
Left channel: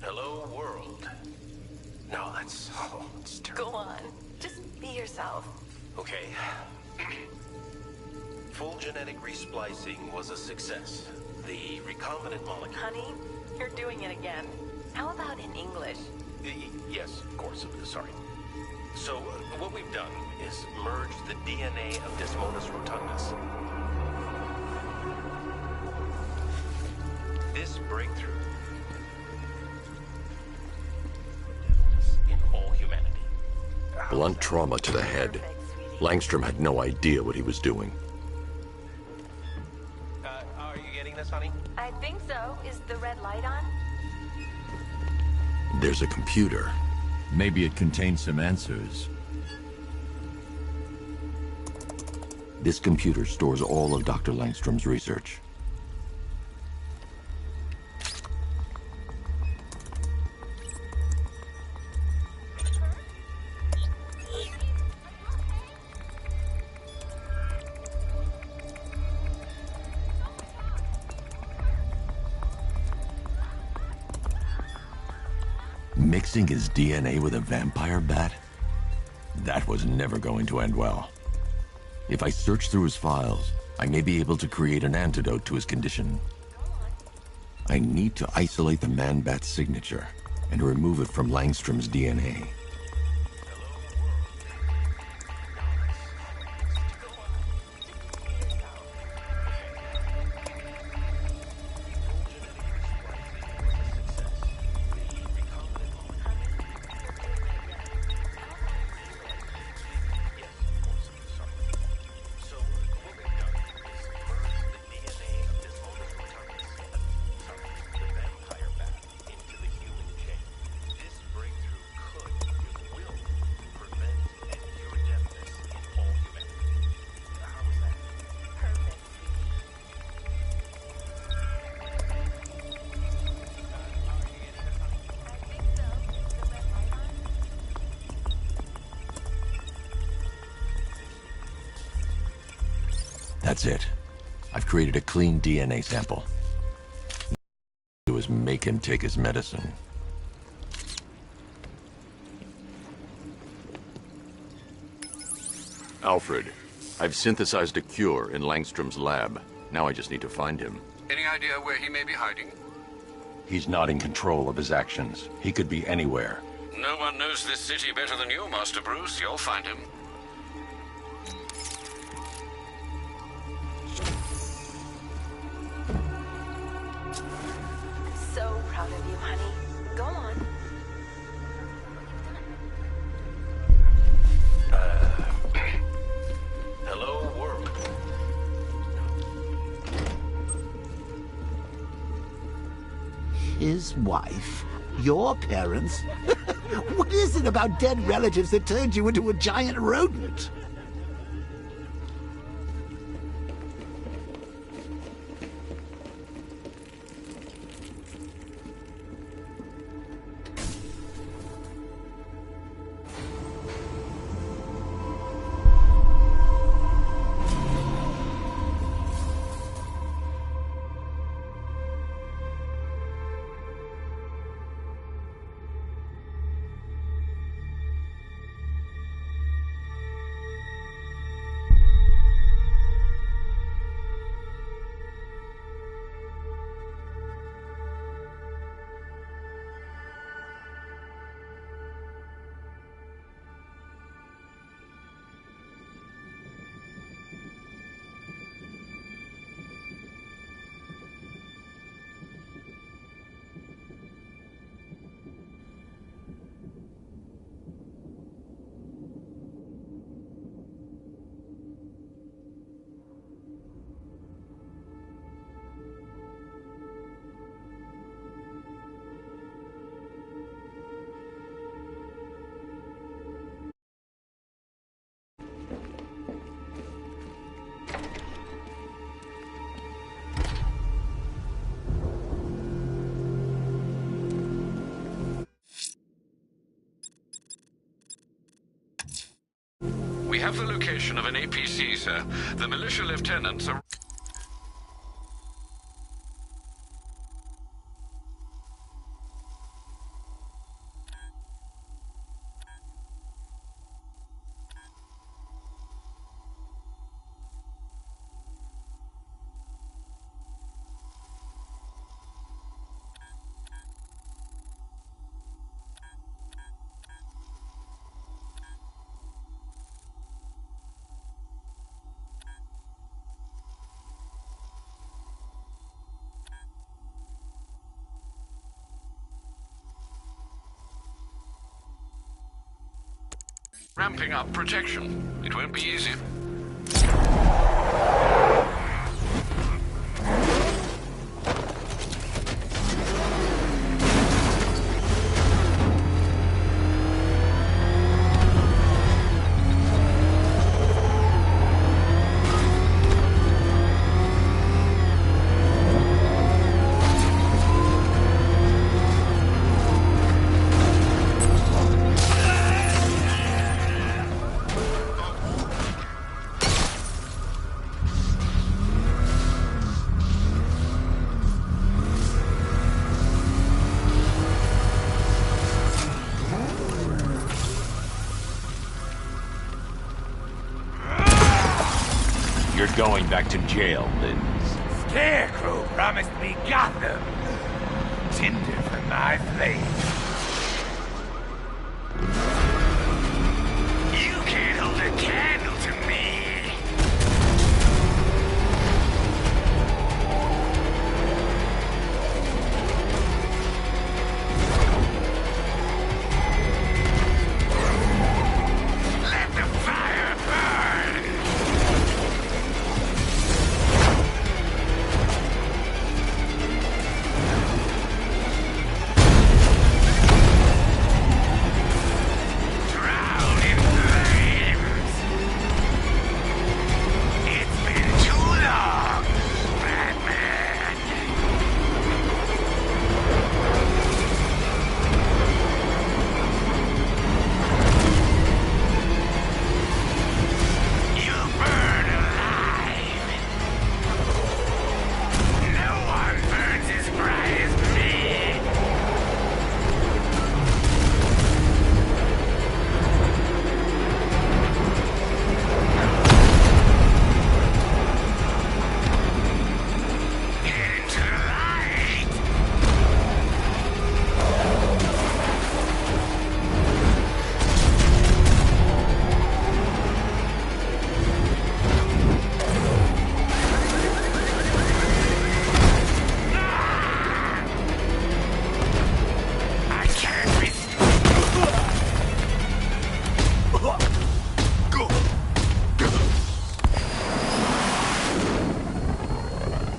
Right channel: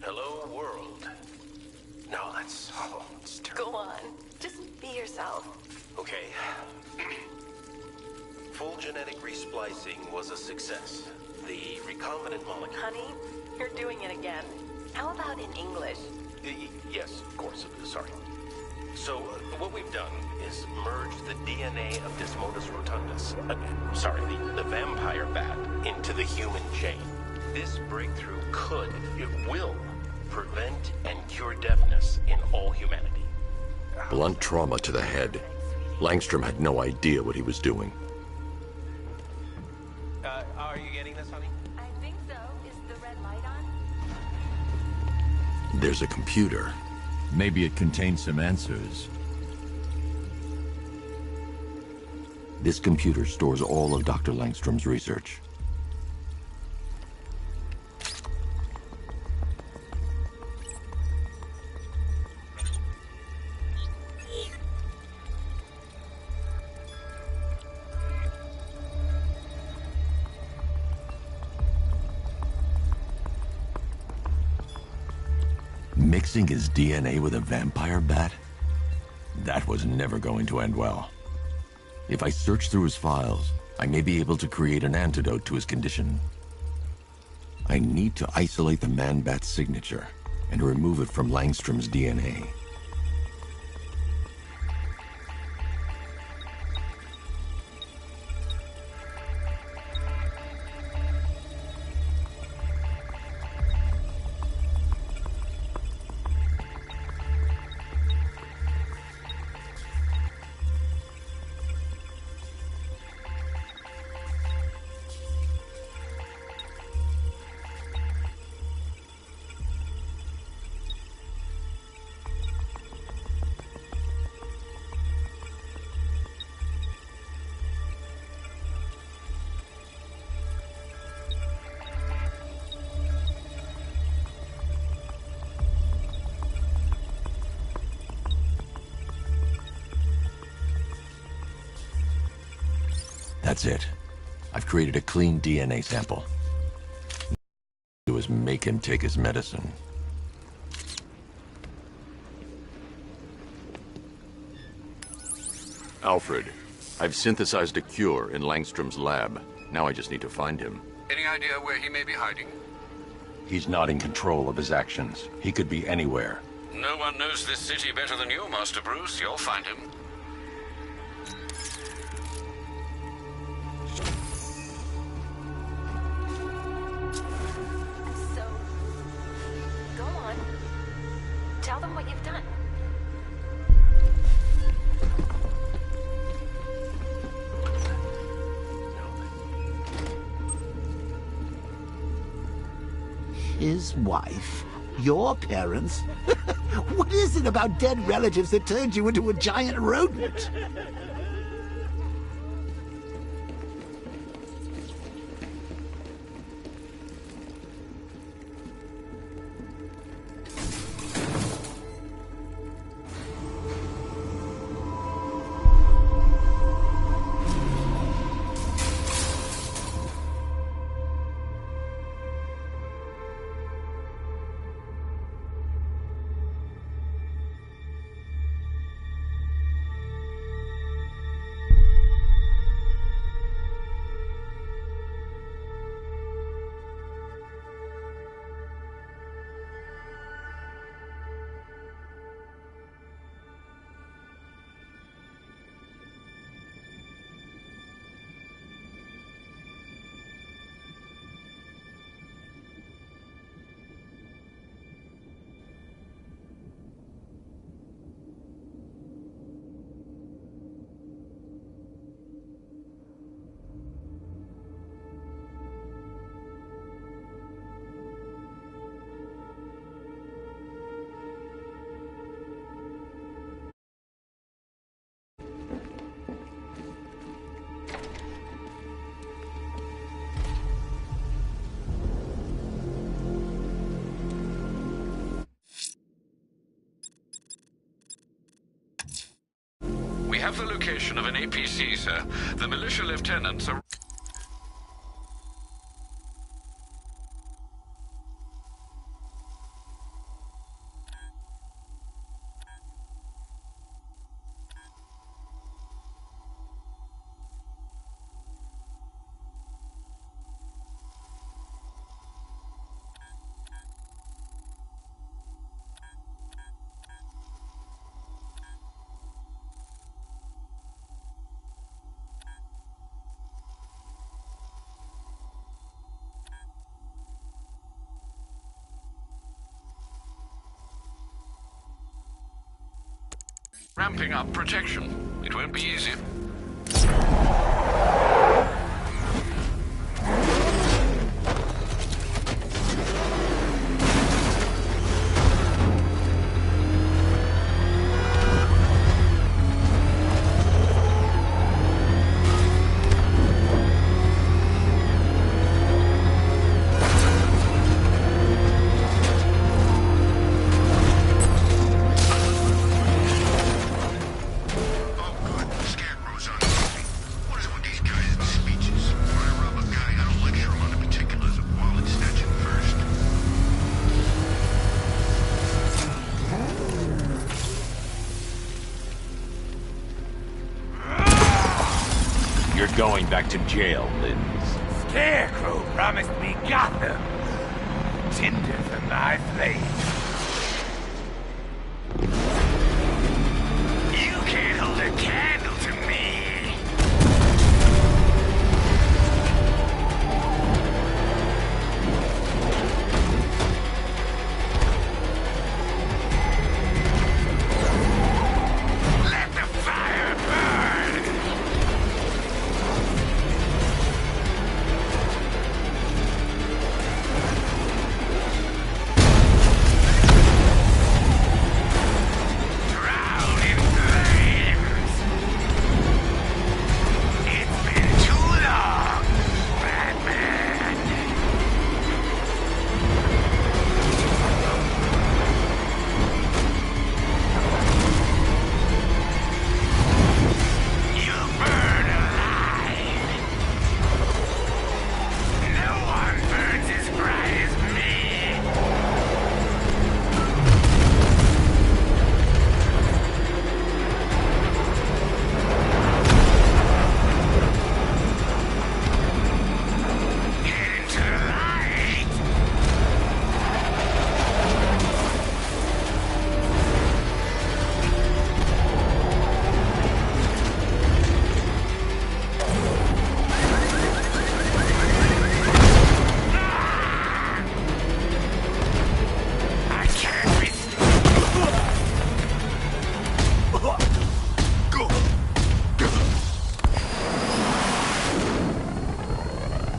Hello, world. No, it's terrible. Go on. Just be yourself. Okay. genetic resplicing was a success. The recombinant molecule... Honey, you're doing it again. How about in English? Yes, of course. Sorry. So, what we've done is merged the DNA of Desmodus rotundus, the vampire bat, into the human chain. This breakthrough it will, prevent and cure deafness in all humanity. Blunt trauma to the head. Langstrom had no idea what he was doing. Are you getting this, honey? I think so. Is the red light on? There's a computer. Maybe it contains some answers. This computer stores all of Dr. Langstrom's research. Mixing his DNA with a vampire bat? That was never going to end well. If I search through his files, I may be able to create an antidote to his condition. I need to isolate the man-bat's signature and remove it from Langstrom's DNA. That's it. I've created a clean DNA sample. Do is make him take his medicine. Alfred, I've synthesized a cure in Langstrom's lab. Now I just need to find him. Any idea where he may be hiding? He's not in control of his actions. He could be anywhere. No one knows this city better than you, Master Bruce. You'll find him. So proud of you, honey. Go on. Tell them what you've done. Hello, world. His wife? Your parents? What is it about dead relatives that turned you into a giant rodent? We have the location of an APC, sir. The militia lieutenants are... Ramping up protection. It won't be easy. You're going back to jail, Linz. Scarecrow promised me Gotham. Tinder for my flame. You can't hold a candle to me. Let the fire burn!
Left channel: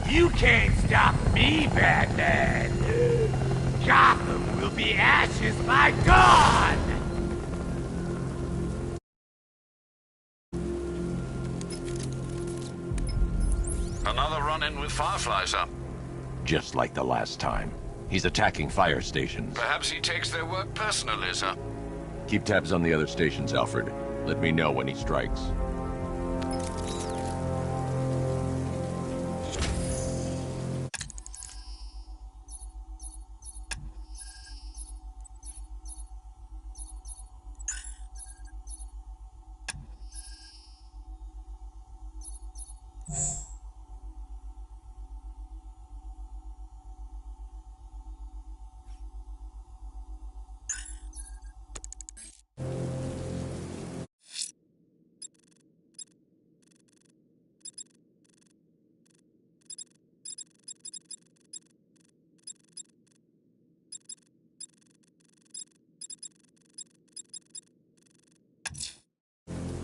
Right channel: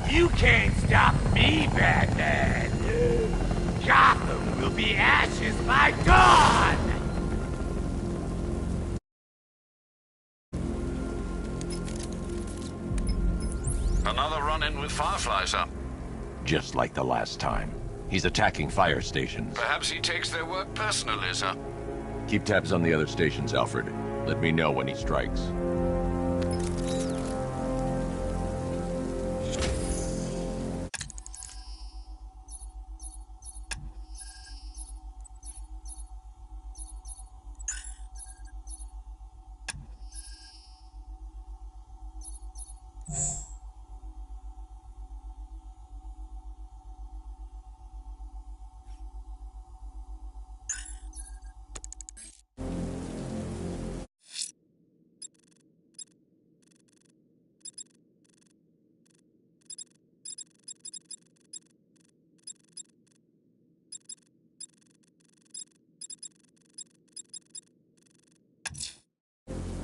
You can't stop me, Batman! Gotham will be ashes by dawn! Another run-in with Firefly, sir. Just like the last time. He's attacking fire stations. Perhaps he takes their work personally, sir. Keep tabs on the other stations, Alfred. Let me know when he strikes.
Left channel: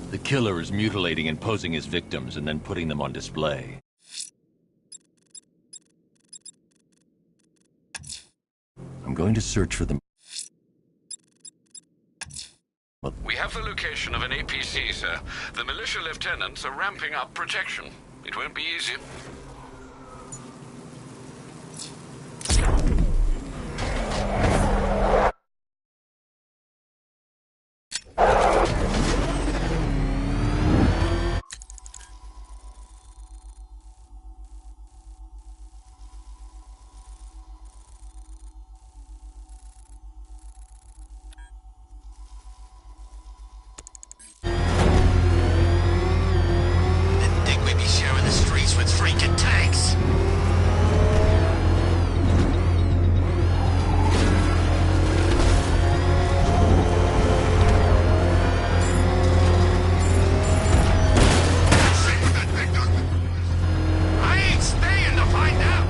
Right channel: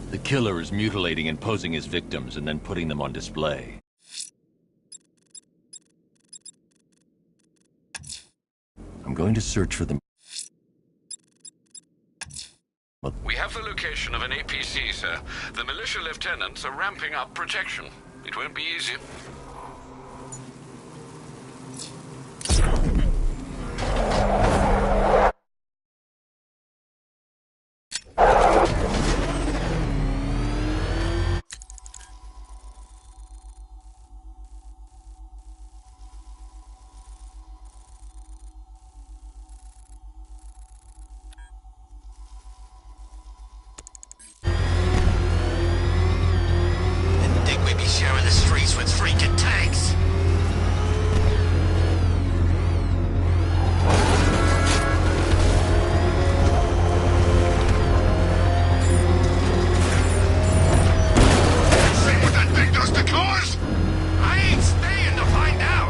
The killer is mutilating and posing as victims and then putting them on display. I'm going to search for them. We have the location of an APC, sir. The militia lieutenants are ramping up protection. It won't be easy. Sharing the streets with freaking tanks. See what that thing does to cars? I ain't staying to find out.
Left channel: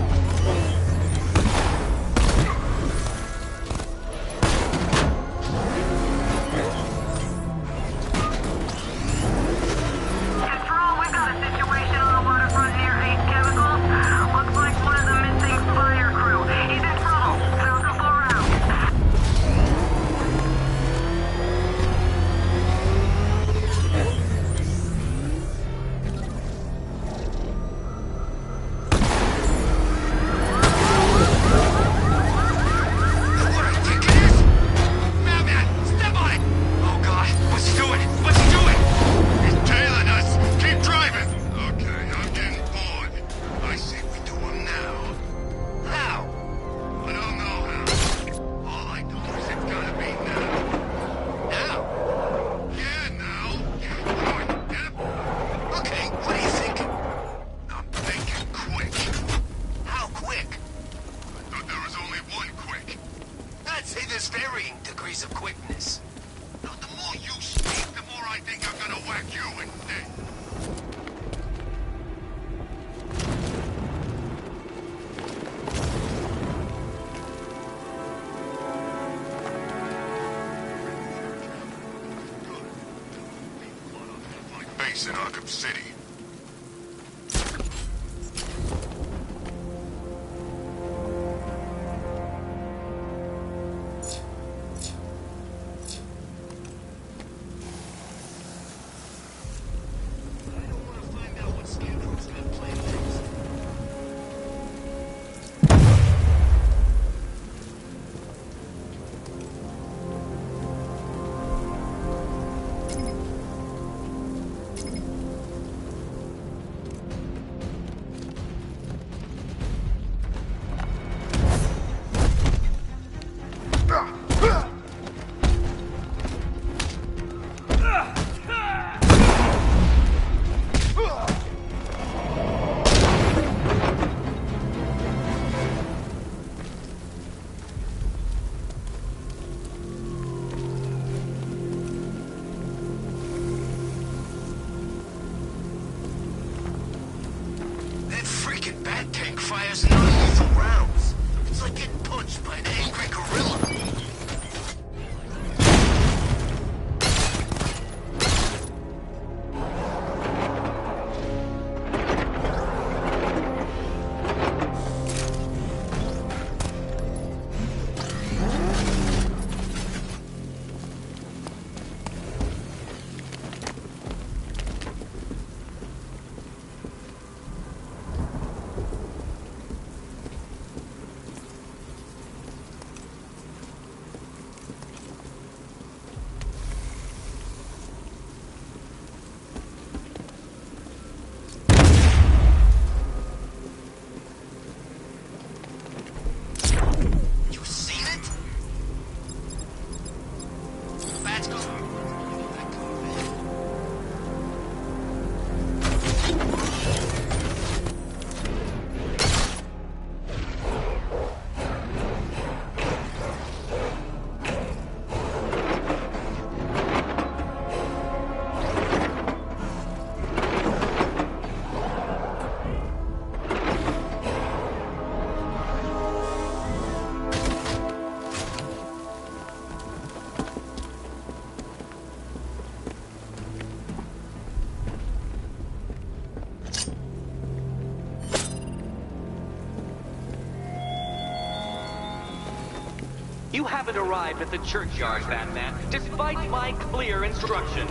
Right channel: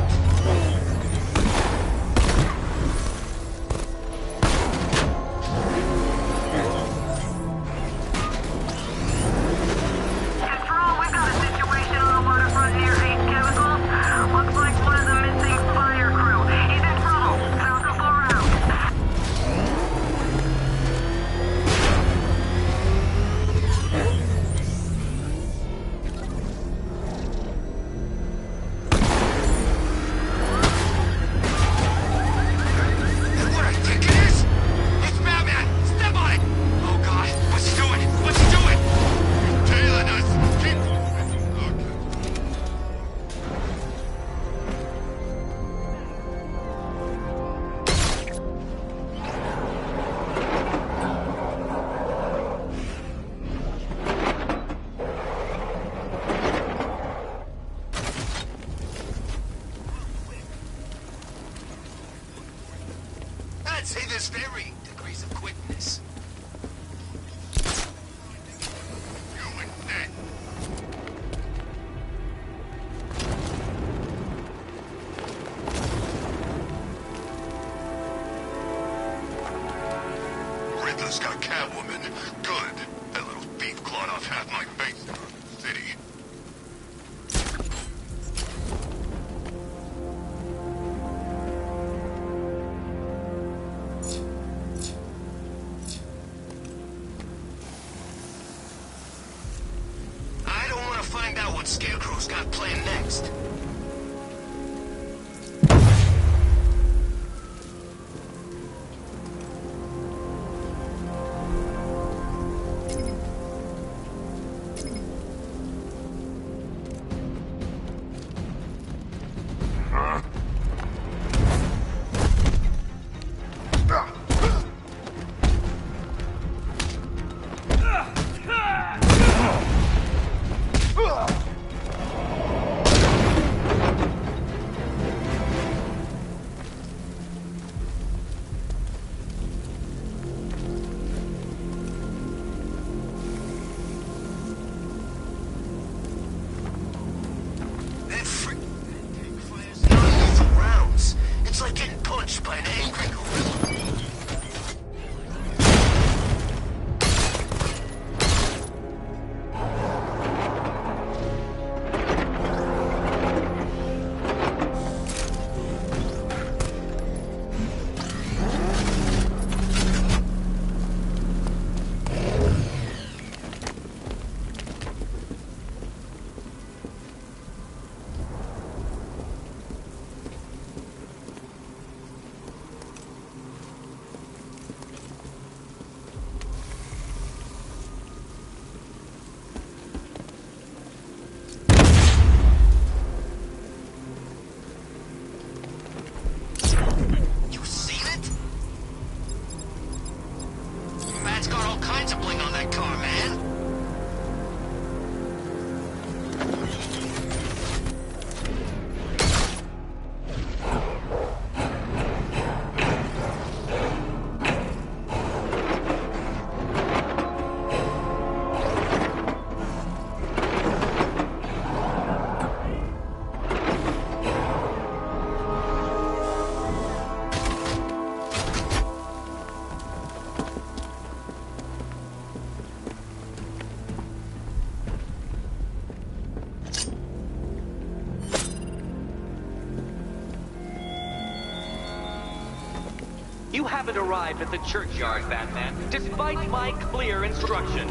You haven't arrived at the churchyard, Batman, despite my clear instruction.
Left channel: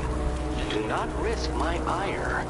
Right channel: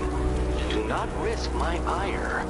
Do not risk my ire.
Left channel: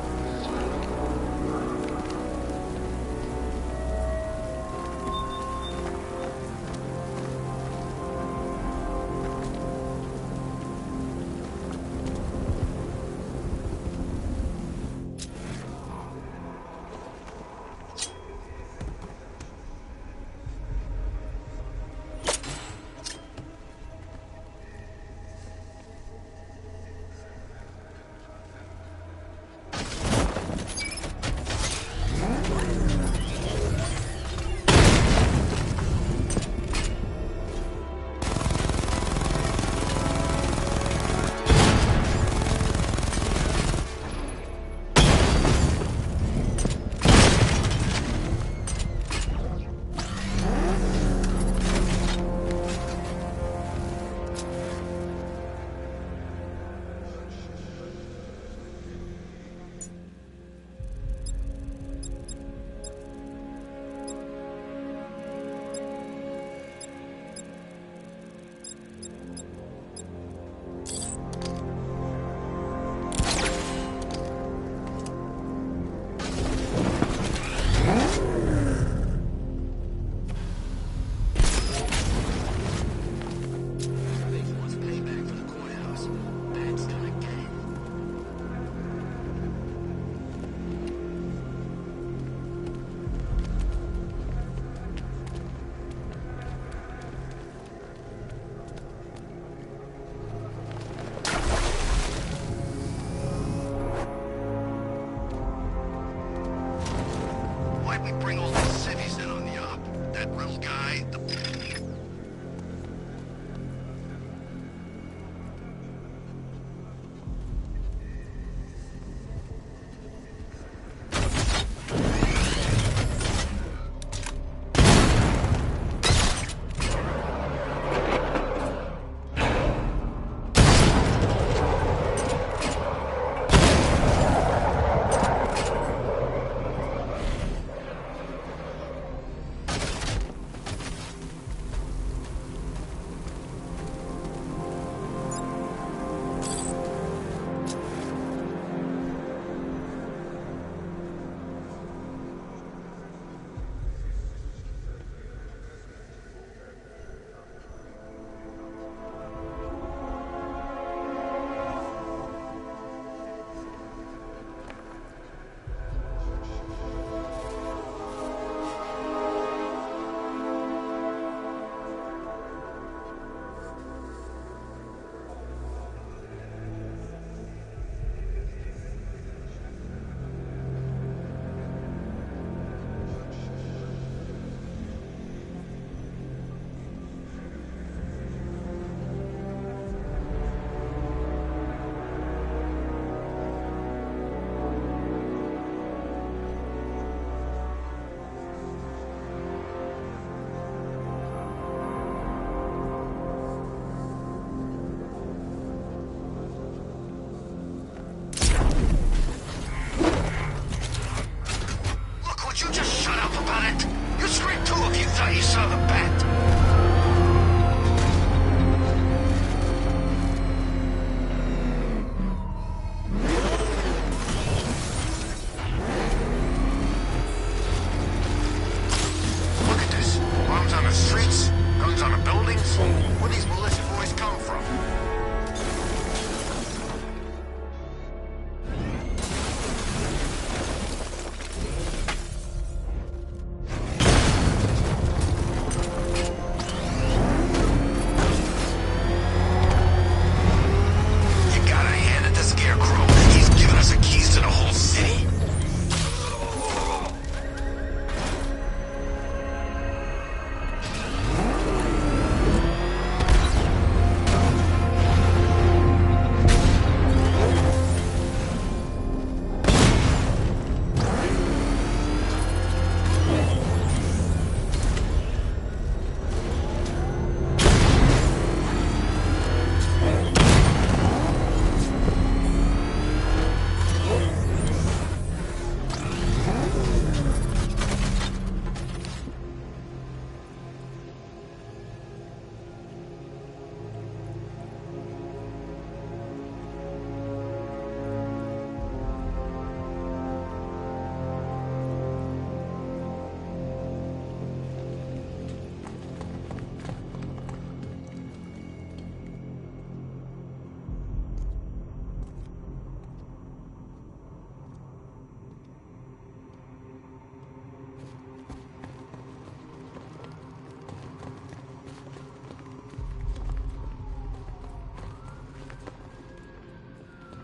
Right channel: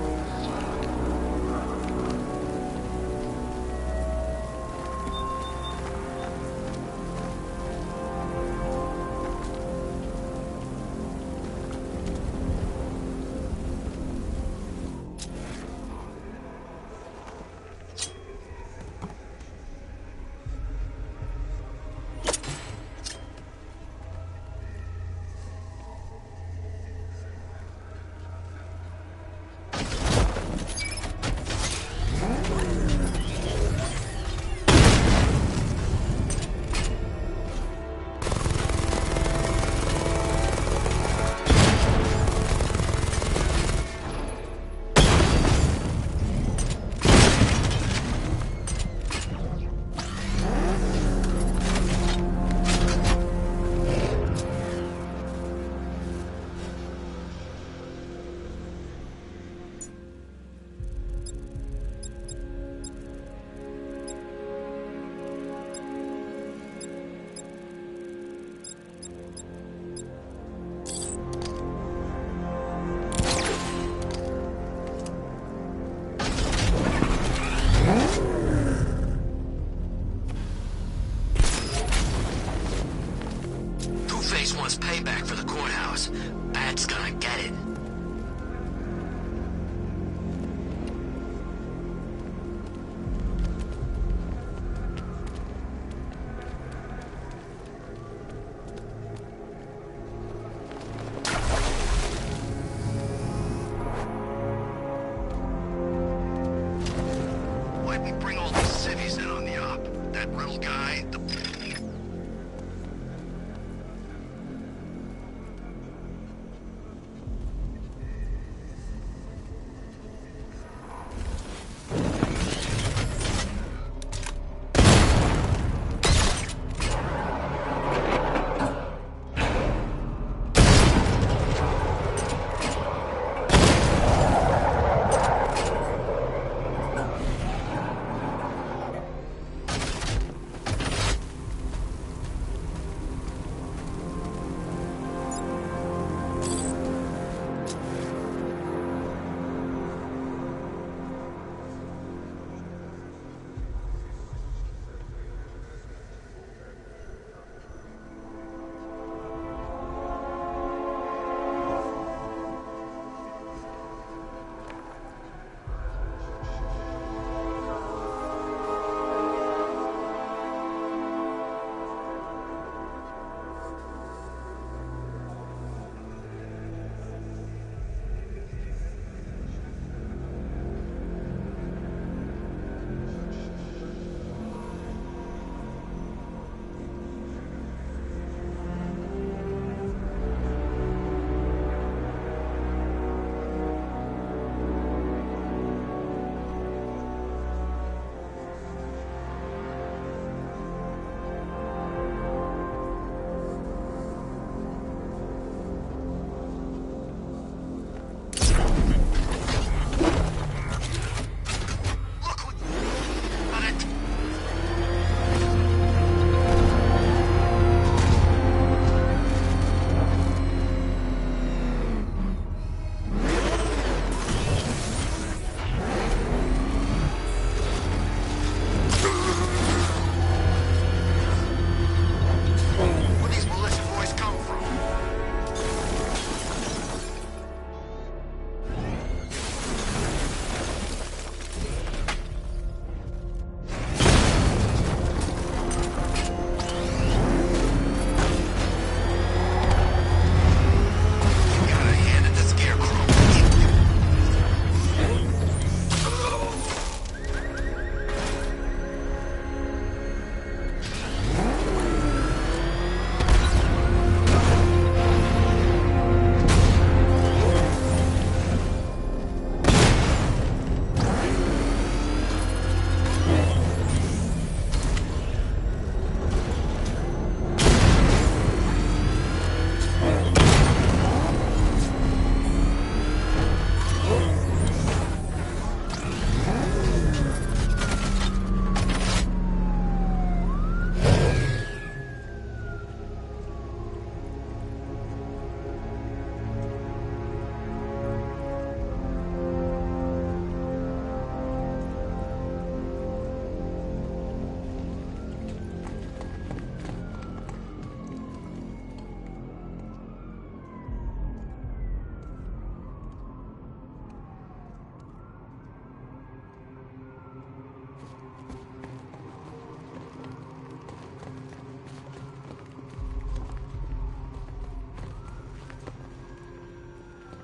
Two-Face wants payback for the courthouse. Bat's gonna get it. Why'd we bring all these civvies in on the op? That Riddle guy, the...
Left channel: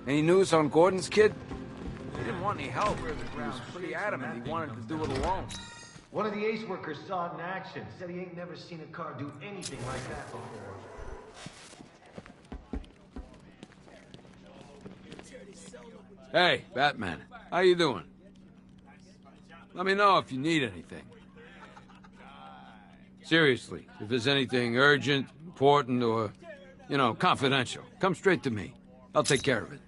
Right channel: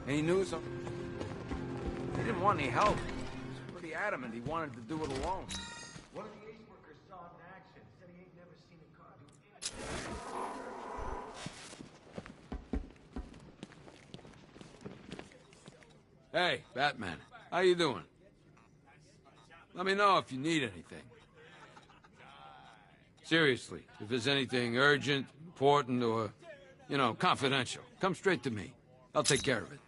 Any news on Gordon's kid? He didn't want any help. He was pretty adamant he wanted to do it alone. One of the ace workers saw it in action. Said he ain't never seen a car do anything like that. Hey, Batman. How you doing? Let me know if you need anything. Seriously, if there's anything urgent, important, or, you know, confidential, come straight to me. I'll take care of it.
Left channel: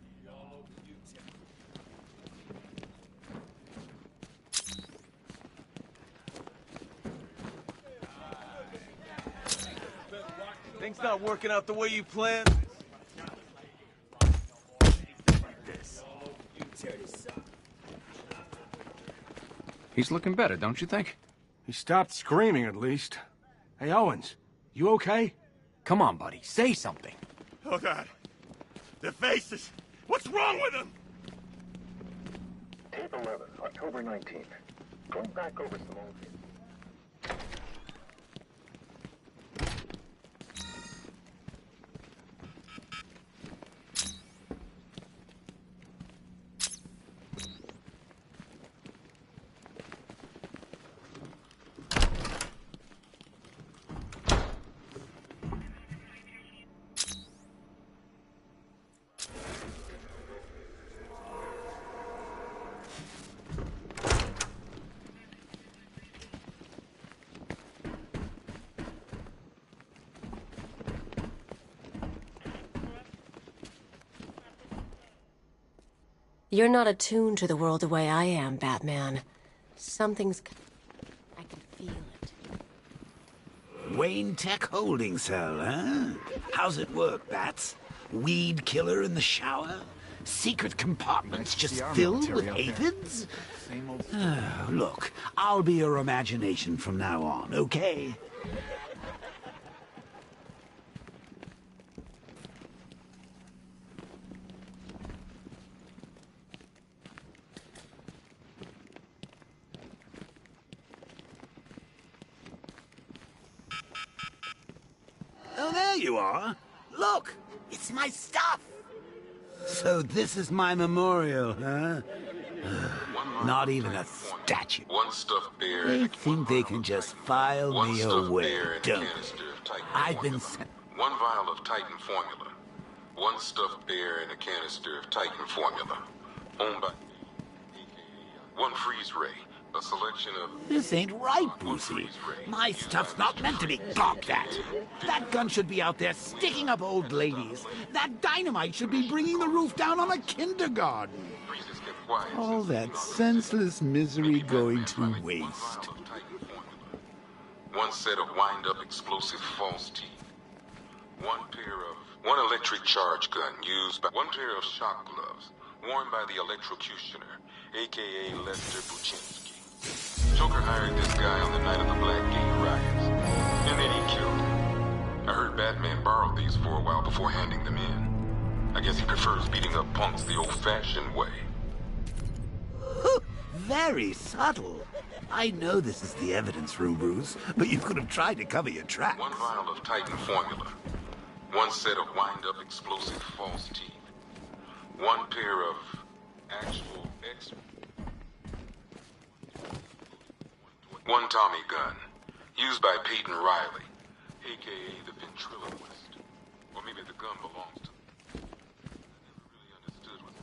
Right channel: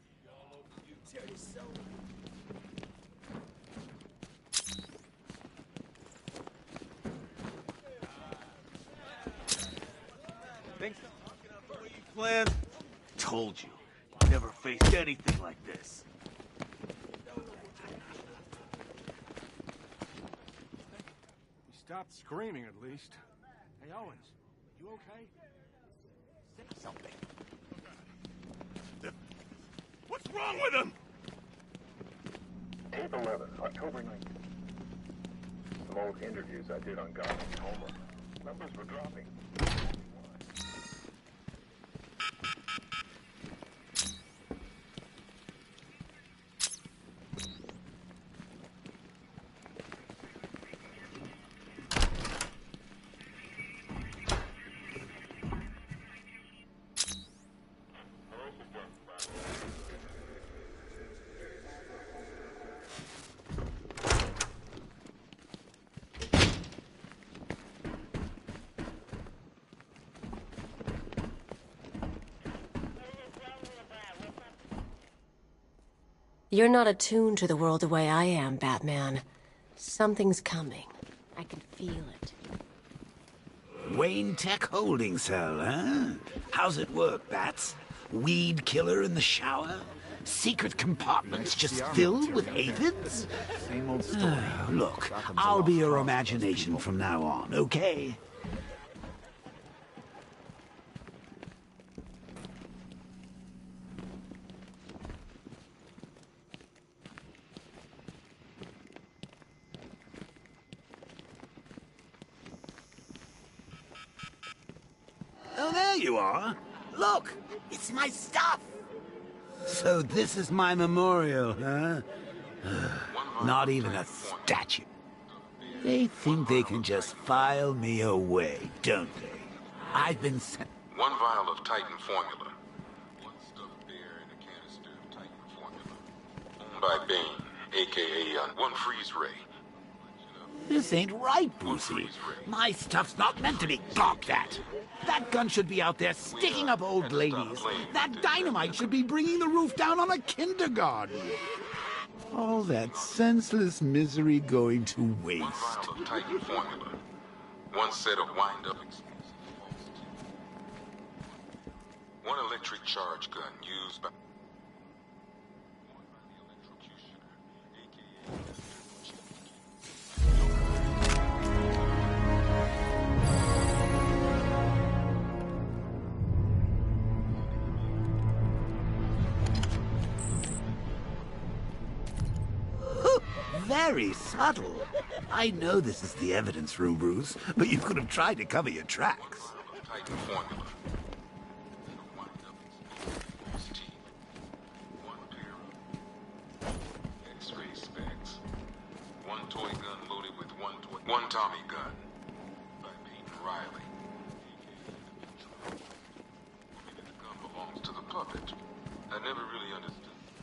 Things not working out the way you planned? Told you. Never faced anything like this. He's looking better, don't you think? He stopped screaming, at least. Hey, Owens, you okay? Come on, buddy, say something. Oh, God. The faces. What's wrong with them? Tape 11, October 19th. Going back over some old interviews I did on Gotham. Numbers were dropping. You're not attuned to the world the way I am, Batman. Something's coming. I can feel it. Wayne Tech holding cell, huh? How's it work, Bats? Weed killer in the shower? Secret compartments just filled with aphids? Look, I'll be your imagination from now on, okay? Oh, there you are. Look, it's my stuff. So this is my memorial, huh? Not even a statue. They think they can just file me away, don't they? I've been sent... One vial of Titan formula. One stuffed bear and a canister of Titan formula. Owned by Bane, a.k.a. one freeze ray. A selection of... This ain't right, Brucey. My stuff's not meant to be gawked at. That gun should be out there sticking up old ladies. That dynamite should be bringing the roof down on a kindergarten. All that senseless misery going to waste. One set of wind-up explosive false teeth. One electric charge gun used by... One pair of shock gloves worn by the electrocutioner, a.k.a. Lester Buczynski. Joker hired this guy on the night of the Blackgate riots, and then he killed him. I heard Batman borrowed these for a while before handing them in. I guess he prefers beating up punks the old-fashioned way. Very subtle. I know this is the evidence room, Bruce, but you could have tried to cover your tracks. One vial of Titan formula. One set of wind-up explosive false teeth. One pair of actual X-ray specs. One toy gun loaded with one Tommy gun, used by Peyton Riley, a.k.a. the ventriloquist. Or maybe the gun belongs to the puppet. I never really understood what...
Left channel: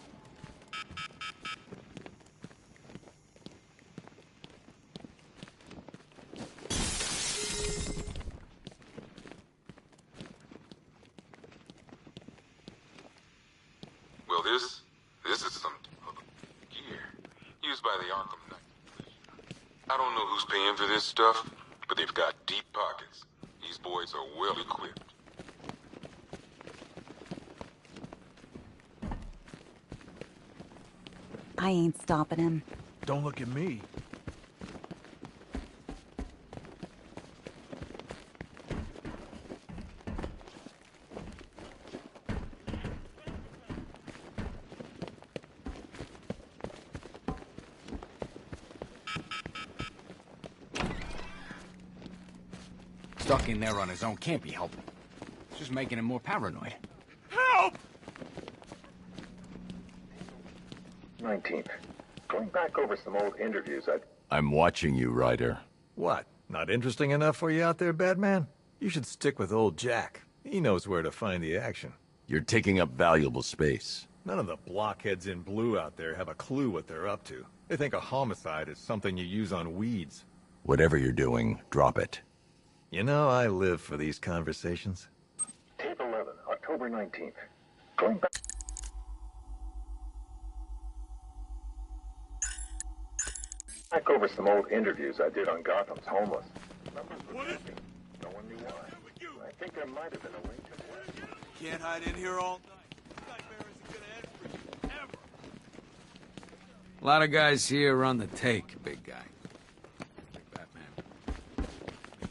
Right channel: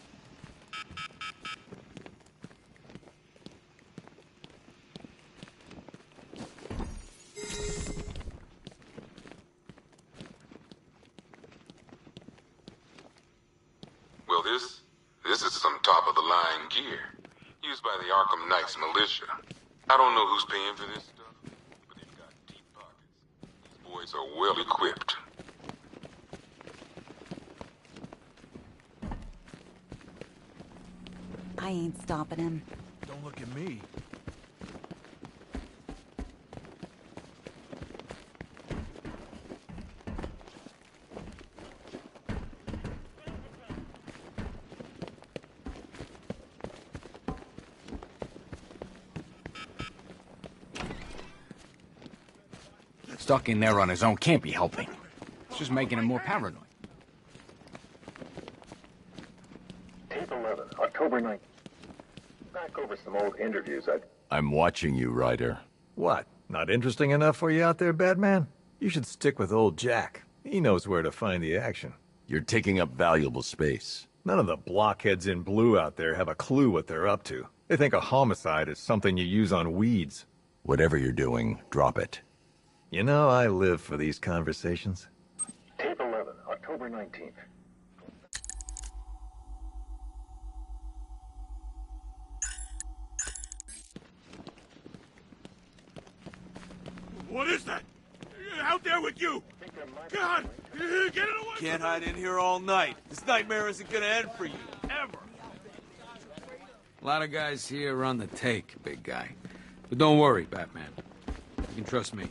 Well, this is some top-of-the-line gear, used by the Arkham Knight's militia. I don't know who's paying for this stuff, but they've got deep pockets. These boys are well equipped. I ain't stopping him. Don't look at me. Stuck in there on his own can't be helping. It's just making him more paranoid. Help! October 19th. Going back over some old interviews, I'm watching you, Ryder. What? Not interesting enough for you out there, Batman? You should stick with old Jack. He knows where to find the action. You're taking up valuable space. None of the blockheads in blue out there have a clue what they're up to. They think a homicide is something you use on weeds. Whatever you're doing, drop it. You know, I live for these conversations. Tape 11, October 19th. Going back over some old interviews I did on Gotham's homeless. What is that? Out there with you! I think there might God! Get it away! Can't hide in here all night. This nightmare isn't gonna end for you. Ever. A lot of guys here are on the take, big guy. But don't worry, Batman. You can trust me.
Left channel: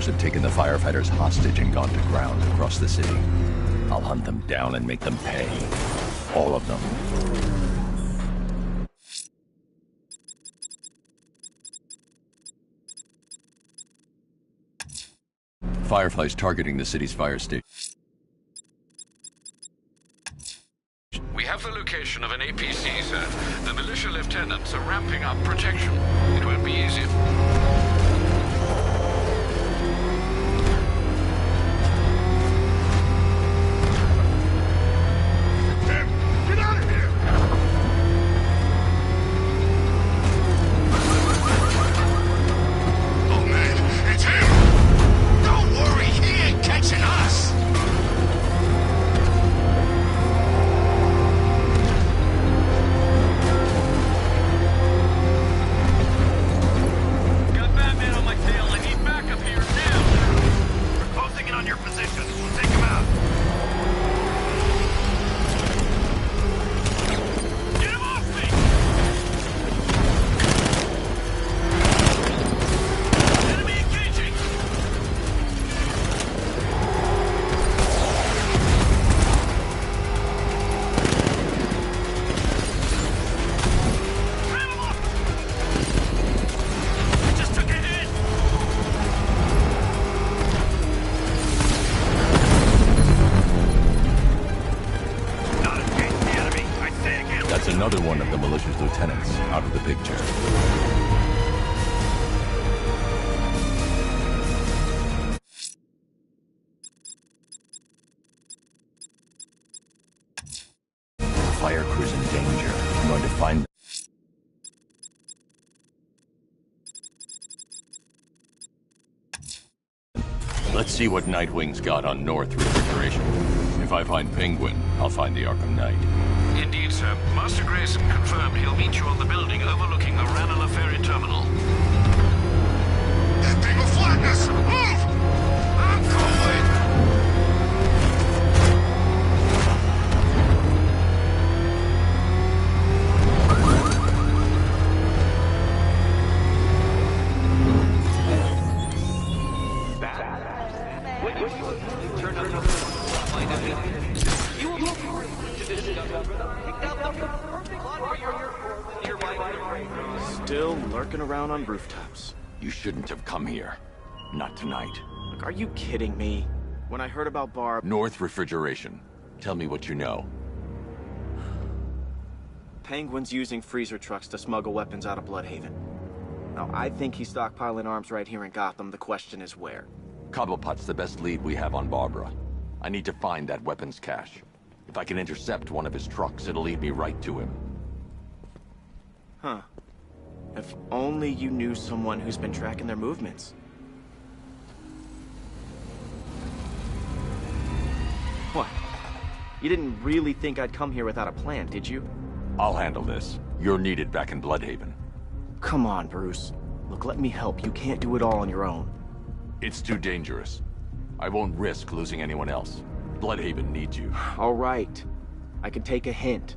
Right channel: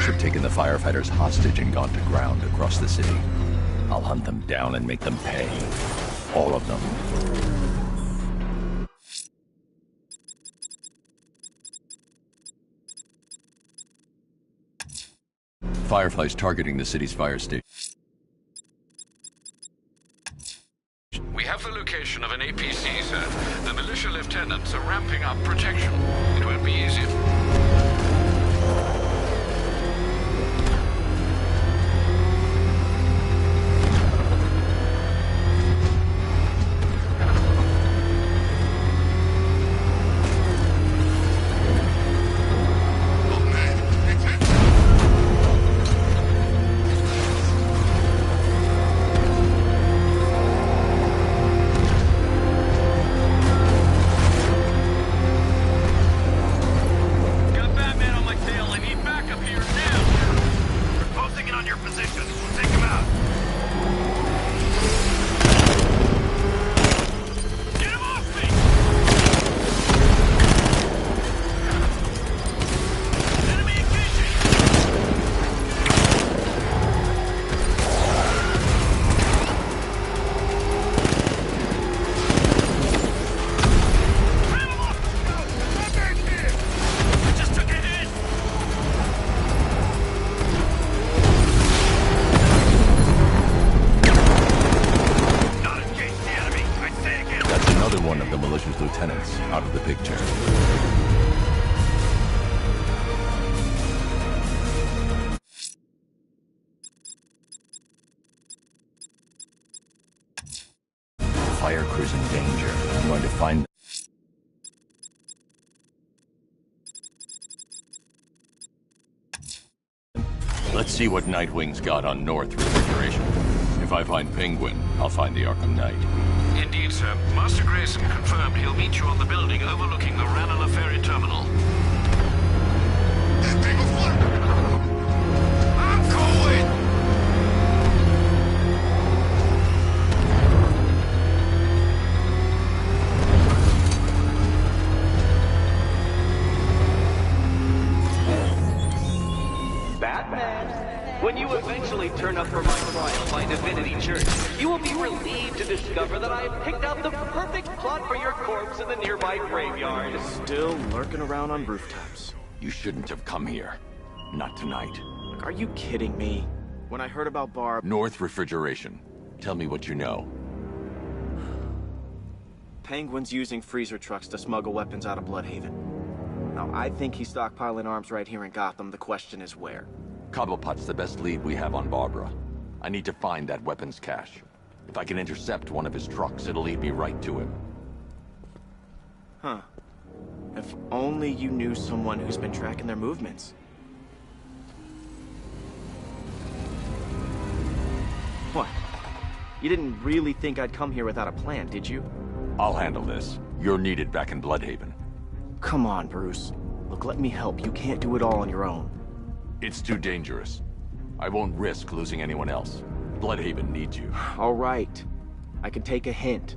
others have taken the firefighters hostage and gone to ground across the city. I'll hunt them down and make them pay. All of them. Fireflies targeting the city's fire station. We have the location of an APC, sir. The militia lieutenants are ramping up protection. It won't be easy. Another one of the militia's lieutenants out of the picture. Fire crew's in danger. I'm going to find them. Let's see what Nightwing's got on North Refrigeration. If I find Penguin, I'll find the Arkham Knight. Indeed, sir. Master Grayson confirmed he'll meet you on the building overlooking the Ranelagh Ferry Terminal. That thing will flatten us! Move! I'm going! Batman, when you eventually turn up for my divinity church, you will be relieved to discover that I have picked out the perfect plot for your corpse in the nearby graveyard. Still lurking around on rooftops. You shouldn't have come here. Not tonight. Look, are you kidding me? When I heard about Barb... North Refrigeration. Tell me what you know. Penguin's using freezer trucks to smuggle weapons out of Bloodhaven. Now, I think he's stockpiling arms right here in Gotham. The question is where. Cobblepot's the best lead we have on Barbara. I need to find that weapons cache. If I can intercept one of his trucks, it'll lead me right to him. Huh. If only you knew someone who's been tracking their movements. What? You didn't really think I'd come here without a plan, did you? I'll handle this. You're needed back in Bloodhaven. Come on, Bruce. Look, let me help. You can't do it all on your own. It's too dangerous. I won't risk losing anyone else. Bloodhaven needs you. All right. I can take a hint.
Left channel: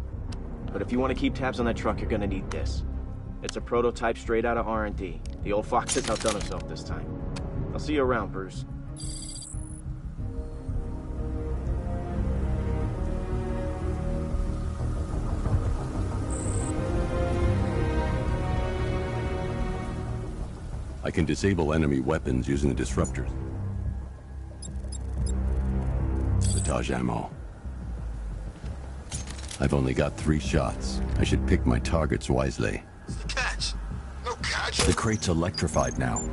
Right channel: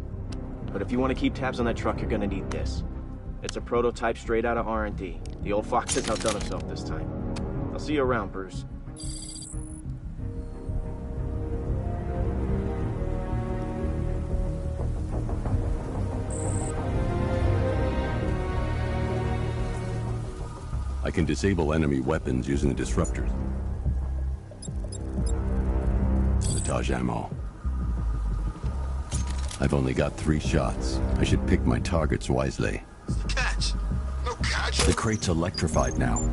But if you want to keep tabs on that truck, you're gonna need this. It's a prototype straight out of R&D. The old fox has outdone himself this time. I'll see you around, Bruce. I can disable enemy weapons using the disruptors. Sabotage ammo. I've only got 3 shots. I should pick my targets wisely. What's the catch? No catch? The crate's electrified now.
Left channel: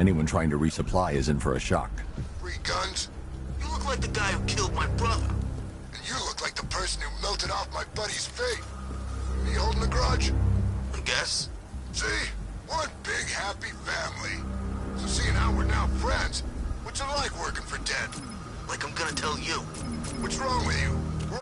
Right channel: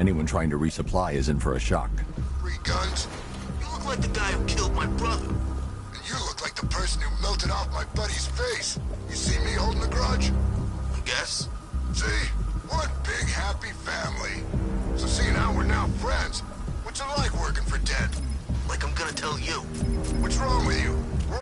Anyone trying to resupply is in for a shock. 3 guns? You look like the guy who killed my brother. And you look like the person who melted off my buddy's face. You see me holding a grudge? I guess. See? One big happy family. So seeing how we're now friends, what's it like working for dead? Like I'm gonna tell you. What's wrong with you? We're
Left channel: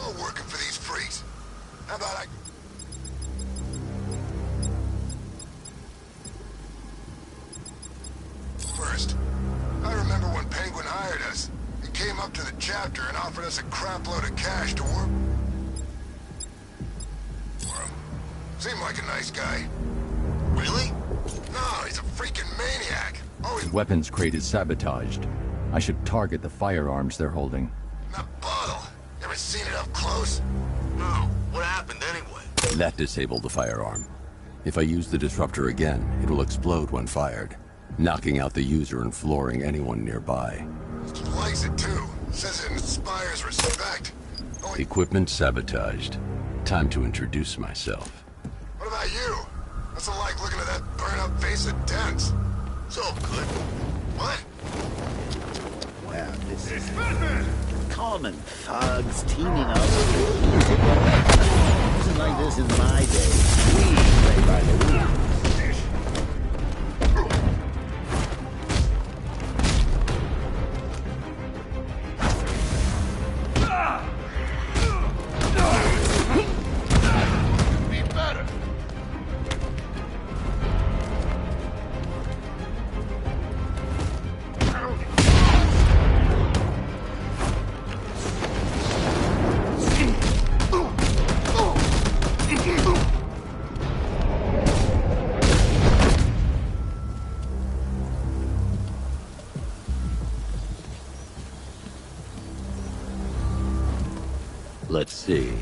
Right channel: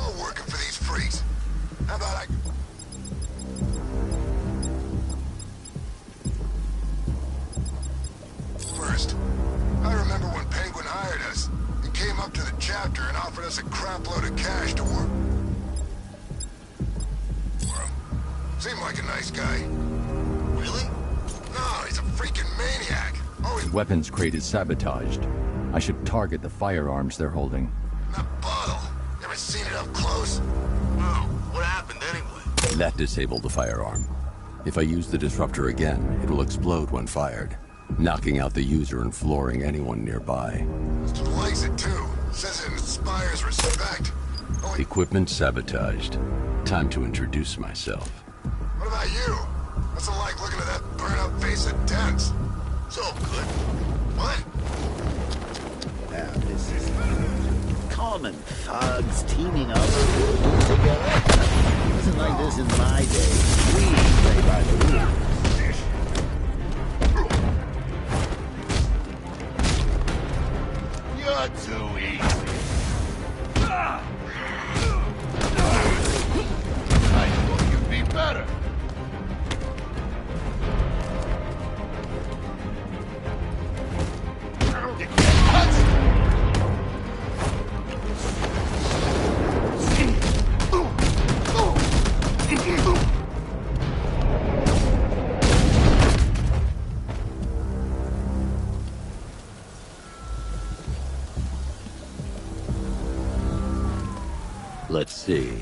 all working for these freaks. How about I... First, I remember when up to the chapter and offered us a crapload of cash to work for him. Seemed like a nice guy. Really? No, he's a freaking maniac. Always Weapons crate is sabotaged. I should target the firearms they're holding. that bottle. Never seen it up close. No. What happened anyway? That disabled the firearm. If I use the disruptor again, it will explode when fired, knocking out the user and flooring anyone nearby. He likes it too. Says it inspires respect. Equipment sabotaged. Time to introduce myself. What about you? What's it like looking at that burnt-up face of Dents? It's all good. What? Well, this is common thugs teaming up together. Wasn't like this in my day. We play by the rules. You're too easy. I thought you'd be better. Let's see.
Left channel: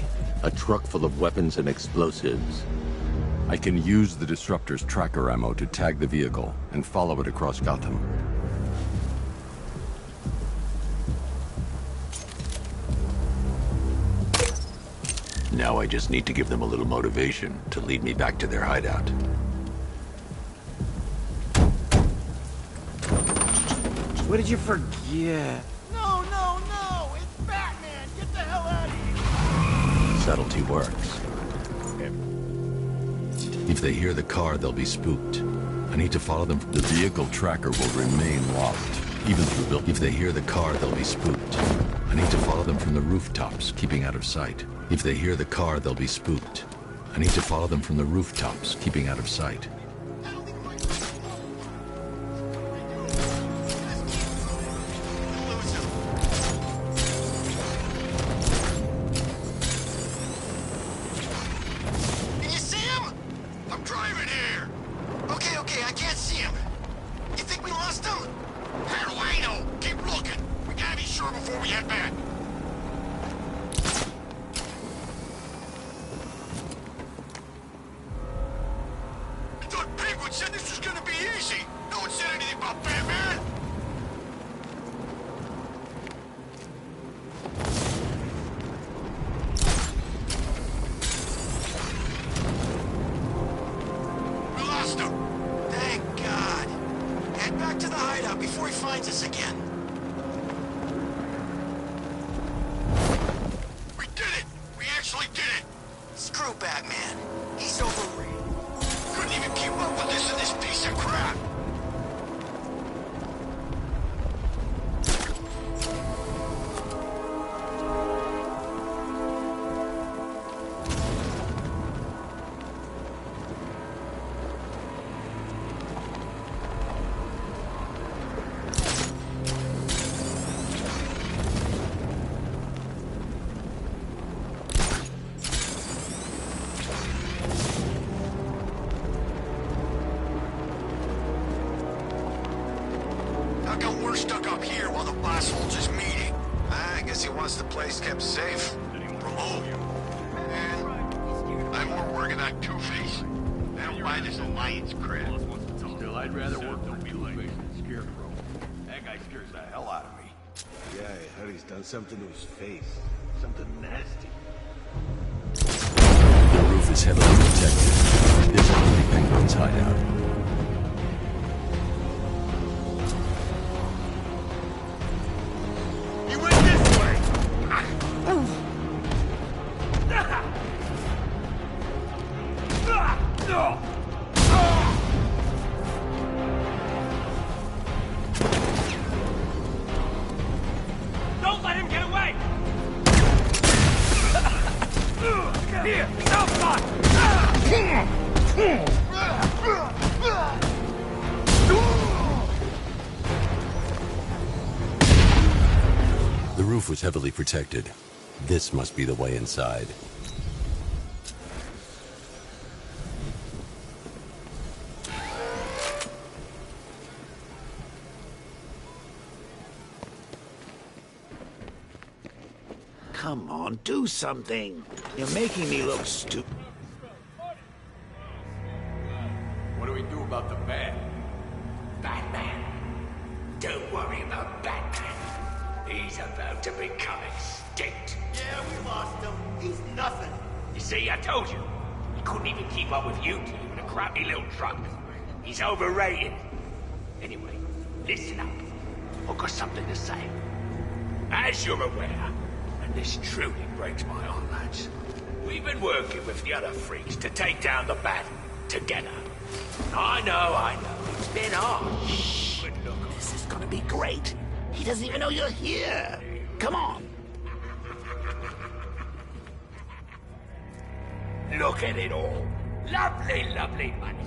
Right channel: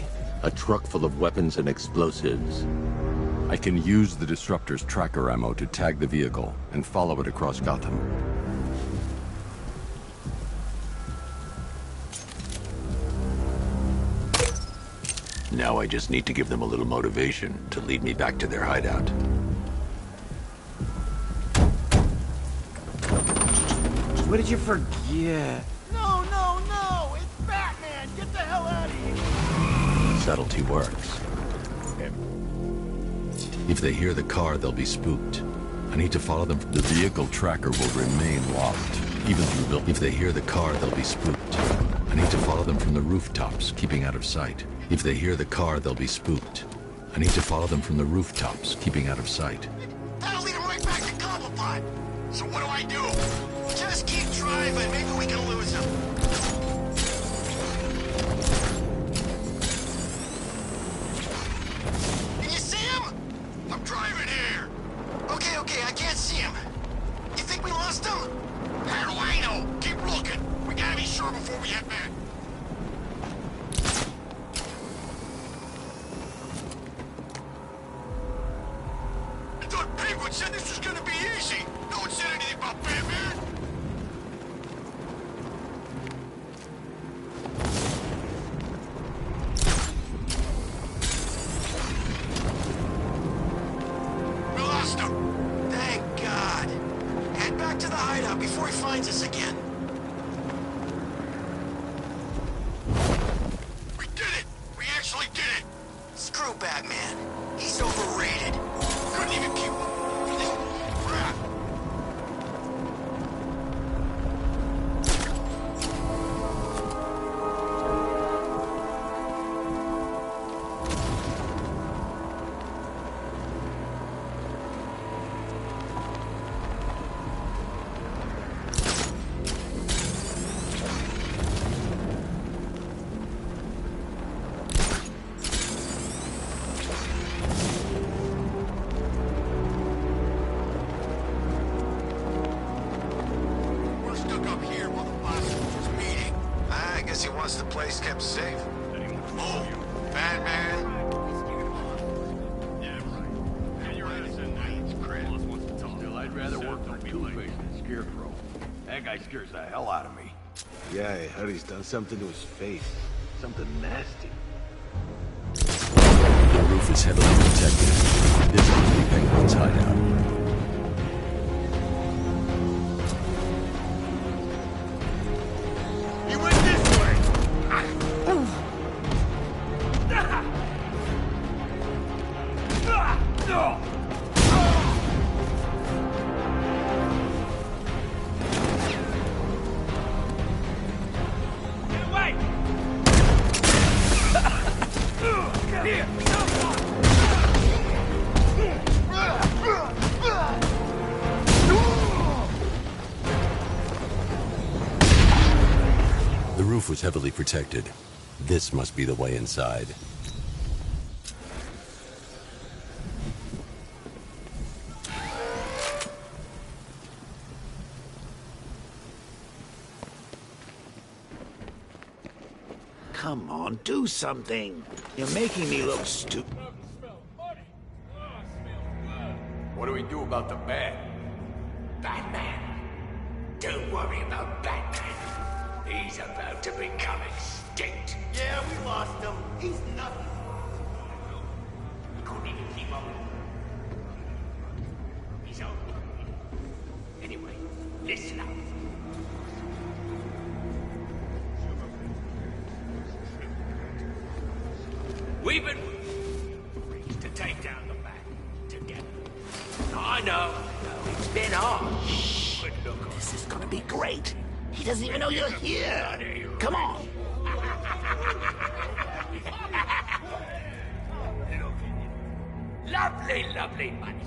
A truck full of weapons and explosives. I can use the disruptor's tracker ammo to tag the vehicle and follow it across Gotham. Now I just need to give them a little motivation to lead me back to their hideout. What did you forget? No, no, no! It's Batman! Get the hell out of here! Subtlety works. If they hear the car, they'll be spooked. I need to follow them. The vehicle tracker will remain locked, even through If they hear the car, they'll be spooked. I need to follow them from the rooftops, keeping out of sight. If they hear the car, they'll be spooked. I need to follow them from the rooftops, keeping out of sight. That'll lead him right back to Cobblepot. So what do I do? Just keep driving. Maybe we can lose him. Can you see him? I'm driving here. Okay, okay, I can't see him. You think we lost him? How do I know? Keep looking. We gotta be sure before we head back. I thought Penguin said this was gonna be easy. No one said anything about Batman. We lost him. Thank God. Head back to the hideout before he finds us again. We did it! We actually did it! Screw Batman. He's overrated. Couldn't even keep up with this piece of crap. How come we're stuck up here while the boss holds his meeting? I guess he wants the place kept safe. Oh, Batman. I'm more working on Two-Face. Now why does Alliance credit? Still, I'd rather work on Two-Face than Scarecrow. That guy scares the hell out of me. Yeah, I heard he's done something to his face. Something nasty. The roof is heavily protected. This must be Penguin's hideout. He went this way! Don't let him get away! Here, The roof was heavily protected. This must be the way inside. Come on, do something. You're making me look stupid. What do we do about the bat? Batman. Don't worry about Batman. He's about to become extinct. Yeah, we lost him. He's nothing. You see, I told you. He couldn't even keep up with you in a crappy little truck. He's overrated. Anyway, listen up. I've got something to say. As you're aware, and this truly breaks my heart, lads, we've been working with the other freaks to take down the Bat together. I know. It's been hard. But look, This is gonna be great. He doesn't even know you're here. Come on. Look at it all. Lovely, lovely money.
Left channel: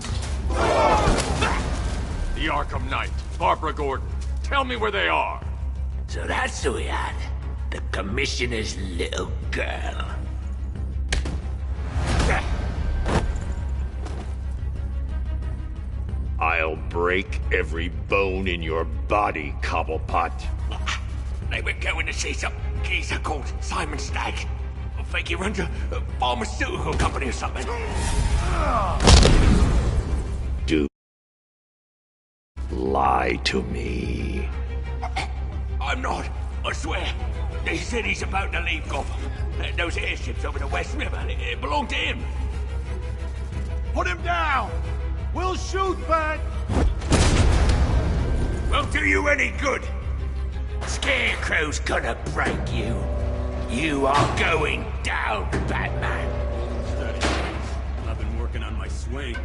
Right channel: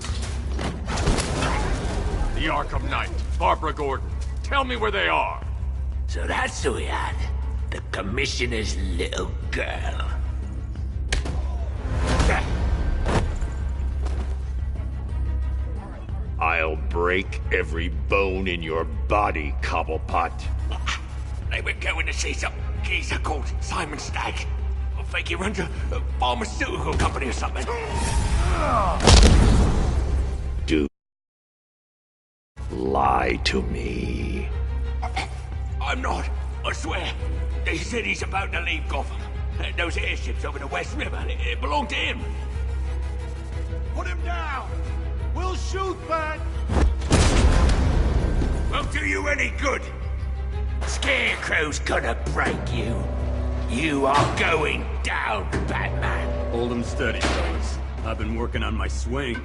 The Arkham Knight, Barbara Gordon. Tell me where they are. So that's who we had. The Commissioner's little girl. I'll break every bone in your body, Cobblepot. They were going to see some geezer called Simon Stagg. I think he runs a pharmaceutical company or something. Do lie to me. I'm not, I swear. They said he's about to leave Gotham. Those airships over the West River, it belonged to him. Put him down! We'll shoot, Bat! Won't do you any good. Scarecrow's gonna break you. You are going down, Batman. Hold him steady, boys. I've been working on my swing.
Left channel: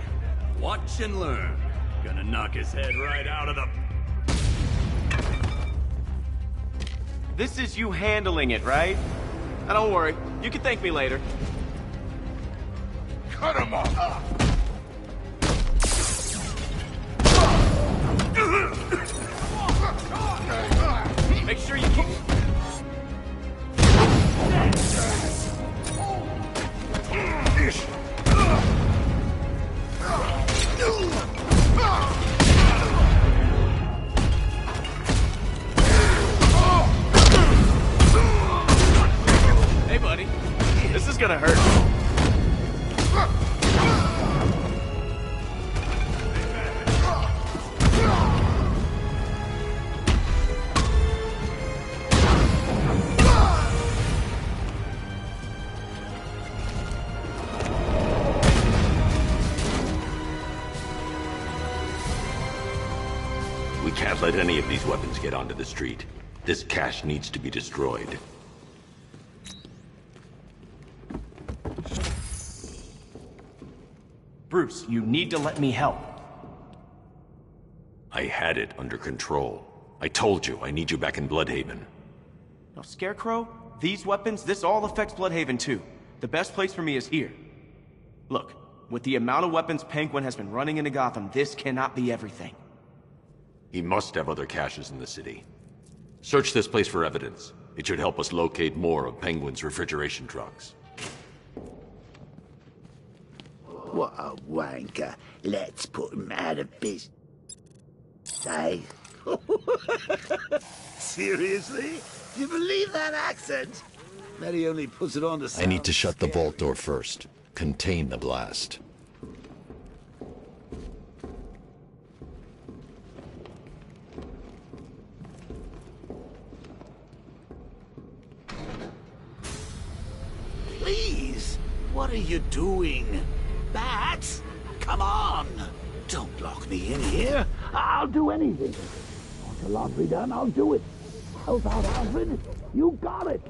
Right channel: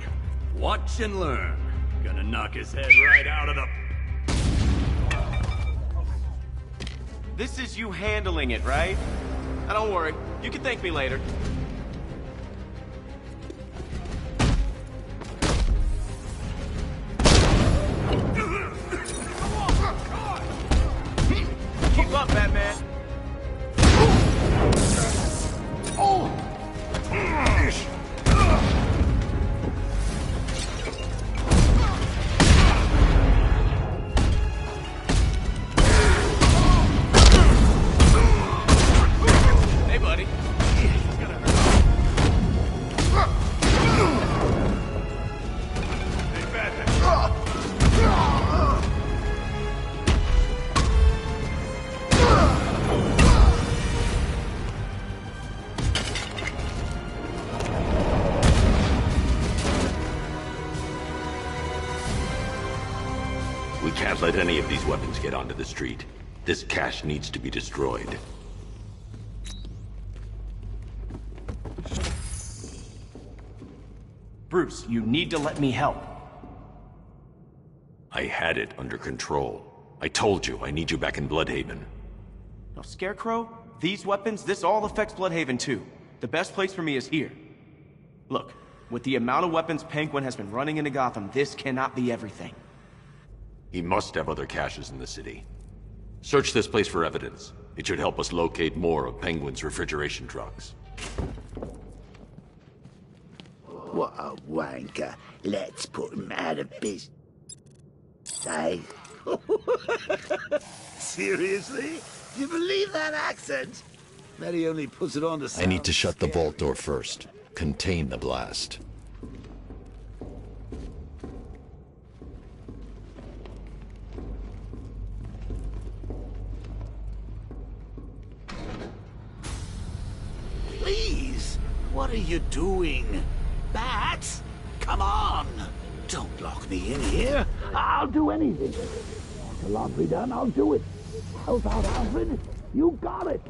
Watch and learn. Gonna knock his head right out of the... This is you handling it, right? Now don't worry. You can thank me later. Cut him off. Make sure you keep up, Batman. Hey, buddy. This is gonna hurt. We can't let any of these weapons get onto the street. This cache needs to be destroyed. Bruce, you need to let me help. I had it under control. I told you, I need you back in Bloodhaven. Now, Scarecrow, these weapons, this all affects Bloodhaven too. The best place for me is here. Look, with the amount of weapons Penguin has been running into Gotham, this cannot be everything. He must have other caches in the city. Search this place for evidence. It should help us locate more of Penguin's refrigeration trucks. What a wanker. Let's put him out of business. Hey? Seriously? You believe that accent? Bet he only puts it on to sound I need to shut the scary. vault door first. Contain the blast. Please, what are you doing? Bats? Come on! Don't lock me in here. I'll do anything. Want your laundry done? I'll do it. Help out, Alfred. You got it.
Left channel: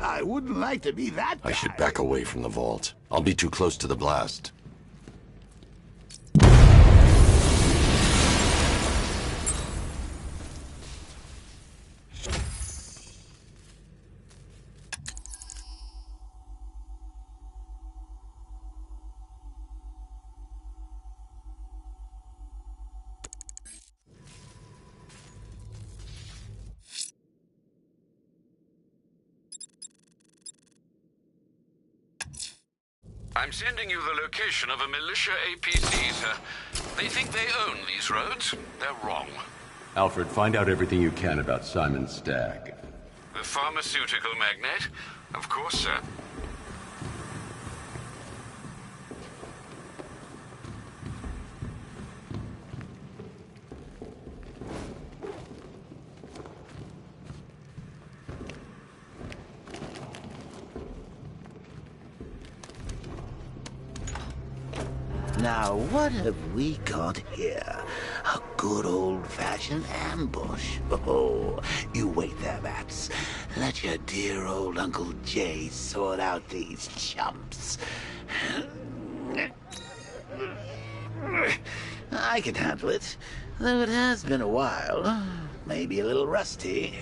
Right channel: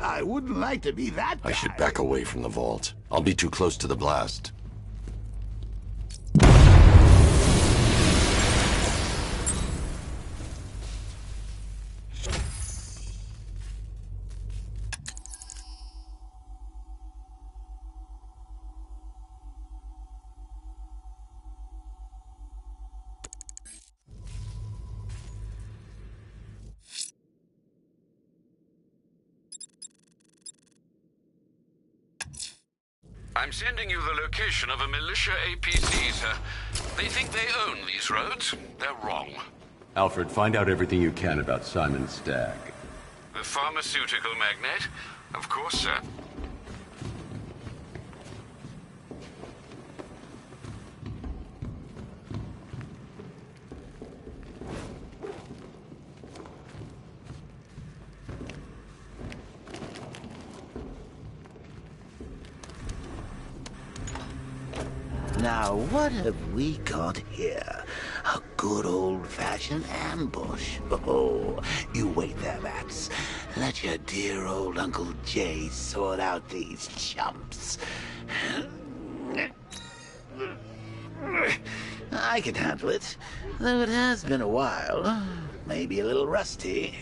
I wouldn't like to be that guy. I should back away from the vault. I'll be too close to the blast. I'm sending you the location of a militia APC, sir. They think they own these roads. They're wrong. Alfred, find out everything you can about Simon Stagg. The pharmaceutical magnate? Of course, sir. Now, what have we got here? A good old-fashioned ambush. Oh, you wait there, Bats. Let your dear old Uncle Jay sort out these chumps. I can handle it, though it has been a while. Maybe a little rusty.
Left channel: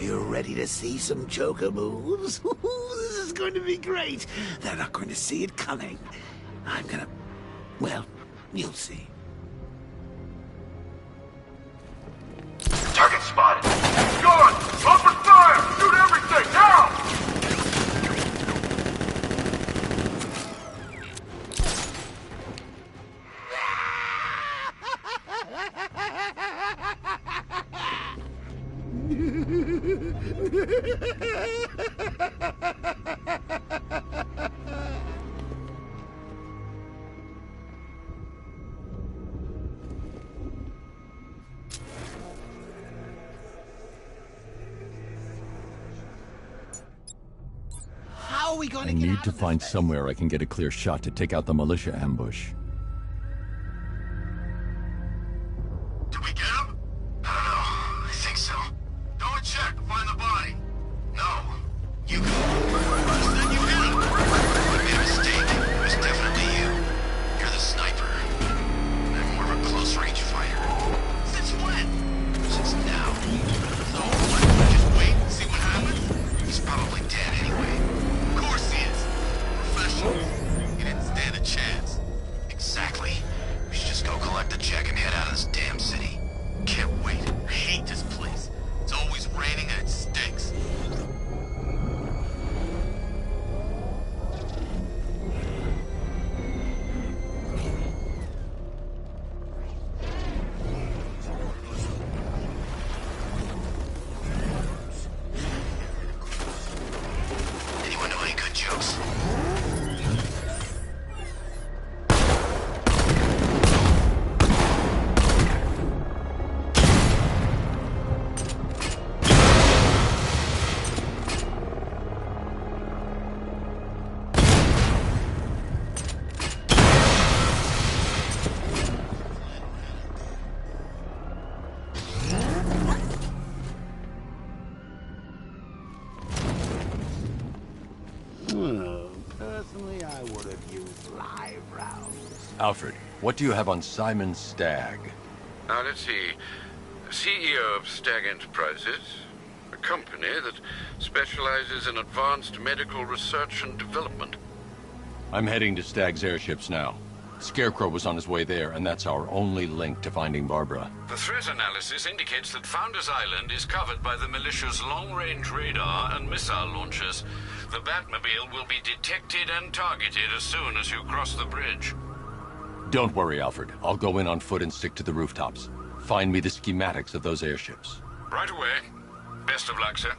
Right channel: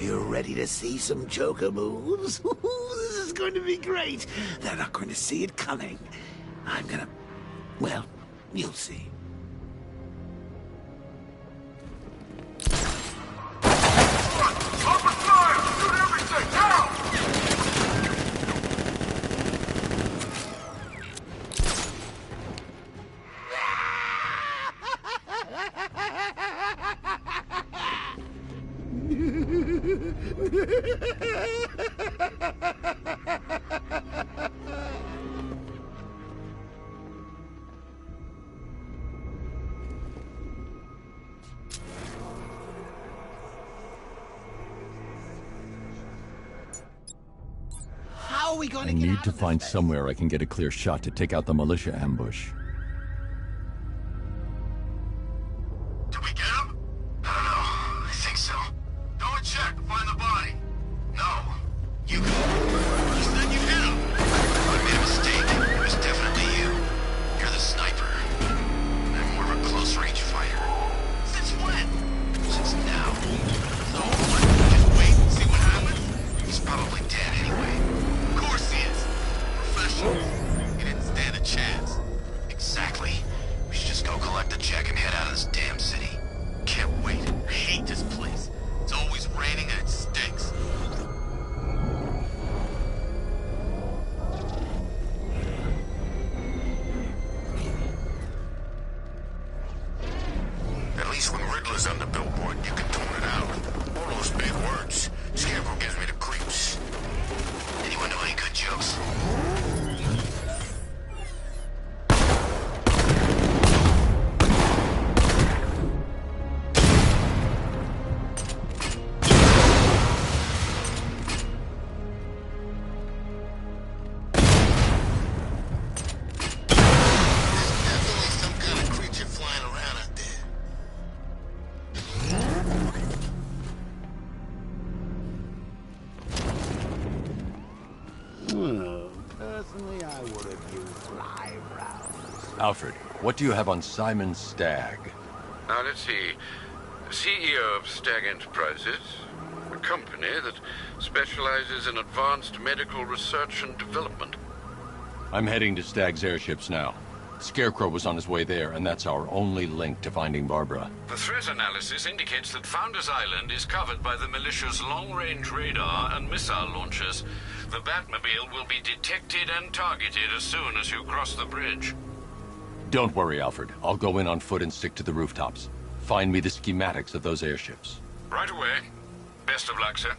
You ready to see some Joker moves? This is going to be great. They're not going to see it coming. I'm gonna... well, you'll see. Target spotted. Good! Open fire! Shoot everything! Now! How are we going I to get need out to of this find mess? somewhere I can get a clear shot to take out the militia ambush. Did we get him? I don't know. I think so. Go and check. Find the body. No. You go. You said you hit him. I made a mistake. It was definitely you. You're the sniper. I'm more of a close-range fighter. Since when? Since now. So what? Just wait and see what happens? He's probably dead anyway. Of course he is. Professional. He didn't stand a chance. Exactly. We should just go collect the check and head out of this damn city. Can't wait. I hate this place. It's always raining and it stinks. At least when Riddler's on the billboard, you can tone it out. All those big words. Scarecrow gives me the creeps. Anyone know any good jokes? Creature flying around out there. Personally, I would have used live rounds. Alfred, what do you have on Simon Stagg? Now, let's see. CEO of Stagg Enterprises, a company that specializes in advanced medical research and development. I'm heading to Stagg's airships now. Scarecrow was on his way there, and that's our only link to finding Barbara. The threat analysis indicates that Founders Island is covered by the militia's long-range radar and missile launchers. The Batmobile will be detected and targeted as soon as you cross the bridge. Don't worry, Alfred. I'll go in on foot and stick to the rooftops. Find me the schematics of those airships. Right away. Best of luck, sir.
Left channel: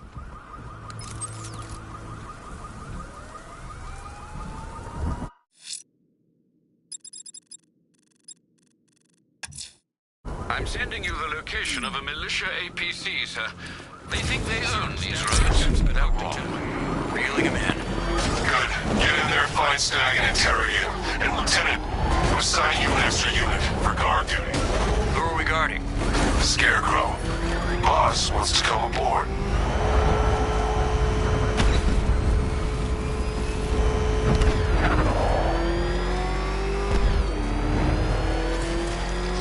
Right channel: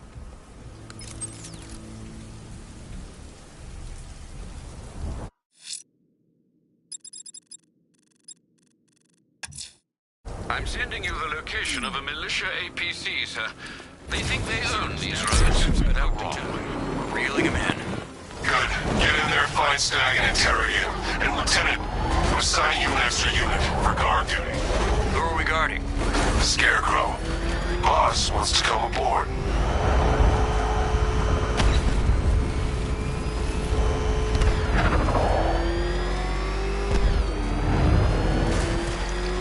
I'm sending you the location of a militia APC, sir. They think they own these roads, but they're wrong. Reeling him in. Good. Get in there, find Stagg, and interrogate him. And Lieutenant, I'm assigning you an extra unit for guard duty. Who are we guarding? Scarecrow. Boss wants to come aboard.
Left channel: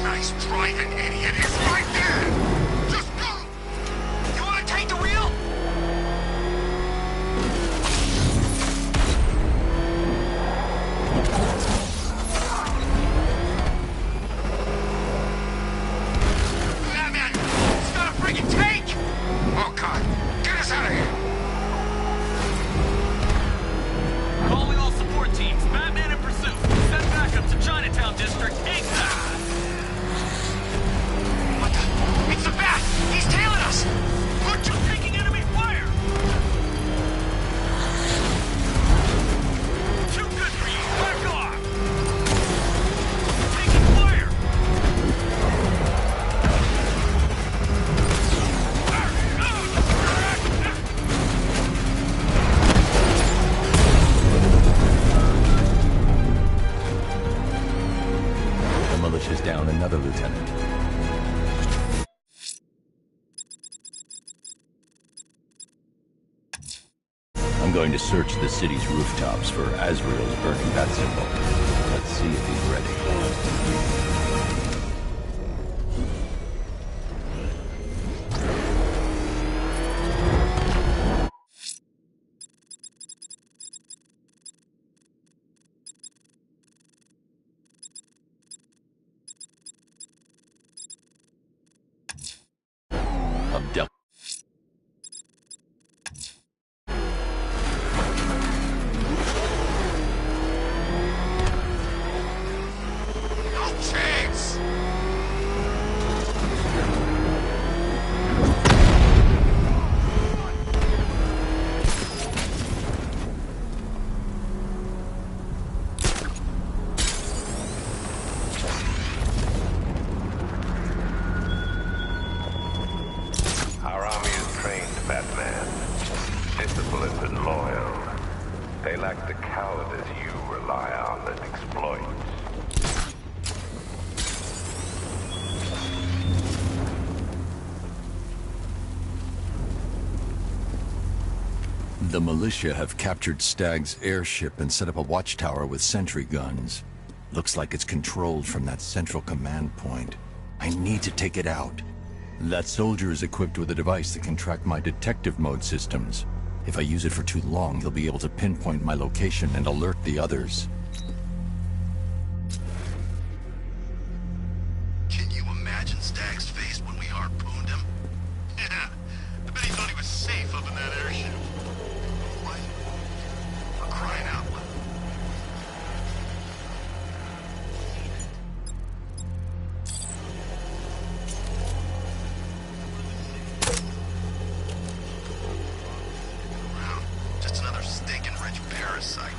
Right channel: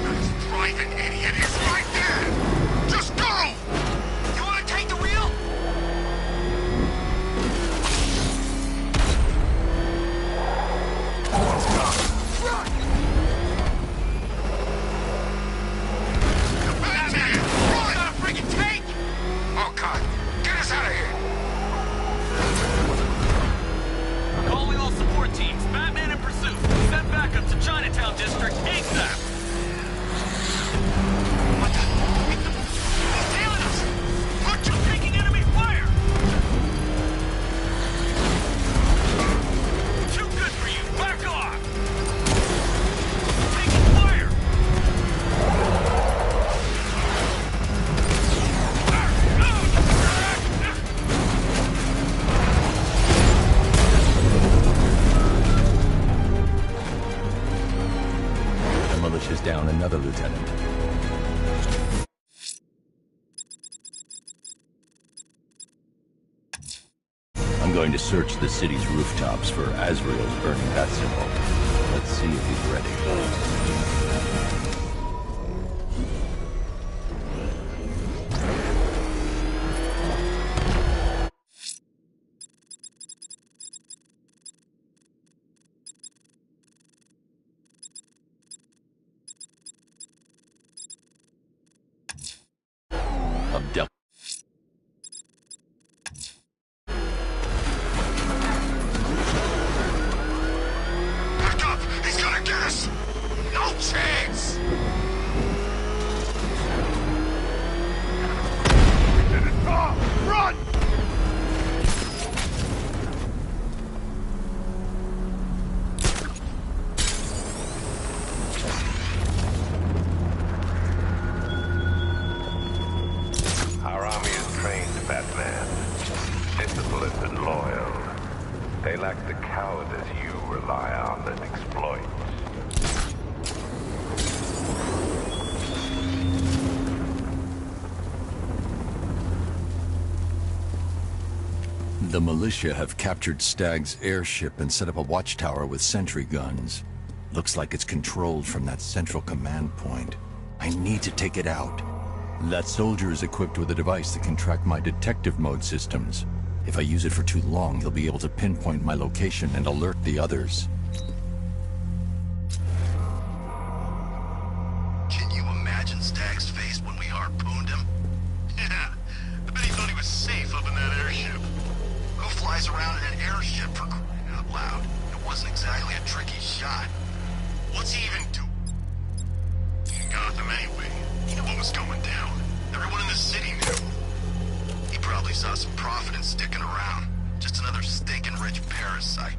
Nice driving, idiot. It's right there. Just go. You want to take the wheel? Batman, it's not a friggin' tank. Oh God, another, Lieutenant. I'm going to search the city's rooftops for Azrael's burning bat symbol. Let's see if he's ready. Abduct. He's got a gas! No chance! Run! Our army is trained, Batman. Disciplined and loyal. They lack the cowardice you rely on and exploit. The militia have captured Stagg's airship and set up a watchtower with sentry guns. Looks like it's controlled from that central command point. I need to take it out. That soldier is equipped with a device that can track my detective mode systems. If I use it for too long, he'll be able to pinpoint my location and alert the others. Can you imagine Stagg's face when we harpooned him? Yeah, I bet he thought he was safe up in that airship. Who flies around in an airship for crying out loud? It wasn't exactly a tricky shot. What's he even do? Gotham anyway. What was going down? Everyone in the city knew. He probably saw some profit in sticking around. Just another stinking rich parasite.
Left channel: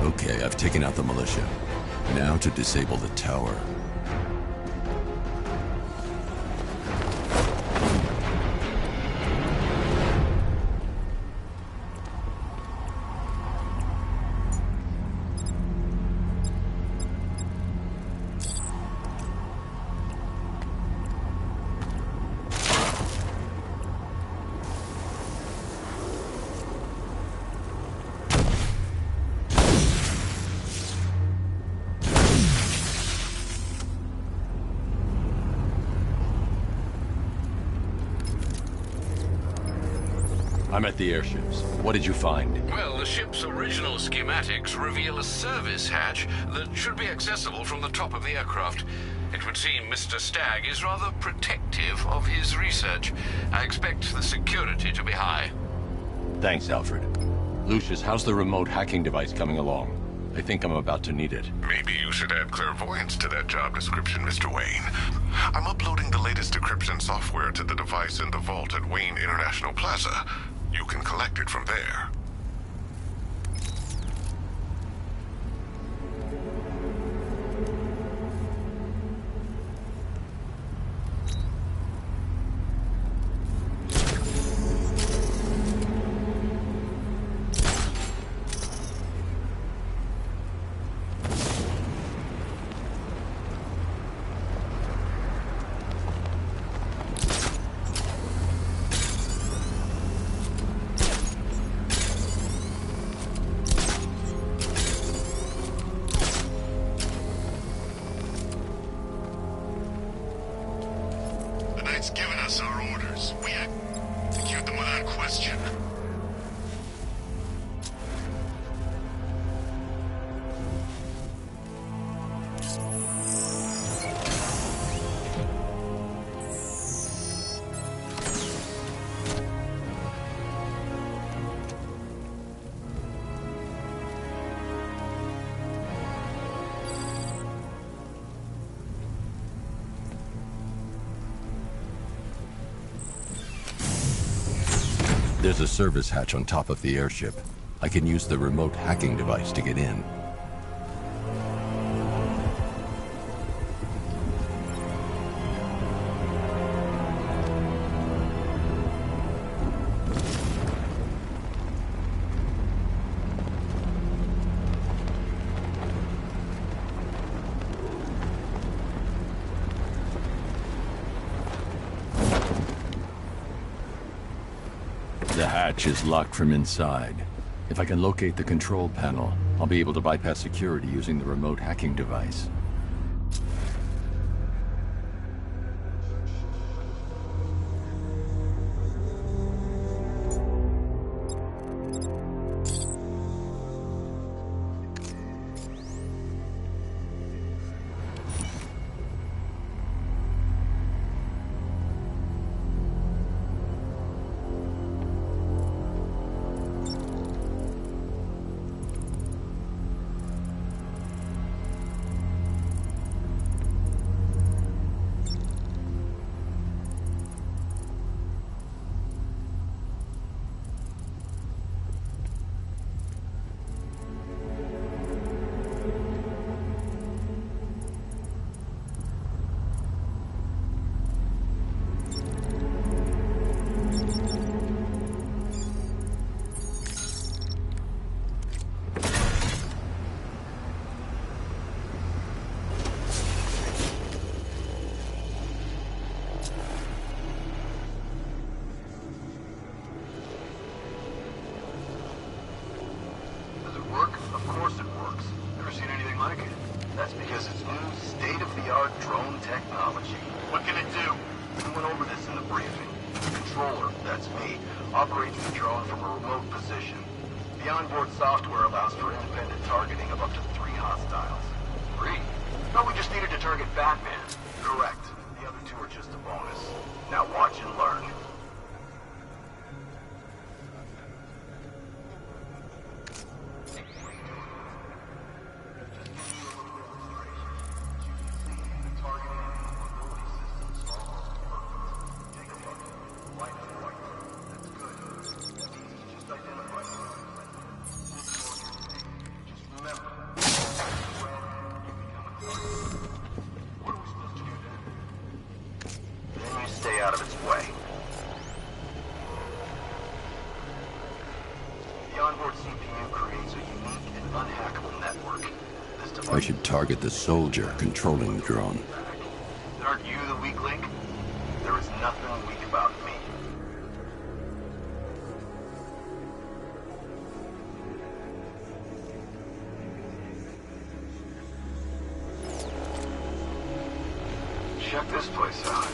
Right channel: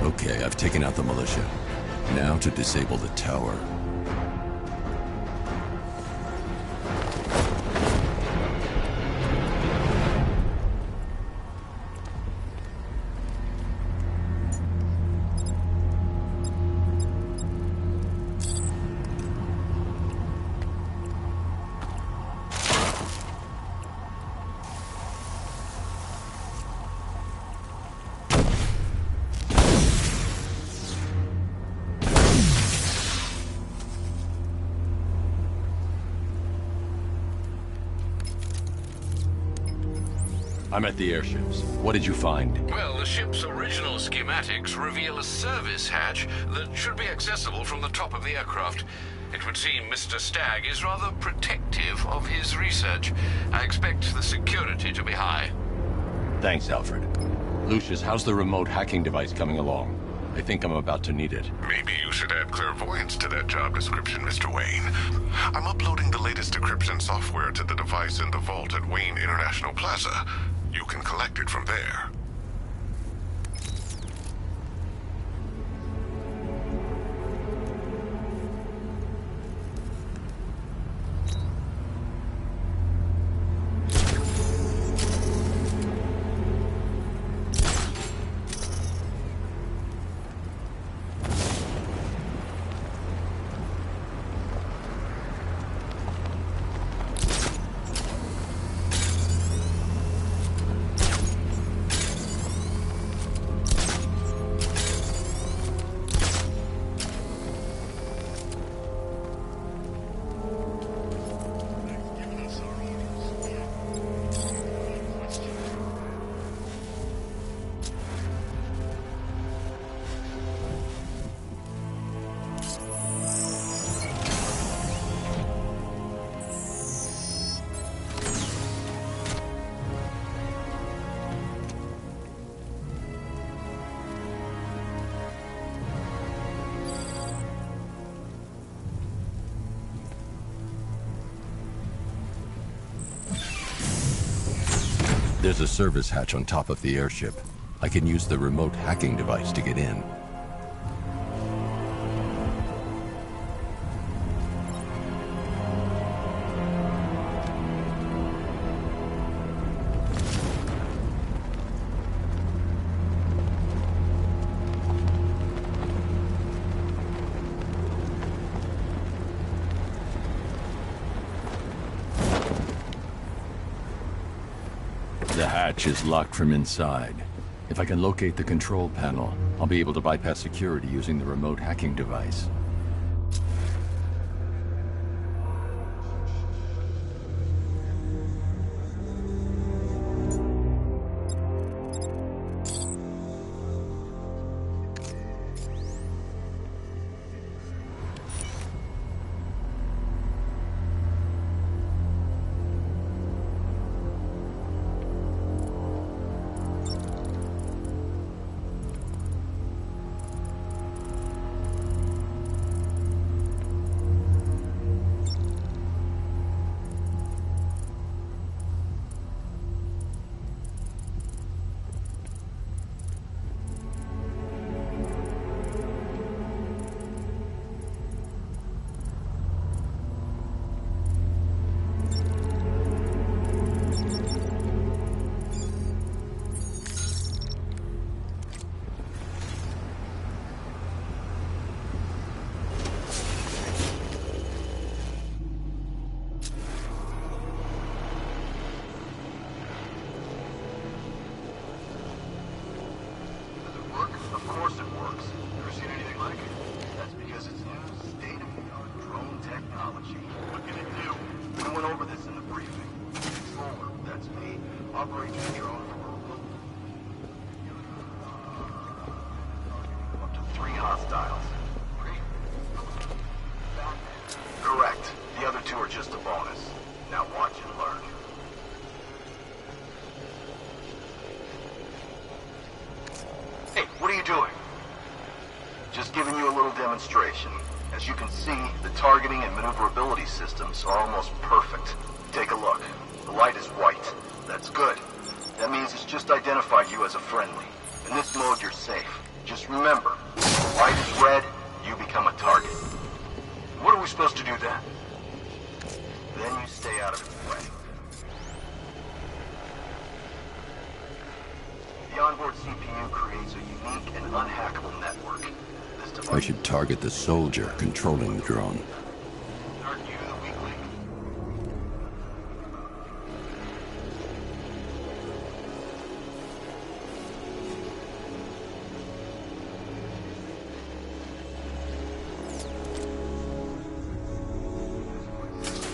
Okay, I've taken out the militia. Now to disable the tower. I'm at the airships. What did you find? Well, the ship's original schematics reveal a service hatch that should be accessible from the top of the aircraft. It would seem Mr. Stagg is rather protective of his research. I expect the security to be high. Thanks, Alfred. Lucius, how's the remote hacking device coming along? I think I'm about to need it. Maybe you should add clairvoyance to that job description, Mr. Wayne. I'm uploading the latest decryption software to the device in the vault at Wayne International Plaza. You can collect it from there. There's a service hatch on top of the airship. I can use the remote hacking device to get in. The hatch is locked from inside. If I can locate the control panel, I'll be able to bypass security using the remote hacking device. I should target the soldier controlling the drone. Aren't you the weak link? There is nothing weak about me. Check this place out.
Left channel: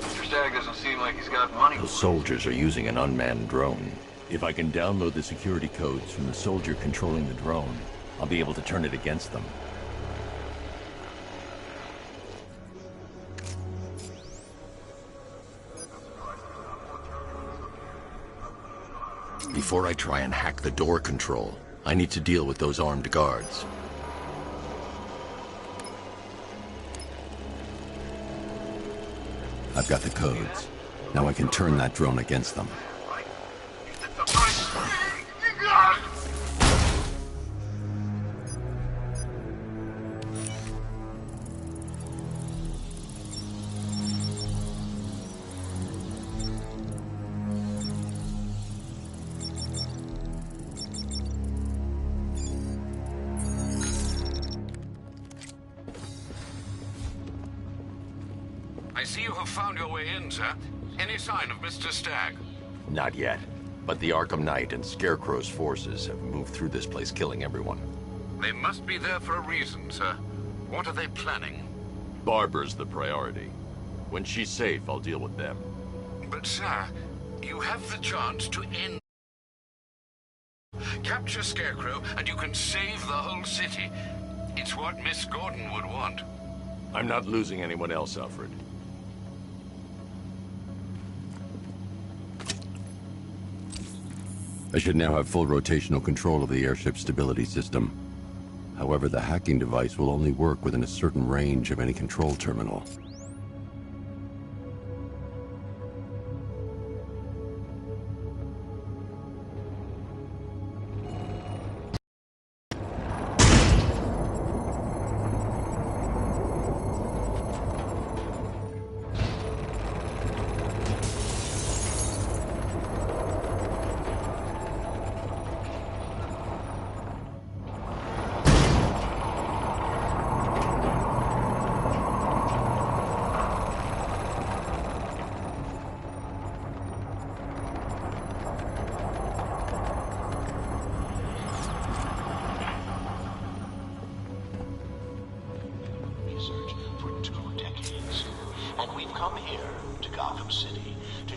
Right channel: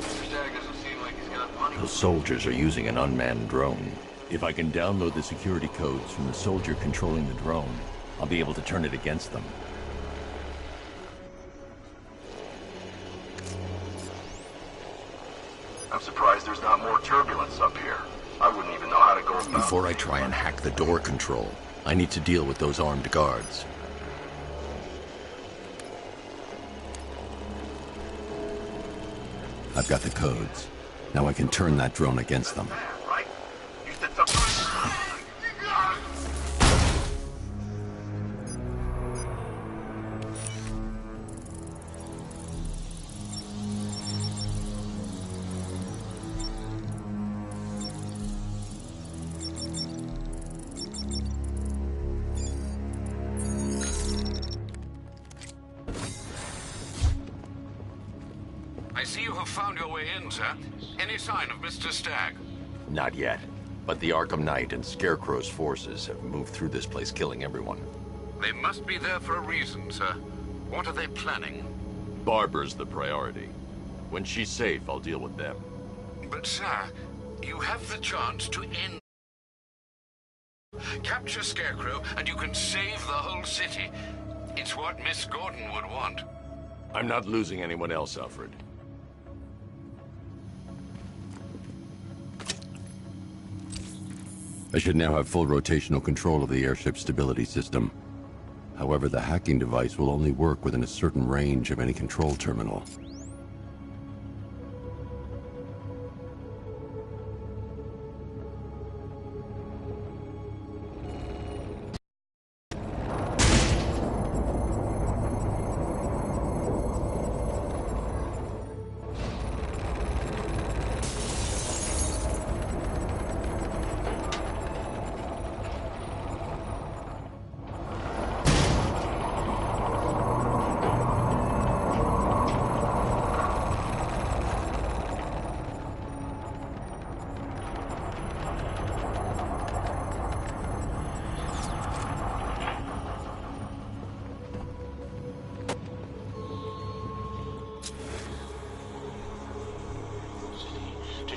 Mr. Stagg doesn't seem like he's got money. The soldiers are using an unmanned drone. If I can download the security codes from the soldier controlling the drone, I'll be able to turn it against them. Before I try and hack the door control, I need to deal with those armed guards. I've got the codes. Now I can turn that drone against them. I see you have found your way in, sir. Any sign of Mr. Stagg? Not yet. But the Arkham Knight and Scarecrow's forces have moved through this place, killing everyone. They must be there for a reason, sir. What are they planning? Barbara's the priority. When she's safe, I'll deal with them. But, sir, you have the chance to end... Capture Scarecrow, and you can save the whole city. It's what Miss Gordon would want. I'm not losing anyone else, Alfred. I should now have full rotational control of the airship stability system. However, the hacking device will only work within a certain range of any control terminal.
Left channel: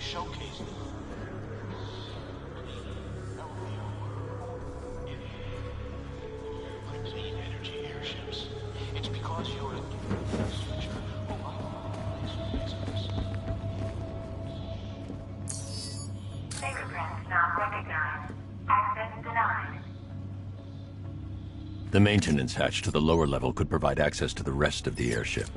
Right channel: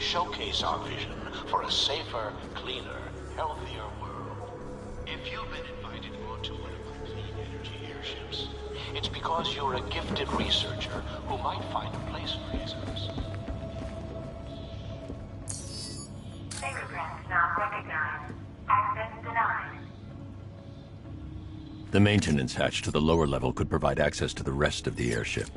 Showcase our vision for a safer, cleaner, healthier world. If you've been invited on tour by clean energy airships, it's because you're a gifted researcher who might find a place for reasons. Fingerprints not recognized. Access denied. The maintenance hatch to the lower level could provide access to the rest of the airship.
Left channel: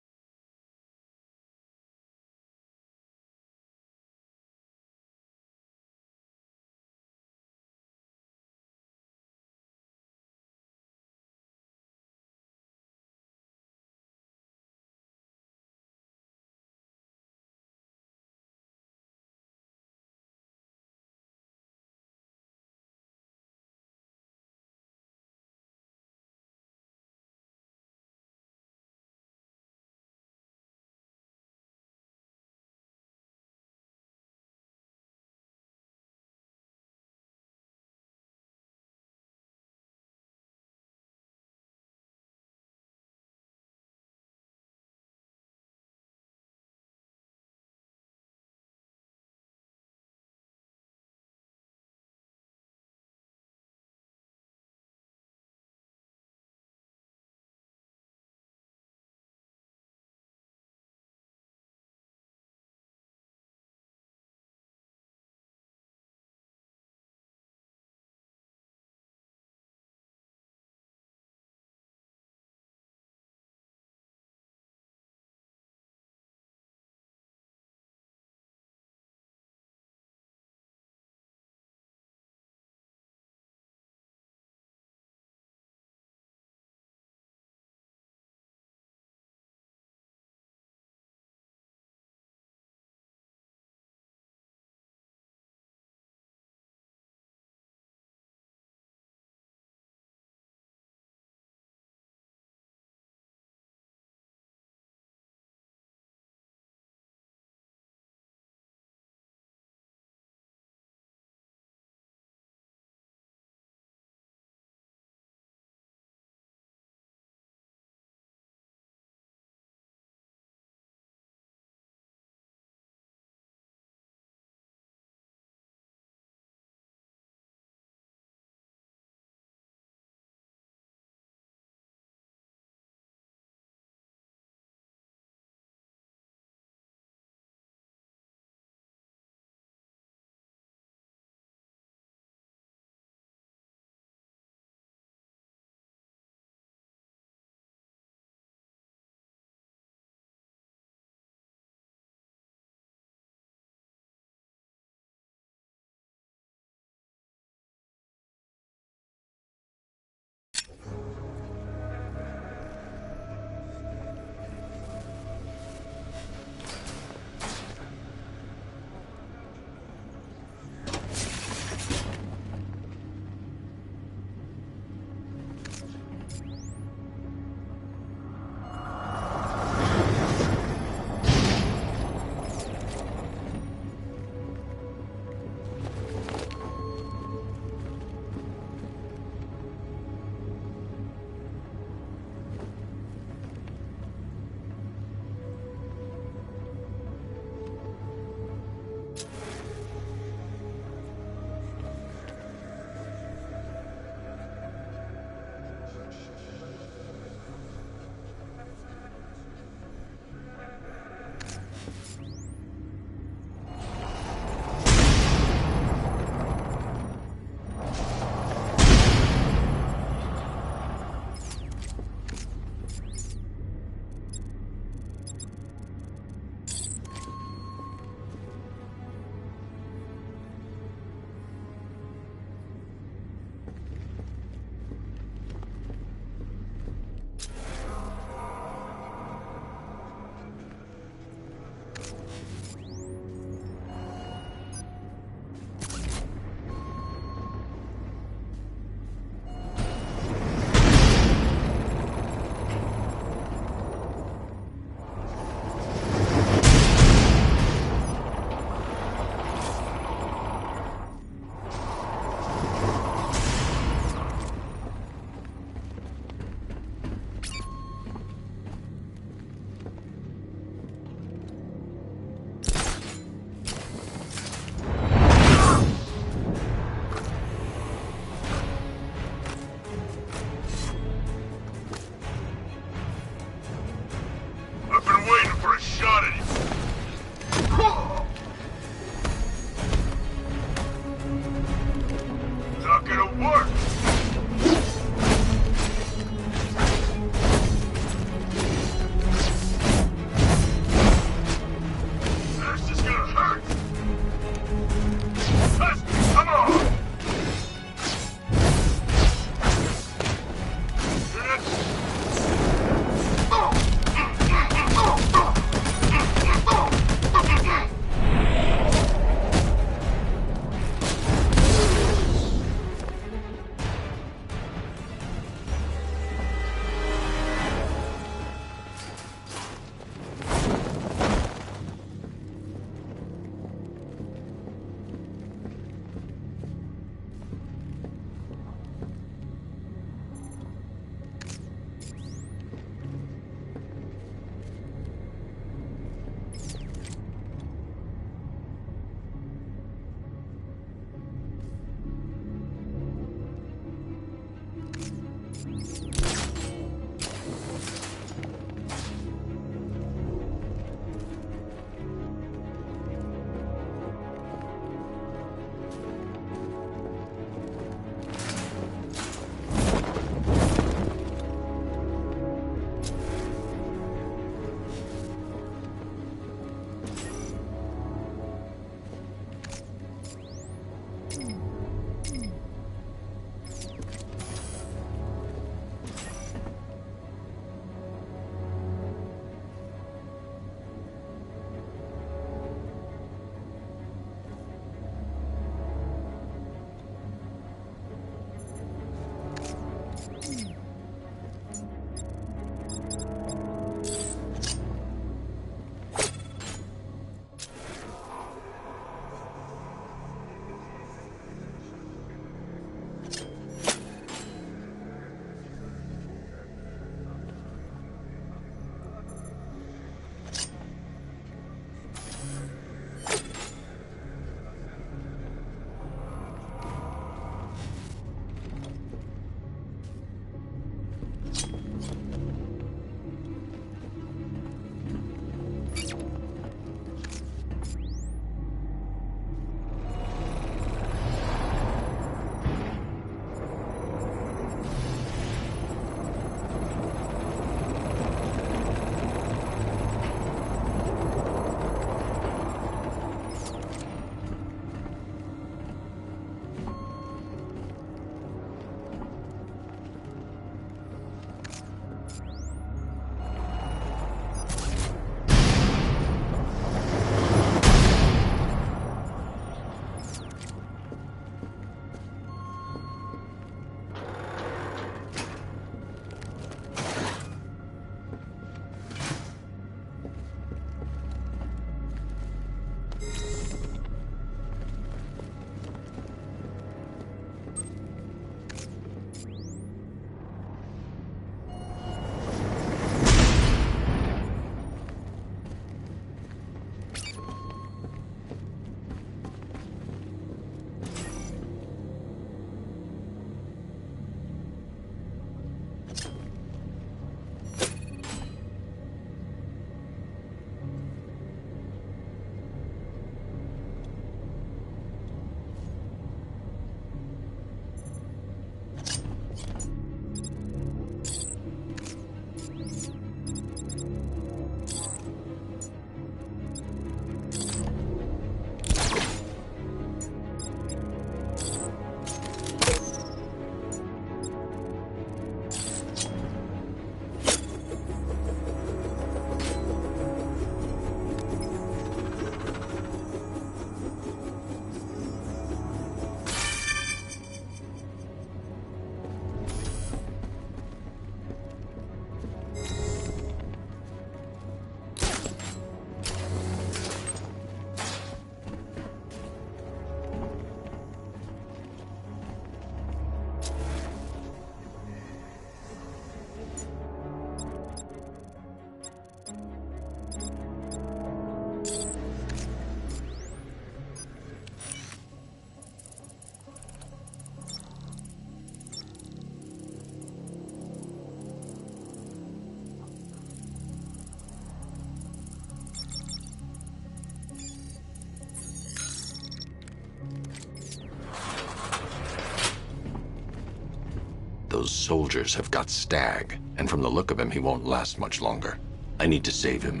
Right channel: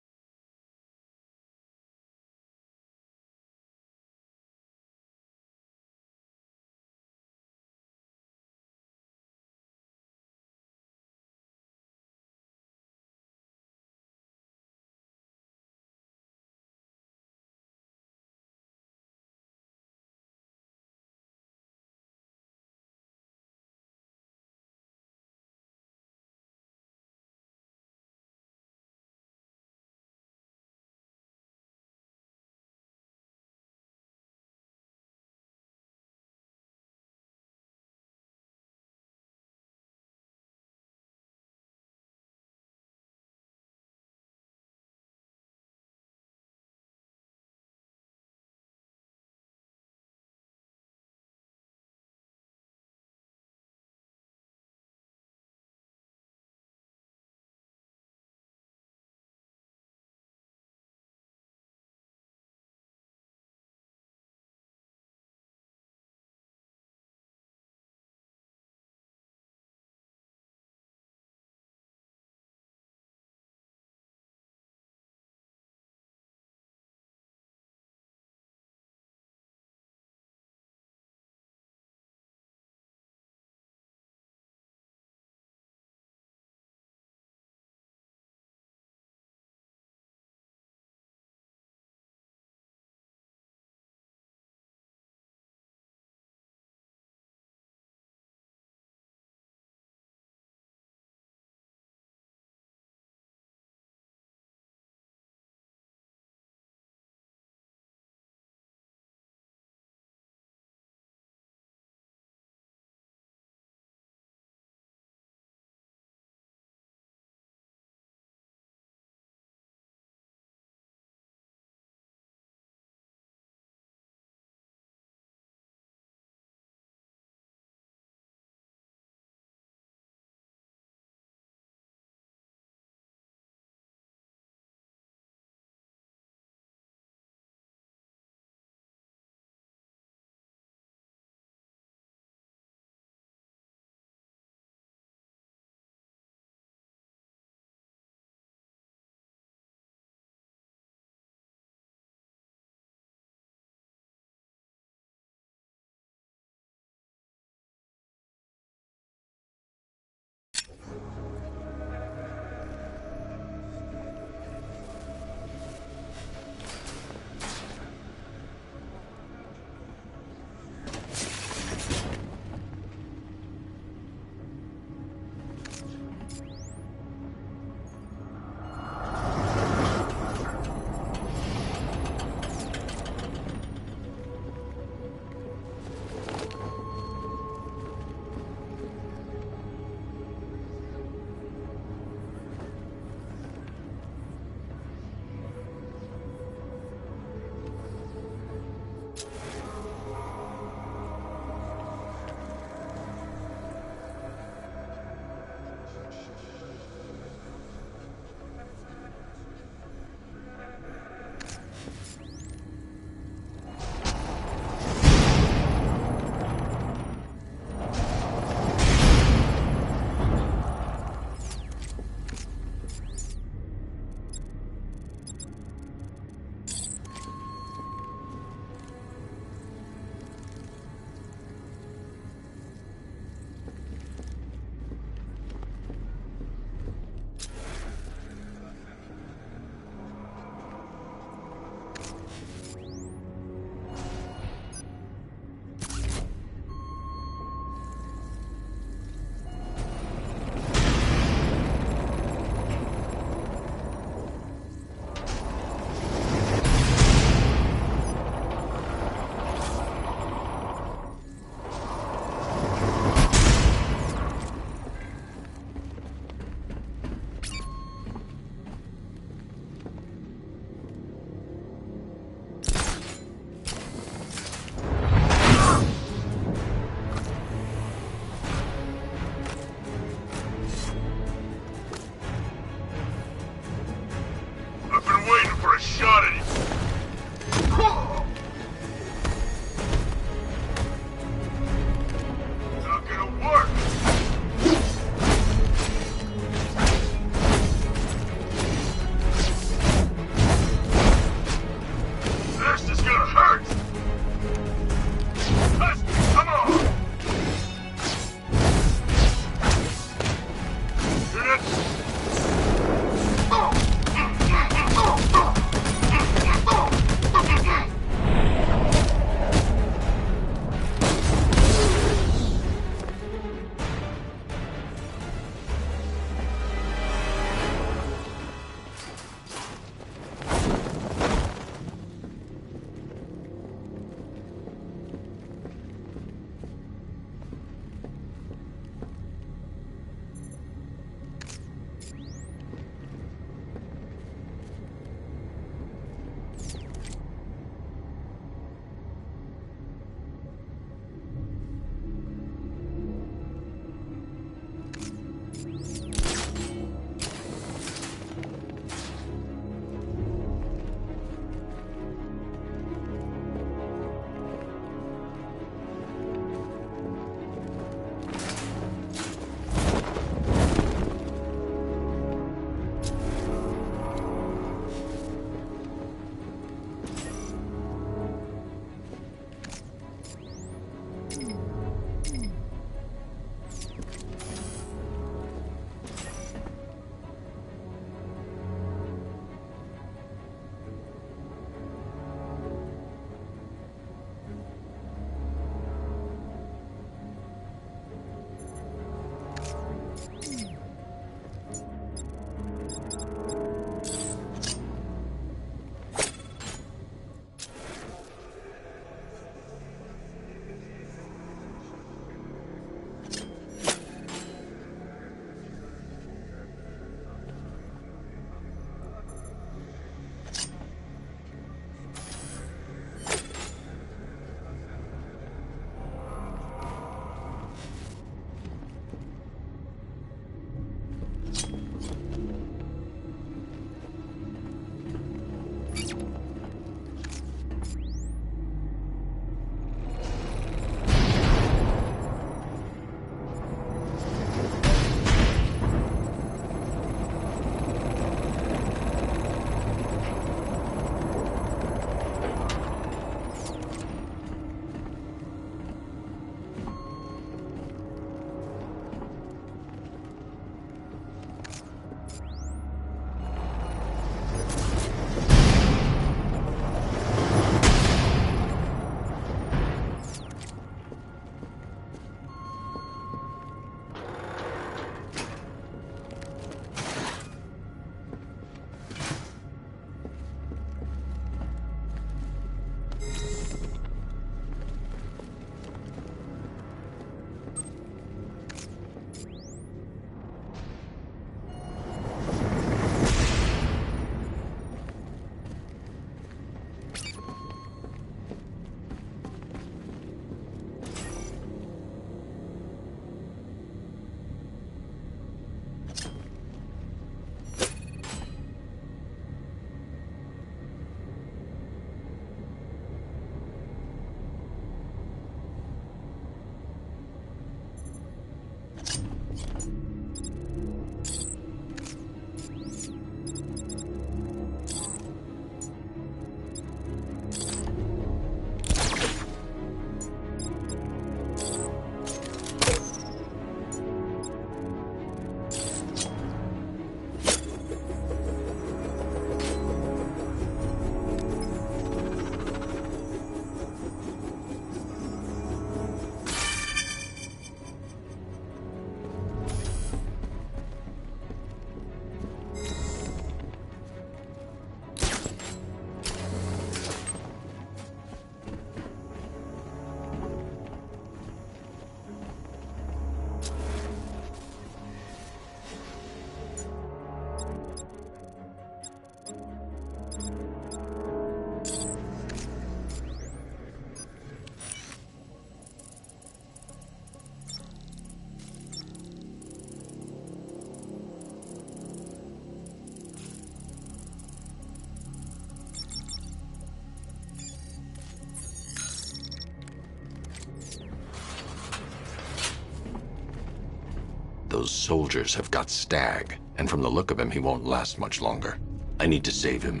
Those soldiers have got Stag, and from the look of him, he won't last much longer. I need to save him.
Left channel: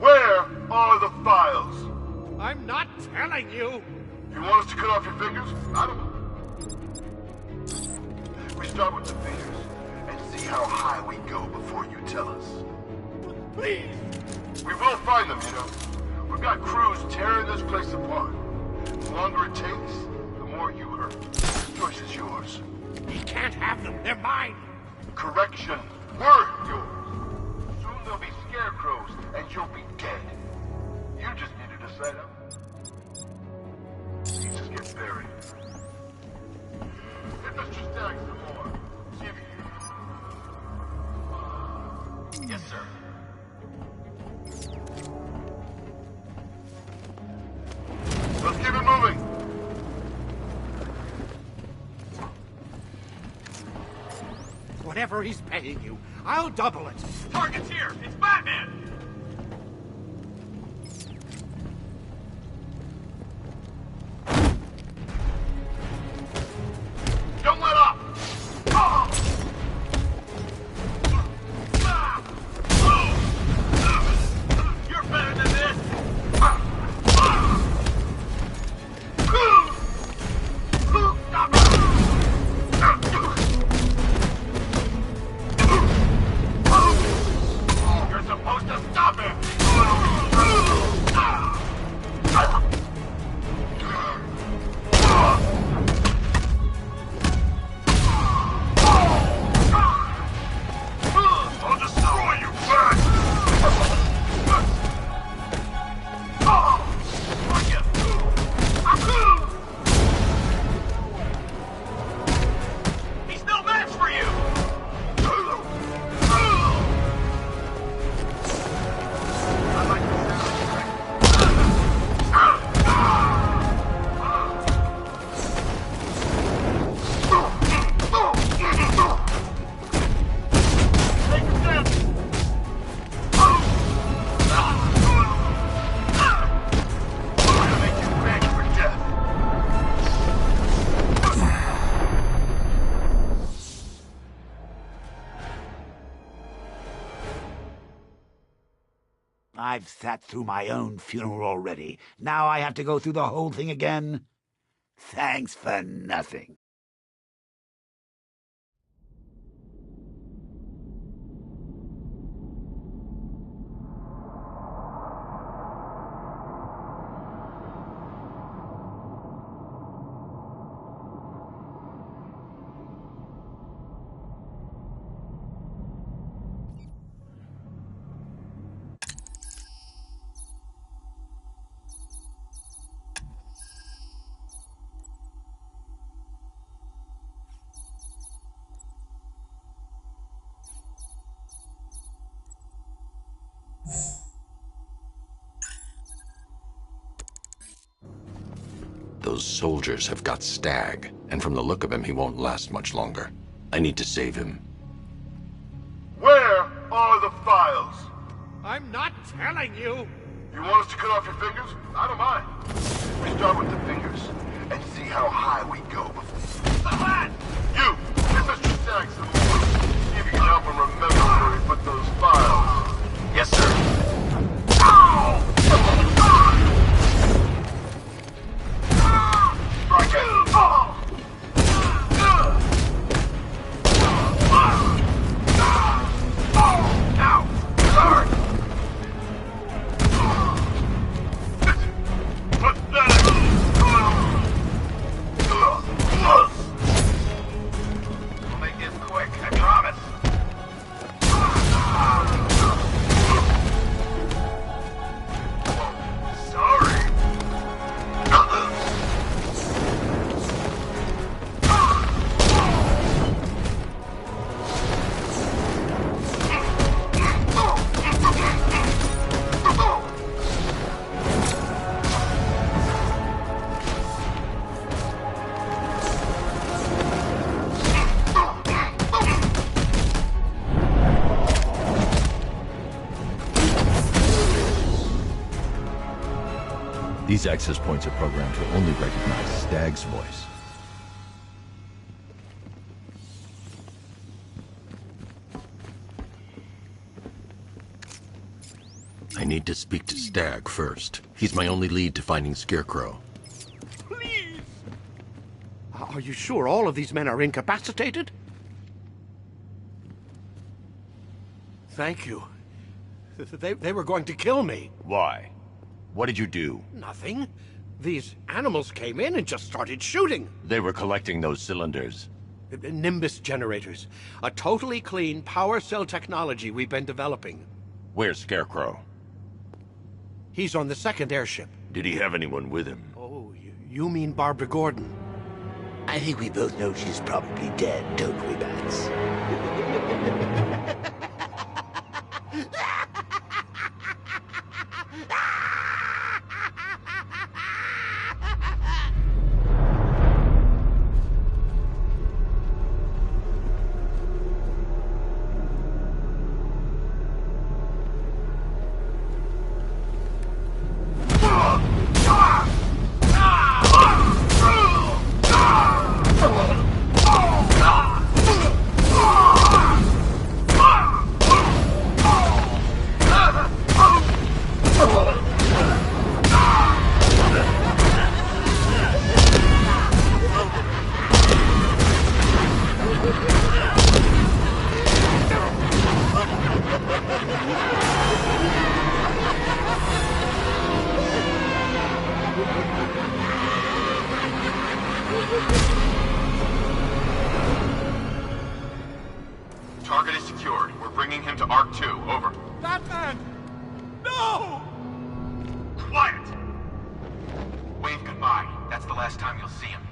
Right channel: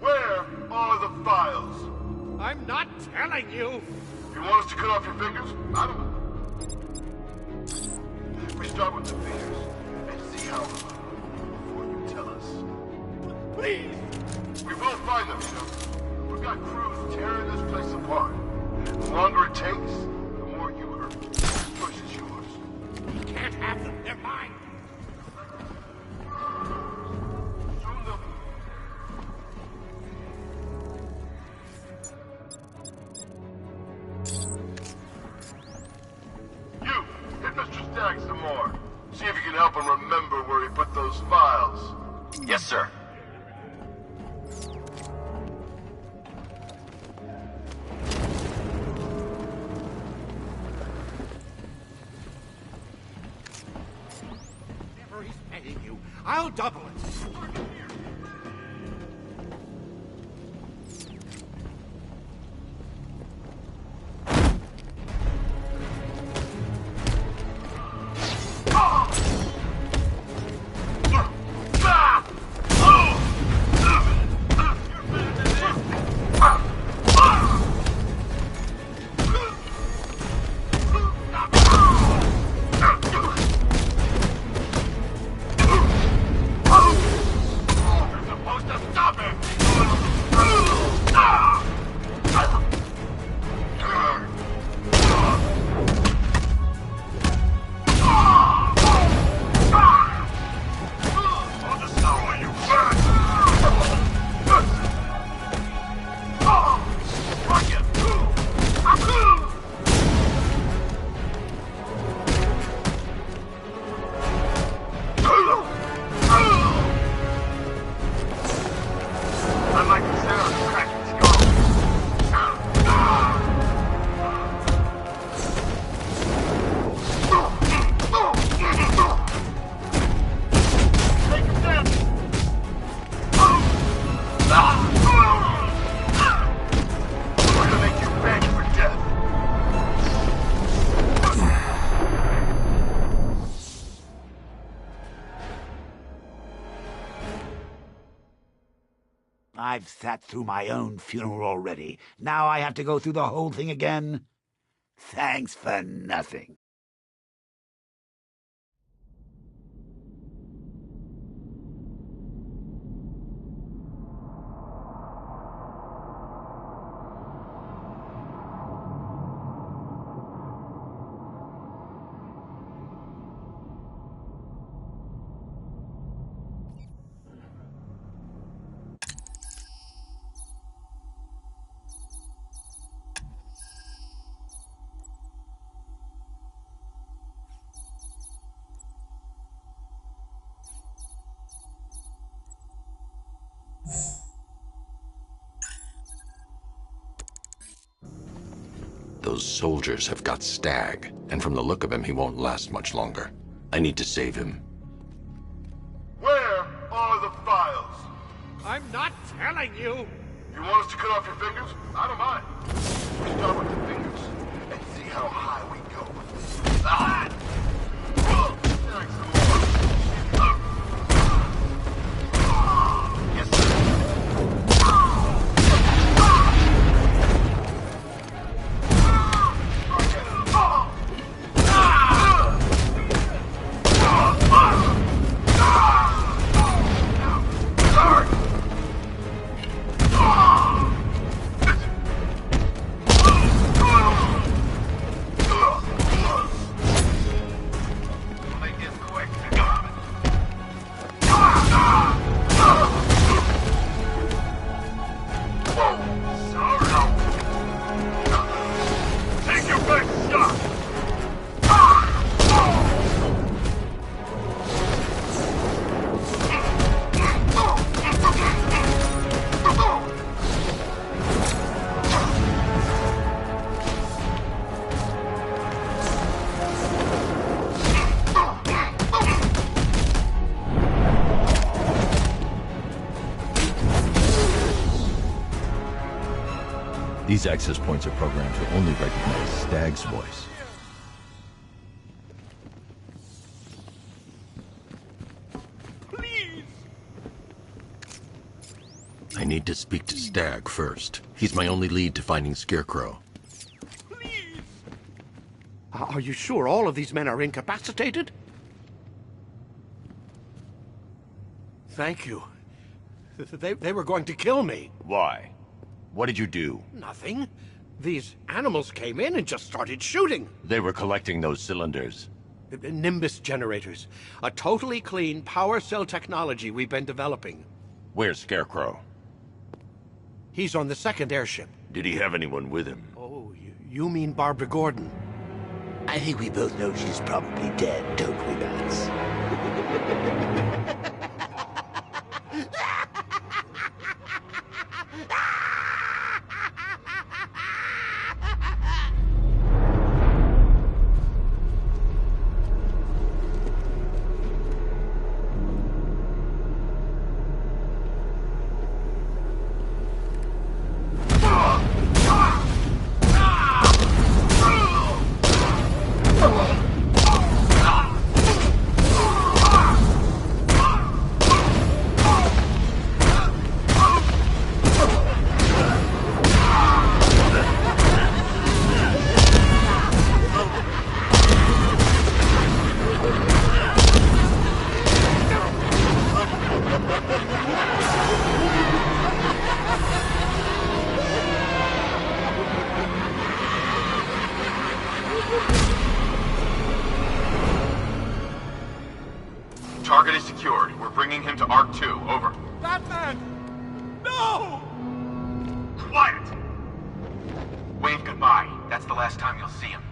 Where are the files? I'm not telling you. You want us to cut off your fingers? I don't know. We start with the fingers and see how high we go before you tell us. Please. We will find them, you know. We've got crews tearing this place apart. The longer it takes, the more you hurt. This choice is yours. We can't have them. They're mine. Correction. We're yours. Soon they'll be scarecrows, and you'll be dead. You just need to decide how. Just get buried. You, hit Mr. Stagg some more. See if you can help him remember where he put those files. Yes, sir. Let's keep it moving. Whatever he's paying you, I'll double it. Target's here. It's Batman. Don't let up. Oh! You're better than this. You're supposed to stop him. I'll destroy you, Bat. He's no match for you. I like the sound of cracking Take a step. We're gonna make you beg for death. I've sat through my own funeral already. Now I have to go through the whole thing again? Thanks for nothing. Those soldiers have got Stag, and from the look of him, he won't last much longer. I need to save him. Where are the files? I'm not telling you. You want us to cut off your fingers? I don't mind. We start with the fingers and see how high we go before. You, Mr. Stagg some more. See if you can help him remember where he put those files. Yes, sir. We'll make this quick, I promise. Sorry. Take your back stop. These access points are programmed to only recognize Stag's voice. need to speak to Stagg first. He's my only lead to finding Scarecrow. Please! Are you sure all of these men are incapacitated? Thank you. They were going to kill me. Why? What did you do? Nothing. These animals came in and just started shooting. They were collecting those cylinders. Nimbus generators. A totally clean power cell technology we've been developing. Where's Scarecrow? He's on the second airship. Did he have anyone with him? Oh, you mean Barbara Gordon? I think we both know she's probably dead, don't we, Bats? Target is secured. We're bringing him to Arc 2. Over. Batman! No! Quiet! Wave goodbye. That's the last time you'll see him.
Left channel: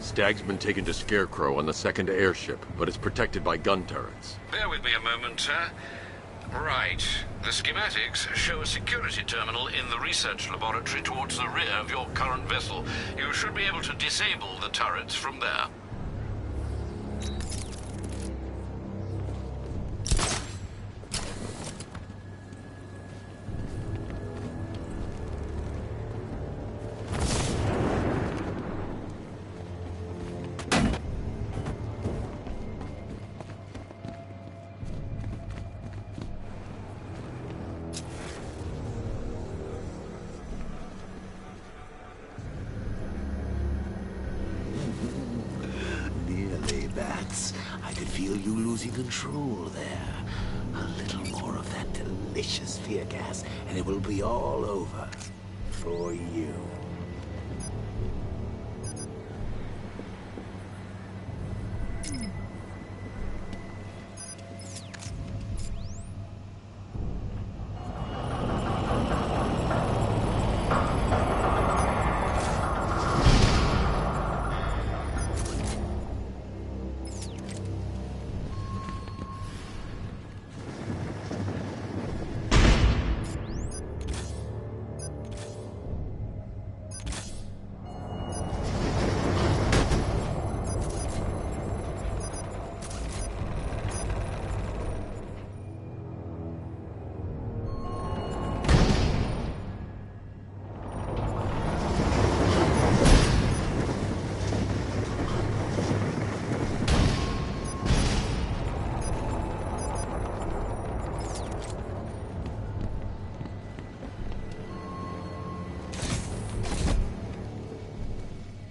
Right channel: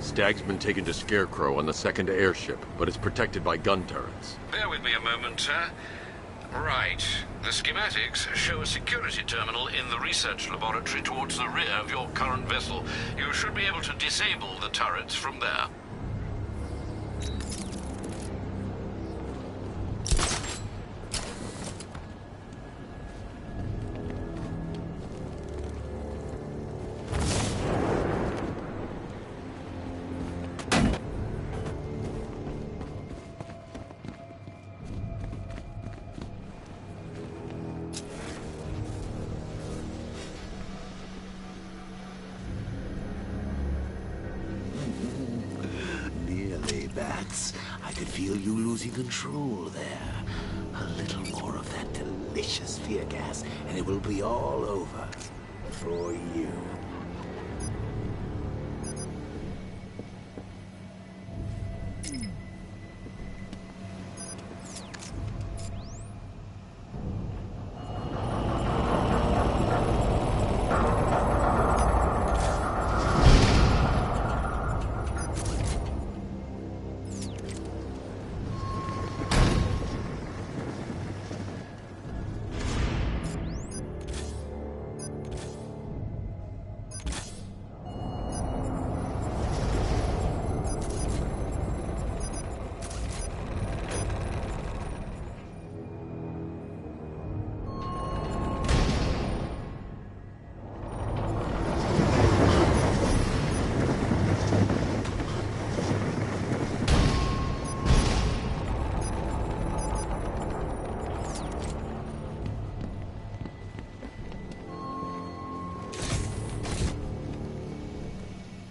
Stagg's been taken to Scarecrow on the second airship, but it's protected by gun turrets. Bear with me a moment, sir. Right. The schematics show a security terminal in the research laboratory towards the rear of your current vessel. You should be able to disable the turrets from there. feel you losing control there. A little more of that delicious fear gas, and it will be all over. For you.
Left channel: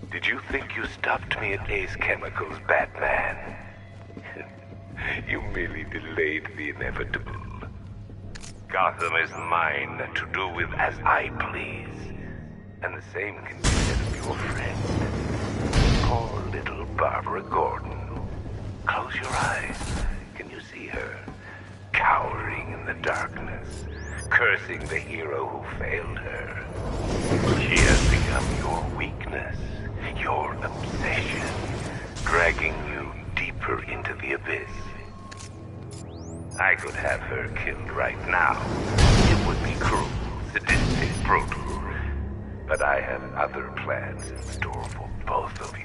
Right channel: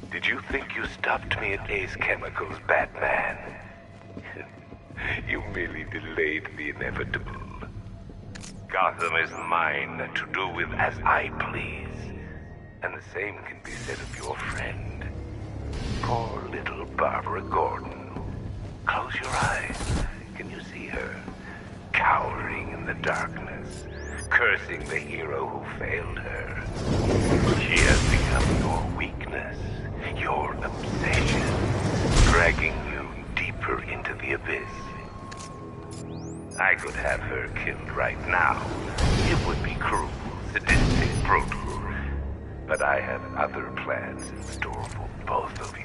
Did you think you stopped me at Ace Chemicals, Batman? You merely delayed the inevitable. Gotham is mine to do with as I please. And the same can be said of your friend. Poor little Barbara Gordon. Close your eyes. Can you see her? Cowering in the darkness, cursing the hero who failed her. She has become your weakness, your obsession, dragging you deeper into the abyss. I could have her killed right now. It would be cruel, sadistic, brutal. But I have other plans in store for both of you.